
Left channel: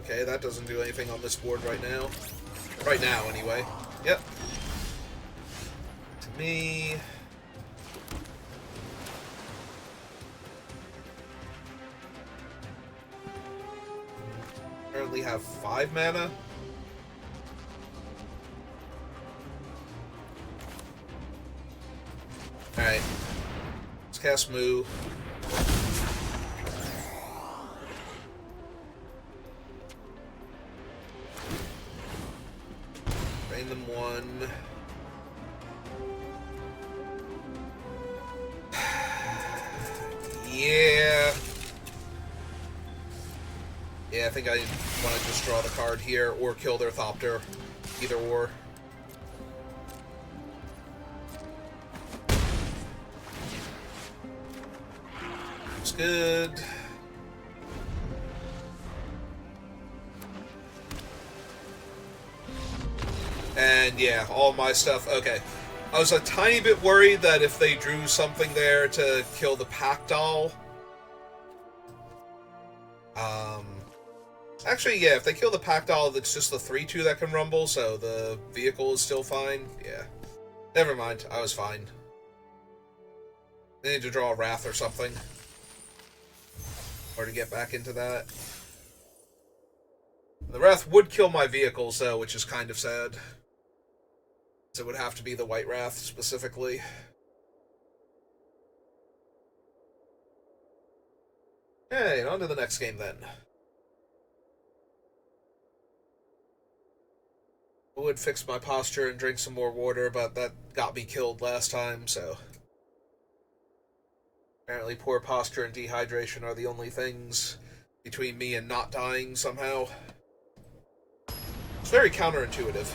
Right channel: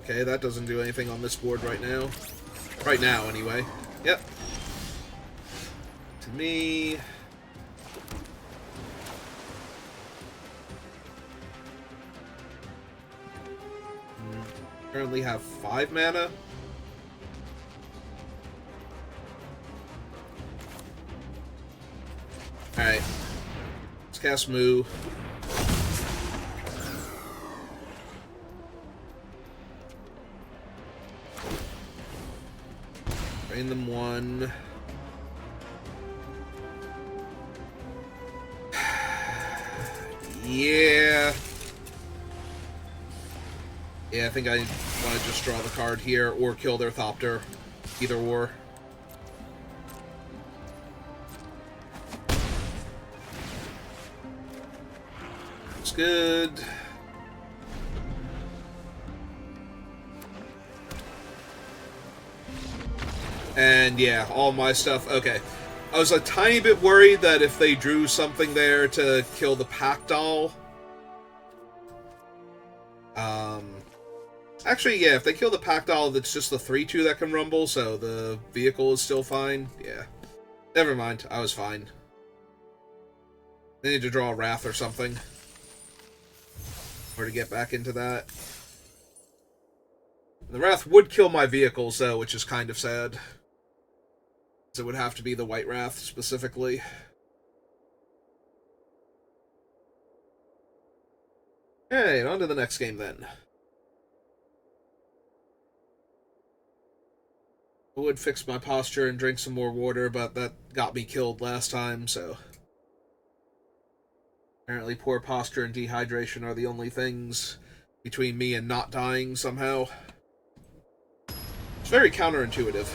Okay, that doesn't do anything on this board right now. Right now, anyway. Yep. To me... Currently have 5 mana. Alright. Let's cast Moo. Drain them 1. Yeah. Yeah, I think I want to just draw the card here or kill their Thopter. Either or. Looks good. And yeah, all my stuff. Okay. I was a tiny bit worried that if they drew something there to kill the Pack Doll. Actually, yeah, if they kill the Pack Doll, it's just the 3-2 that can rumble, so the vehicle is still fine. Yeah. Never mind, I was fine. They need to draw a Wrath or something. Or to get back into that. The Wrath would kill my vehicles, though, which is kind of sad. So it would have to be the White Wrath, specifically. Hey, on to the next game, then. I would fix my posture and drink some more water, but that got me killed last time, so... Apparently poor posture and dehydration are the only things between me and not dying, somehow. It's very counterintuitive.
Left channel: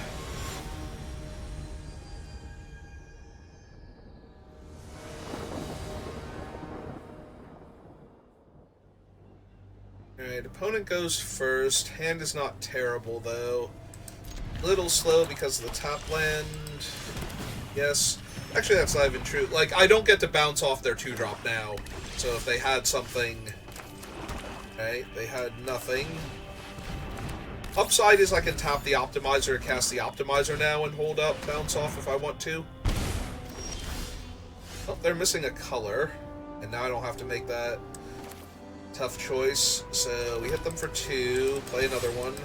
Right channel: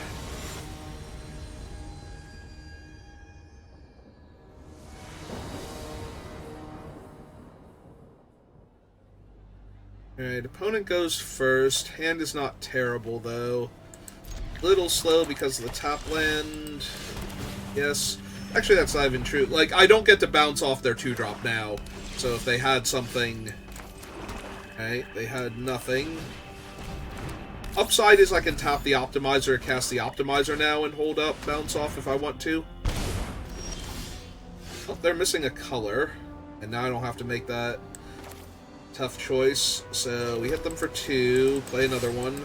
Alright, opponent goes first. Hand is not terrible, though. Little slow because of the top land. Yes. Actually, that's not even true. Like, I don't get to bounce off their 2-drop now. So if they had something... Okay, they had nothing. Upside is I can tap the Optimizer, cast the Optimizer now, and hold up, bounce off if I want to. Oh, they're missing a color. And now I don't have to make that tough choice. So we hit them for 2, play another one.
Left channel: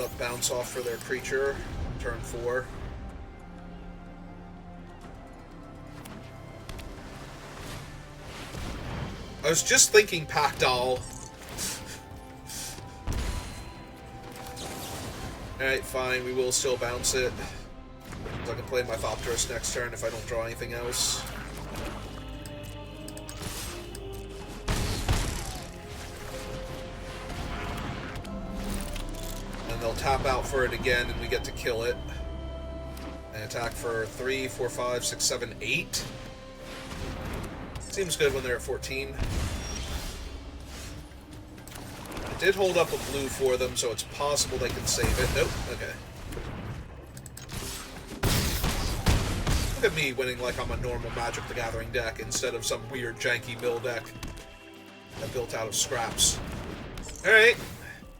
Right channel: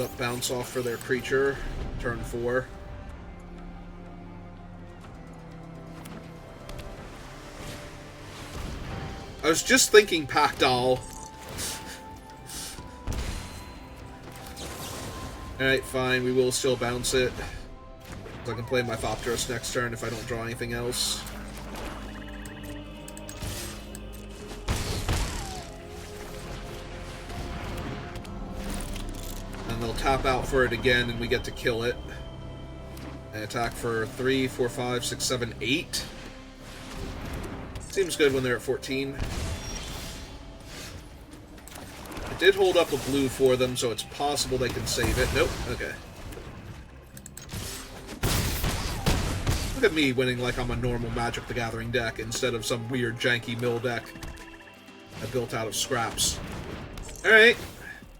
Up, bounce off for their creature, turn 4. I was just thinking Pack Doll. Alright, fine, we will still bounce it. So I can play my Thopterus next turn if I don't draw anything else. They'll tap out for it again, and we get to kill it. And attack for 3, 4, 5, 6, 7, 8. Seems good when they're at 14. I did hold up a blue for them, so it's possible they can save it. Nope. Okay. Look at me winning like I'm a normal Magic the Gathering deck instead of some weird janky mill deck that built out of scraps. Alright.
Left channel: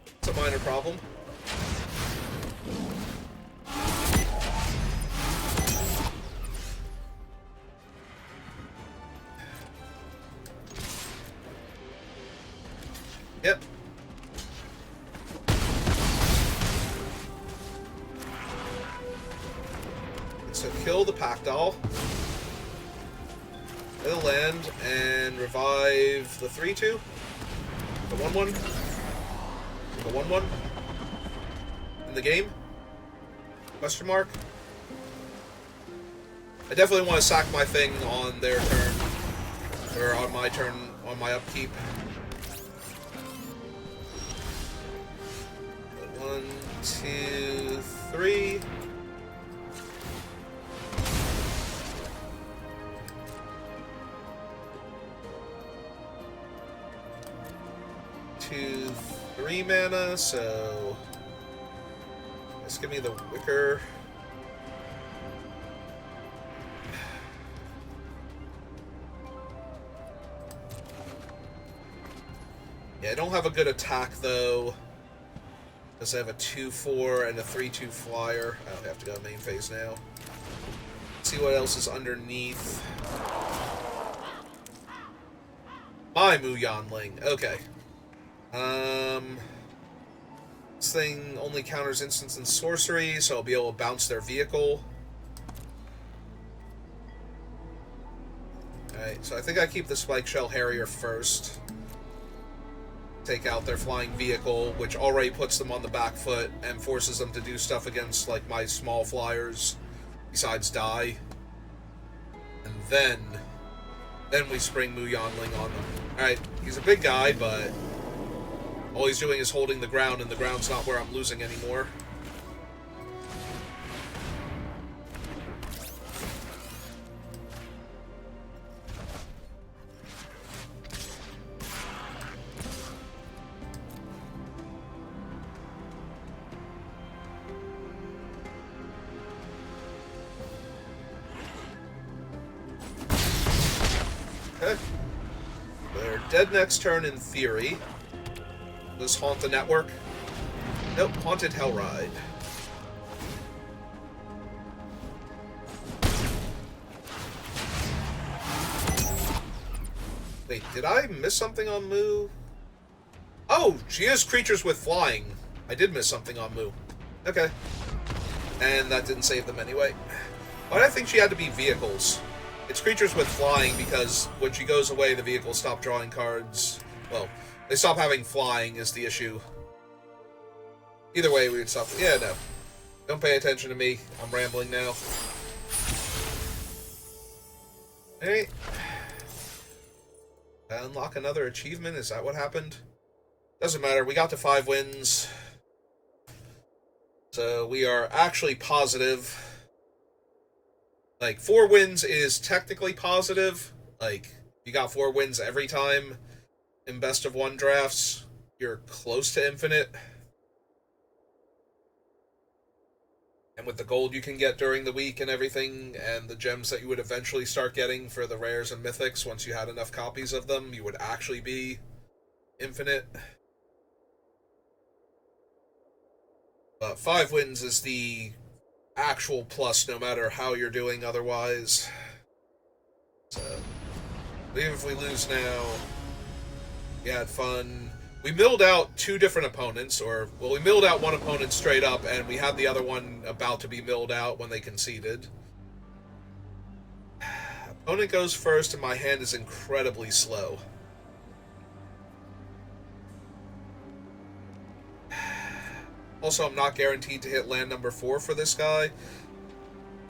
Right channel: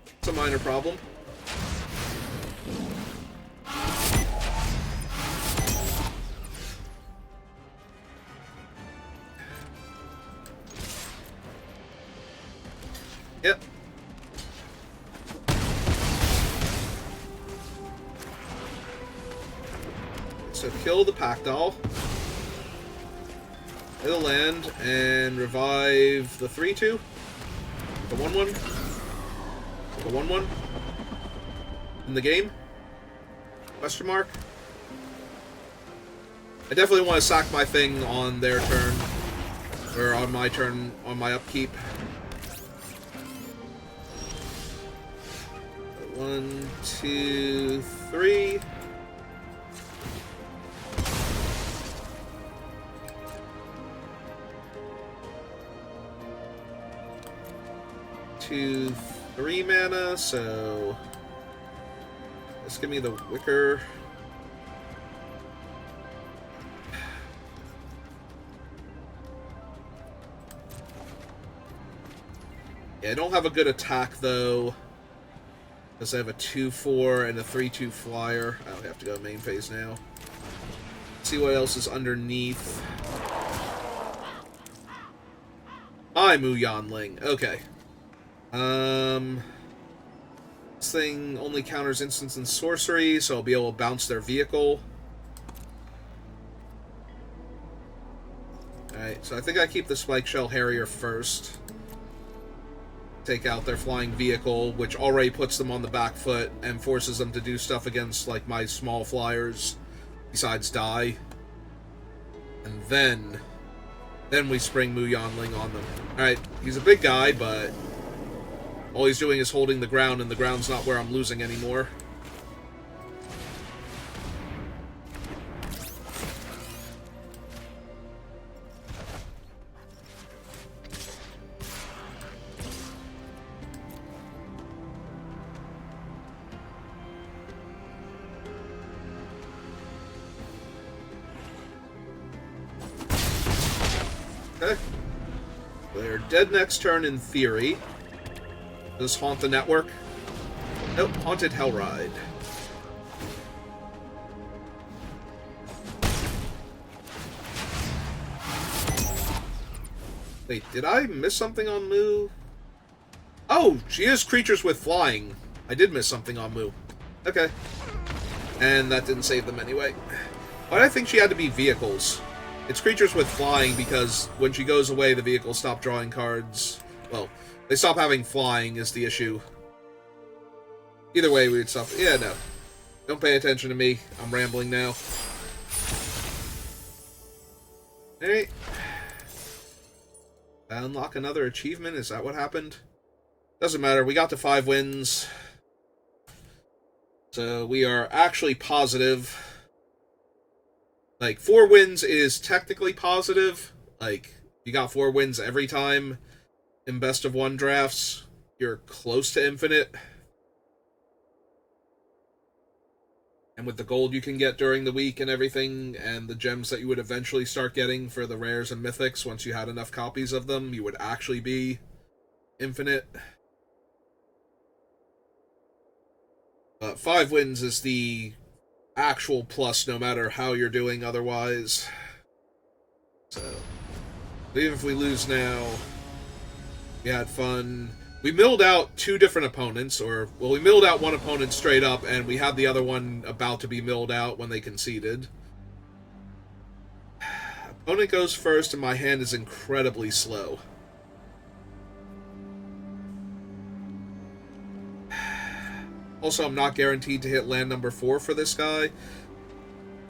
It's a minor problem. Yep. So kill the Pack Doll. It'll land and revive the 3-2. The 1-1. The 1-1. In the game? Question mark? I definitely want to sack my thing on their turn. Or on my turn, on my upkeep. 1, 2, 3. Two, 3 mana, so just give me the Wicker. Yeah, I don't have a good attack though. Because I have a 2-4 and a 3-2 flyer. I don't have to go main phase now. Let's see what else is underneath. My Muyanling. Okay. This thing only counters instants and sorcery, so I'll be able to bounce their vehicle. Alright, so I think I keep the Spike Shell Harrier first. Take out their flying vehicle, which already puts them on the back foot and forces them to do stuff against, like, my small flyers, besides die. And then we spring Mu Yanling on them. Alright, he's a big guy, but all he's doing is holding the ground, and the ground's not where I'm losing anymore. They're dead next turn in theory. Does Haunt the Network? Nope, Haunted Hellride. Wait, did I miss something on Mu? Oh, she is creatures with flying. I did miss something on Mu. Okay. And that didn't save them anyway. Why did I think she had to be vehicles? It's creatures with flying because when she goes away, the vehicles stop drawing cards. Well, they stop having flying is the issue. Either way, we would stop. Yeah, no. Don't pay attention to me. I'm rambling now. Hey. Unlock another achievement? Is that what happened? Doesn't matter. We got to 5 wins. So we are actually positive. Like, 4 wins is technically positive. Like, you got 4 wins every time in best of 1 drafts. You're close to infinite. And with the gold you can get during the week and everything, and the gems that you would eventually start getting for the rares and mythics, once you had enough copies of them, you would actually be infinite. But 5 wins is the actual plus, no matter how you're doing otherwise. So, even if we lose now, we had fun. We milled out 2 different opponents, or, well, we milled out one opponent straight up, and we had the other one about to be milled out when they conceded. Opponent goes first, and my hand is incredibly slow. Also, I'm not guaranteed to hit land number 4 for this guy.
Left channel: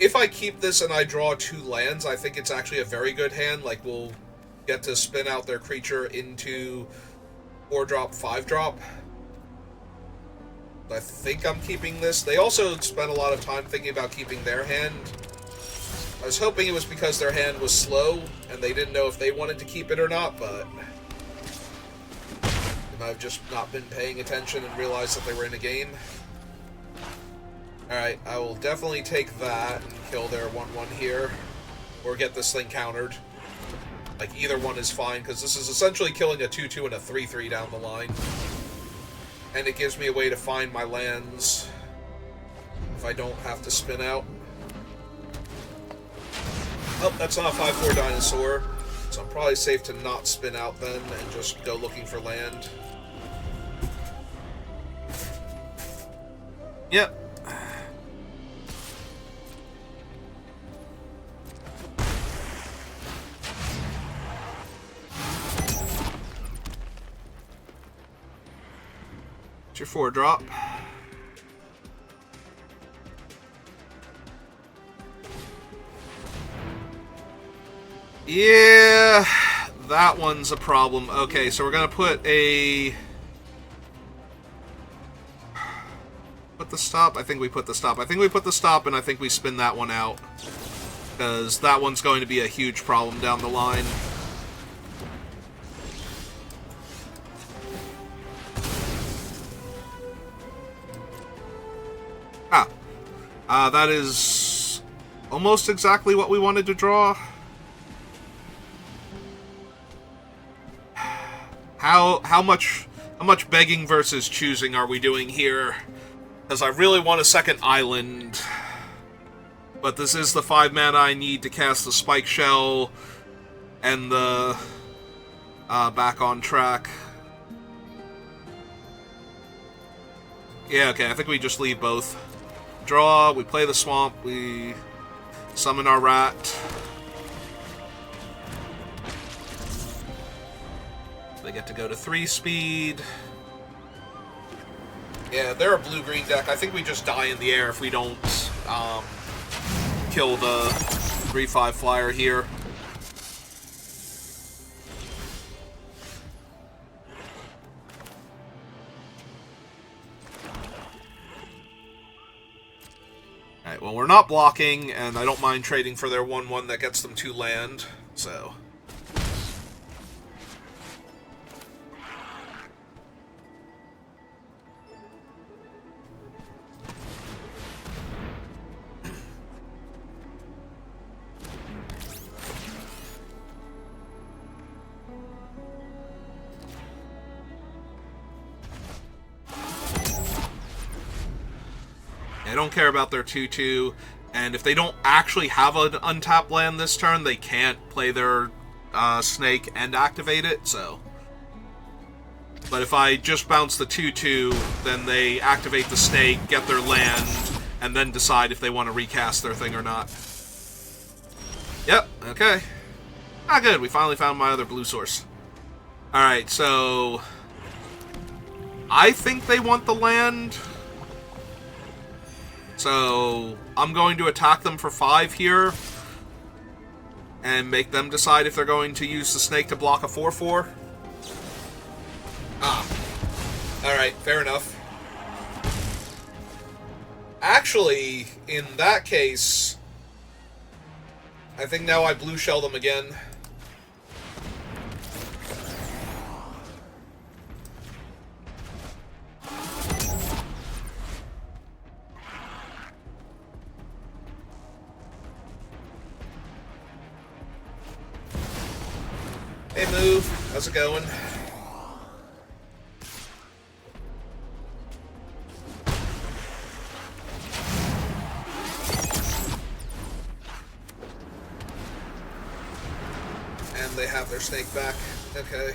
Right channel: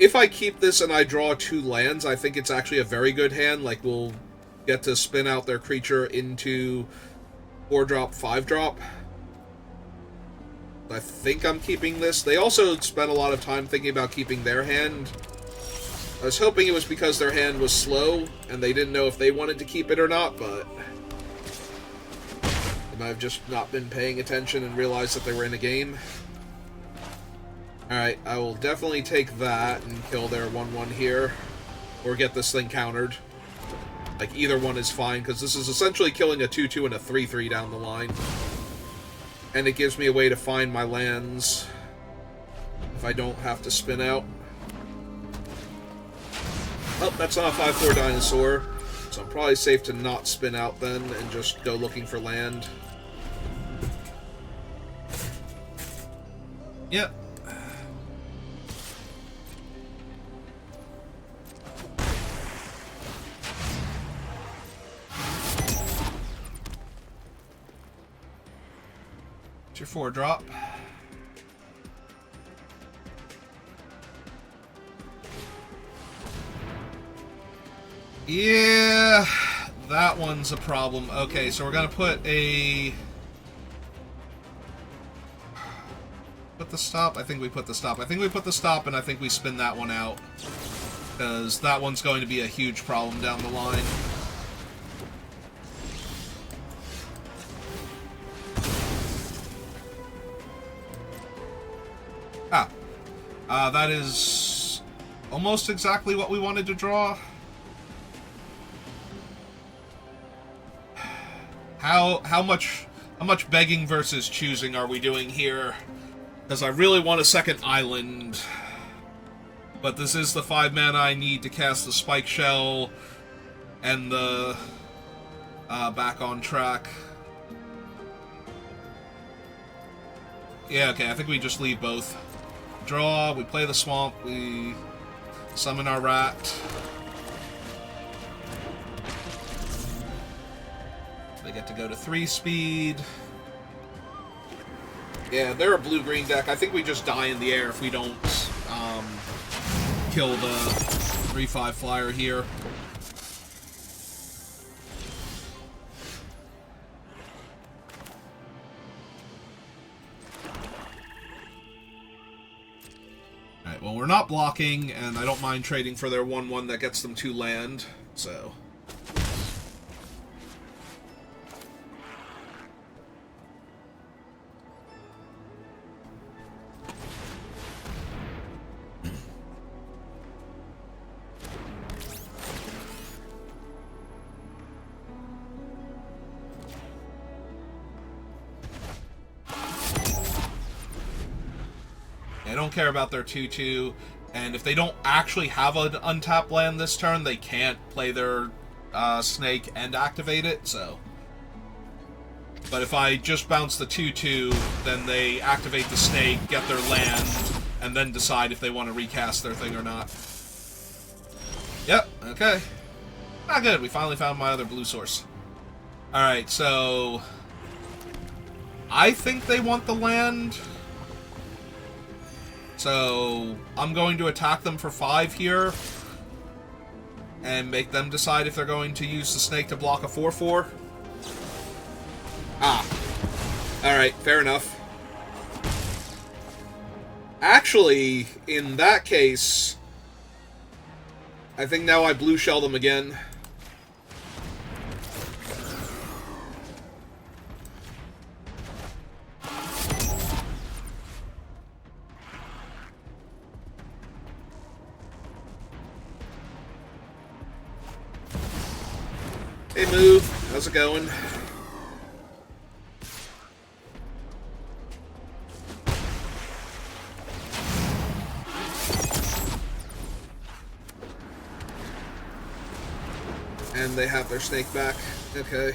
If I keep this and I draw 2 lands, I think it's actually a very good hand. Like, we'll get to spin out their creature into 4-drop, 5-drop. I think I'm keeping this. They also spent a lot of time thinking about keeping their hand. I was hoping it was because their hand was slow, and they didn't know if they wanted to keep it or not, but I've just not been paying attention and realized that they were in a game. Alright, I will definitely take that and kill their 1-1 here. Or get this thing countered. Like, either one is fine, because this is essentially killing a 2-2 and a 3-3 down the line. And it gives me a way to find my lands if I don't have to spin out. Oh, that's not a 5-4 dinosaur. So I'm probably safe to not spin out then and just go looking for land. Yep. It's your 4-drop. Yeah, that one's a problem. Okay, so we're gonna put a... Put the stop? I think we put the stop. I think we put the stop, and I think we spin that one out. Because that one's going to be a huge problem down the line. That is almost exactly what we wanted to draw. How much begging versus choosing are we doing here? Because I really want a second island, but this is the 5 mana I need to cast the Spike Shell and the back on track. Yeah, okay, I think we just leave both. Draw, we play the swamp, we summon our rat. They get to go to 3-speed. Yeah, they're a blue-green deck. I think we just die in the air if we don't kill the 3/5 flyer here. Alright, well, we're not blocking, and I don't mind trading for their 1/1 that gets them 2 land, so... I don't care about their 2/2, and if they don't actually have an untapped land this turn, they can't play their snake and activate it, so... But if I just bounce the 2/2, then they activate the snake, get their land, and then decide if they want to recast their thing or not. Yep, okay. Ah, good, we finally found my other blue source. Alright, so... I think they want the land... So, I'm going to attack them for 5 here, and make them decide if they're going to use the snake to block a 4/4. Ah. Alright, fair enough. Actually, in that case, I think now I blue shell them again. Hey, Move. How's it going? And they have their snake back. Okay.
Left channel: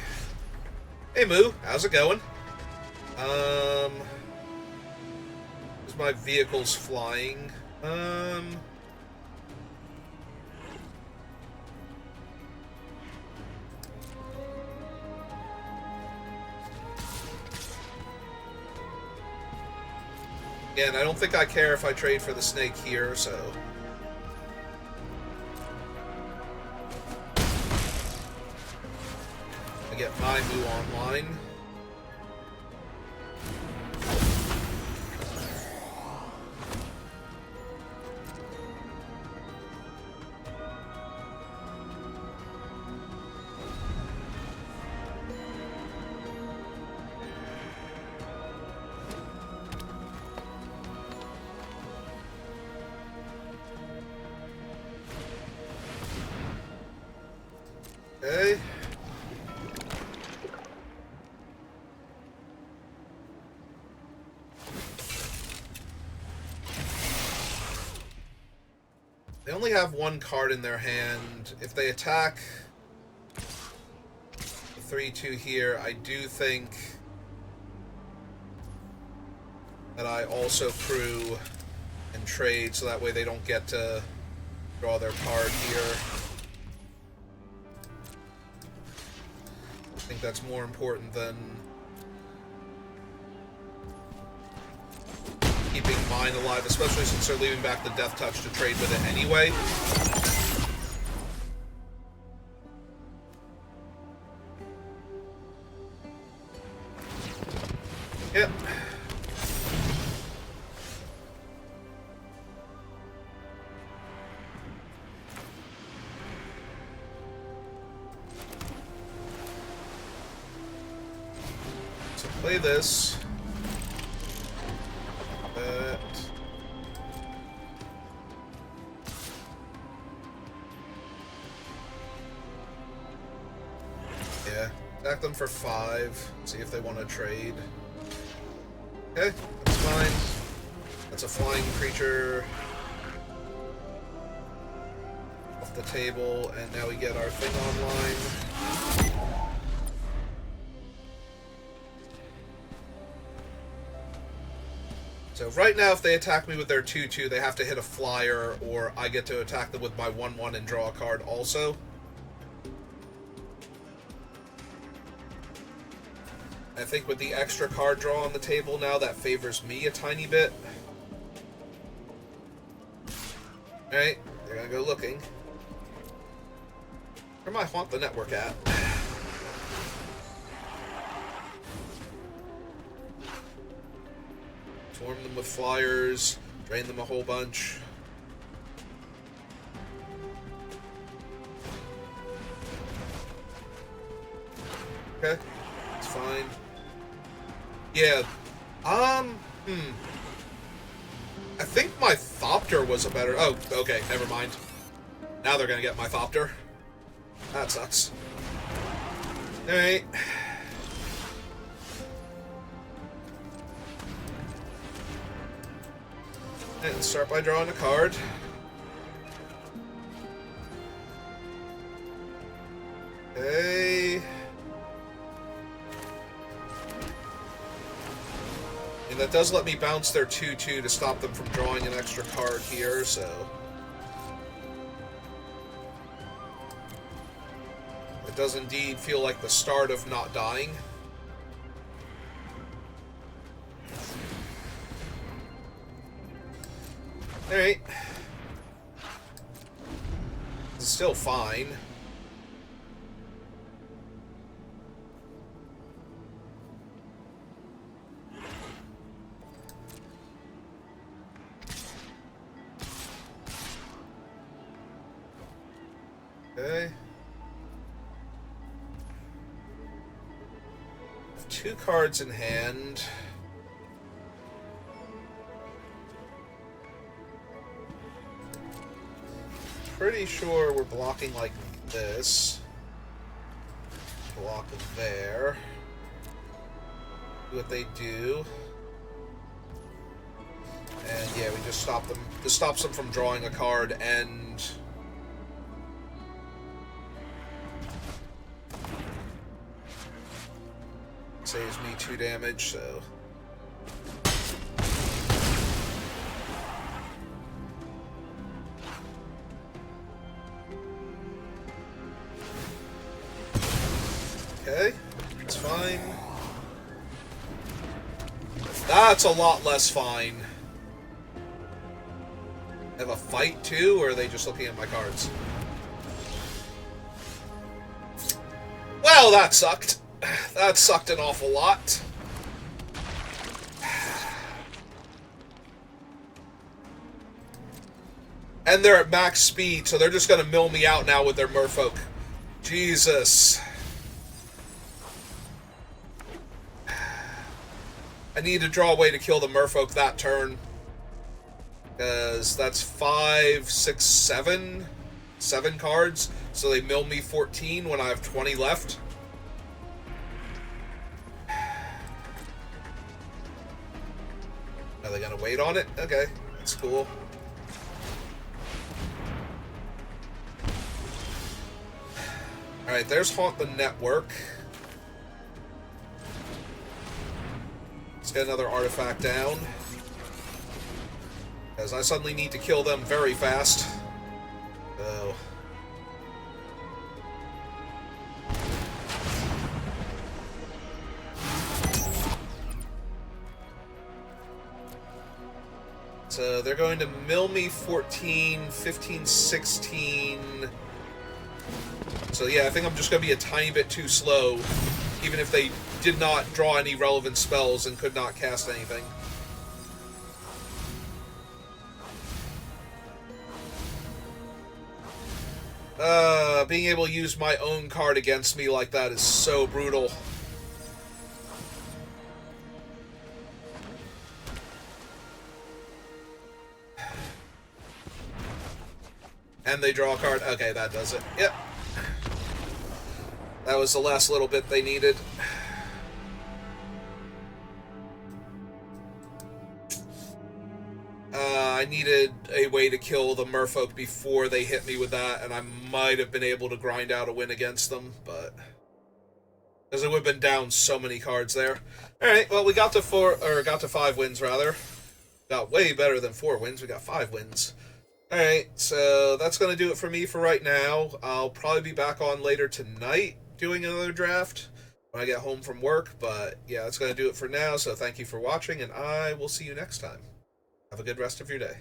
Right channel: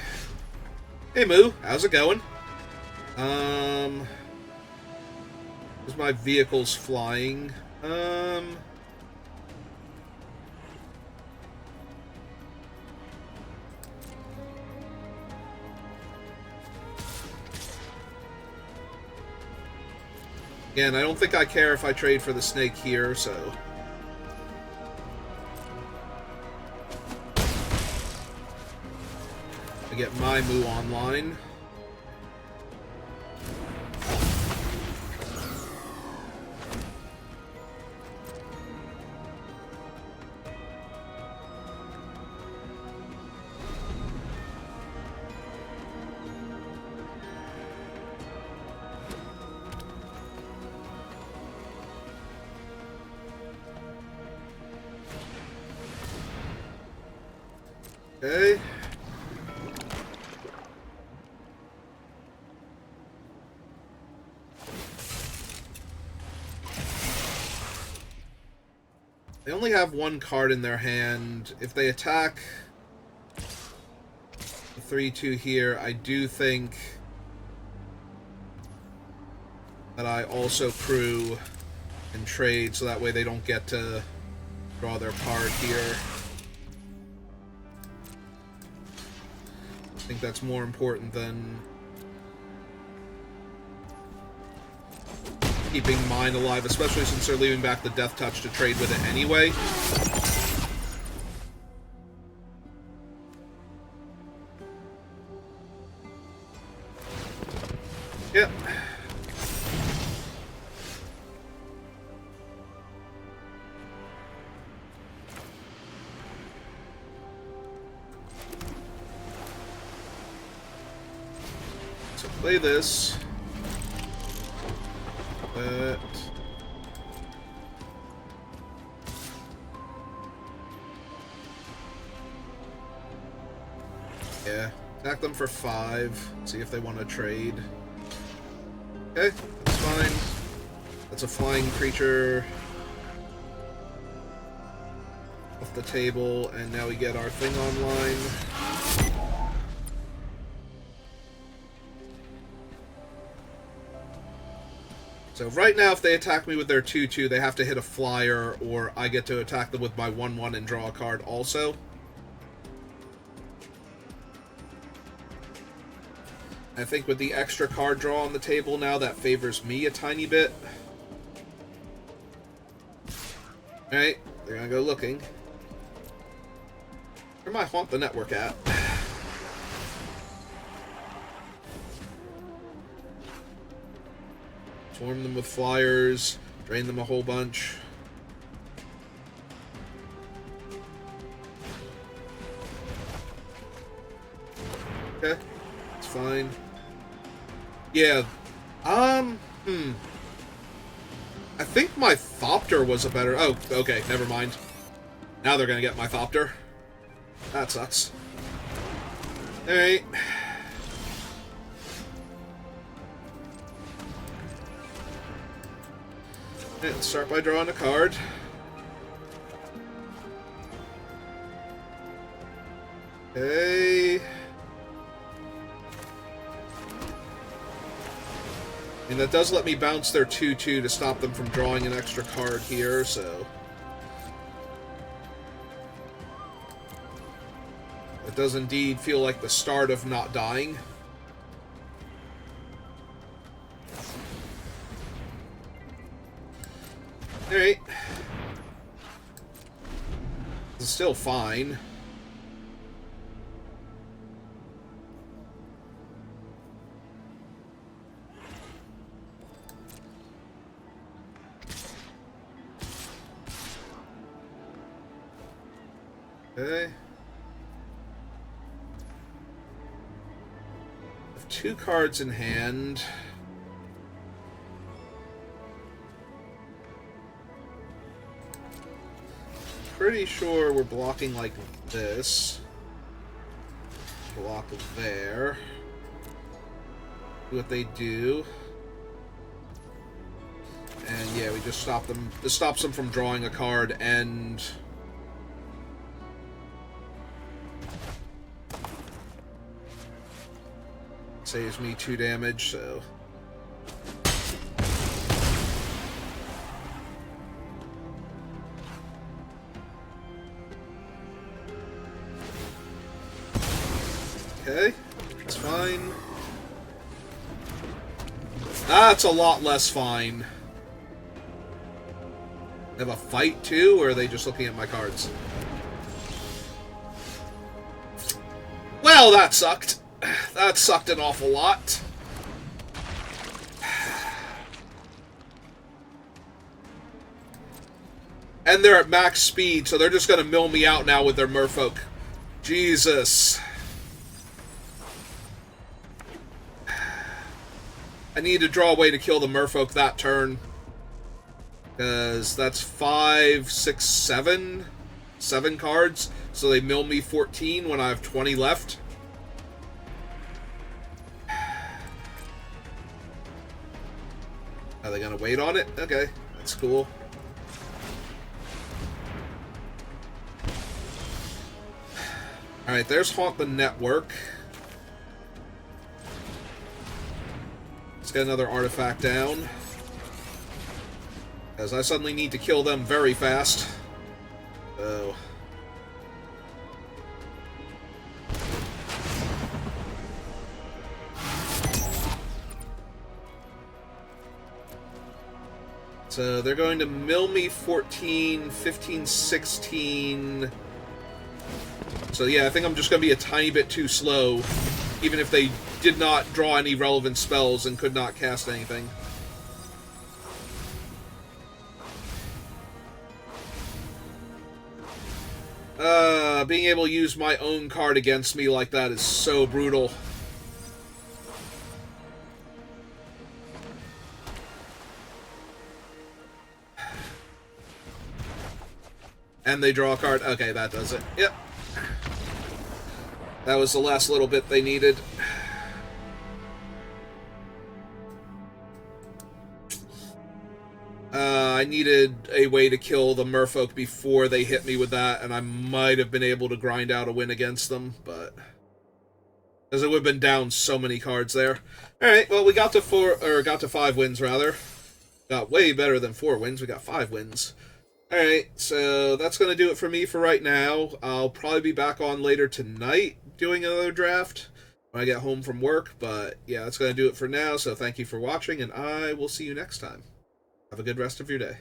Hey, Moo. How's it going? Is my vehicle's flying? Again, I don't think I care if I trade for the snake here, so... I get my Moo online. Okay. They only have 1 card in their hand. If they attack the 3/2 here, I do think that I also crew and trade, so that way they don't get to draw their card here. I think that's more important than keeping mine alive, especially since they're leaving back the Death Touch to trade with it anyway. Yep. Play this. That. Yeah. Attack them for 5. See if they want to trade. Okay, that's fine. That's a flying creature off the table, and now we get our thing online. So right now, if they attack me with their 2/2, they have to hit a flyer, or I get to attack them with my 1/1 and draw a card also. I think with the extra card draw on the table now, that favors me a tiny bit. Alright, they're gonna go looking. Where am I haunt the network at? Swarm them with flyers, drain them a whole bunch. Okay, it's fine. Yeah, I think my Thopter was a better... Oh, okay, never mind. Now they're gonna get my Thopter. That sucks. Alright. And start by drawing a card. Okay. And that does let me bounce their 2/2 to stop them from drawing an extra card here, so... It does indeed feel like the start of not dying. Alright. It's still fine. Okay. 2 cards in hand. Pretty sure we're blocking like this. Block there. Do what they do. And yeah, we just stop them. This stops them from drawing a card and... Saves me 2 damage, so... Okay, it's fine. That's a lot less fine. Have a fight too, or are they just looking at my cards? Well, that sucked. That sucked an awful lot. And they're at max speed, so they're just gonna mill me out now with their merfolk. Jesus. I need to draw a way to kill the merfolk that turn. Because that's 5, 6, 7. 7 cards. So they mill me 14 when I have 20 left. Are they gonna wait on it? Okay, that's cool. Alright, there's Haunt the Network. Let's get another artifact down. As I suddenly need to kill them very fast. Oh. So they're going to mill me 14, 15, 16. So yeah, I think I'm just going to be a tiny bit too slow, even if they did not draw any relevant spells and could not cast anything. Being able to use my own card against me like that is so brutal. And they draw a card. Okay, that does it. Yep. That was the last little bit they needed. I needed a way to kill the merfolk before they hit me with that, and I might have been able to grind out a win against them, but... Because I would have been down so many cards there. Alright, well, we got to 5 wins, rather. Got way better than 4 wins. We got 5 wins. Alright, so that's going to do it for me for right now. I'll probably be back on later tonight doing another draft. when I get home from work. But yeah, that's going to do it for now. So thank you for watching, and I will see you next time. Have a good rest of your day.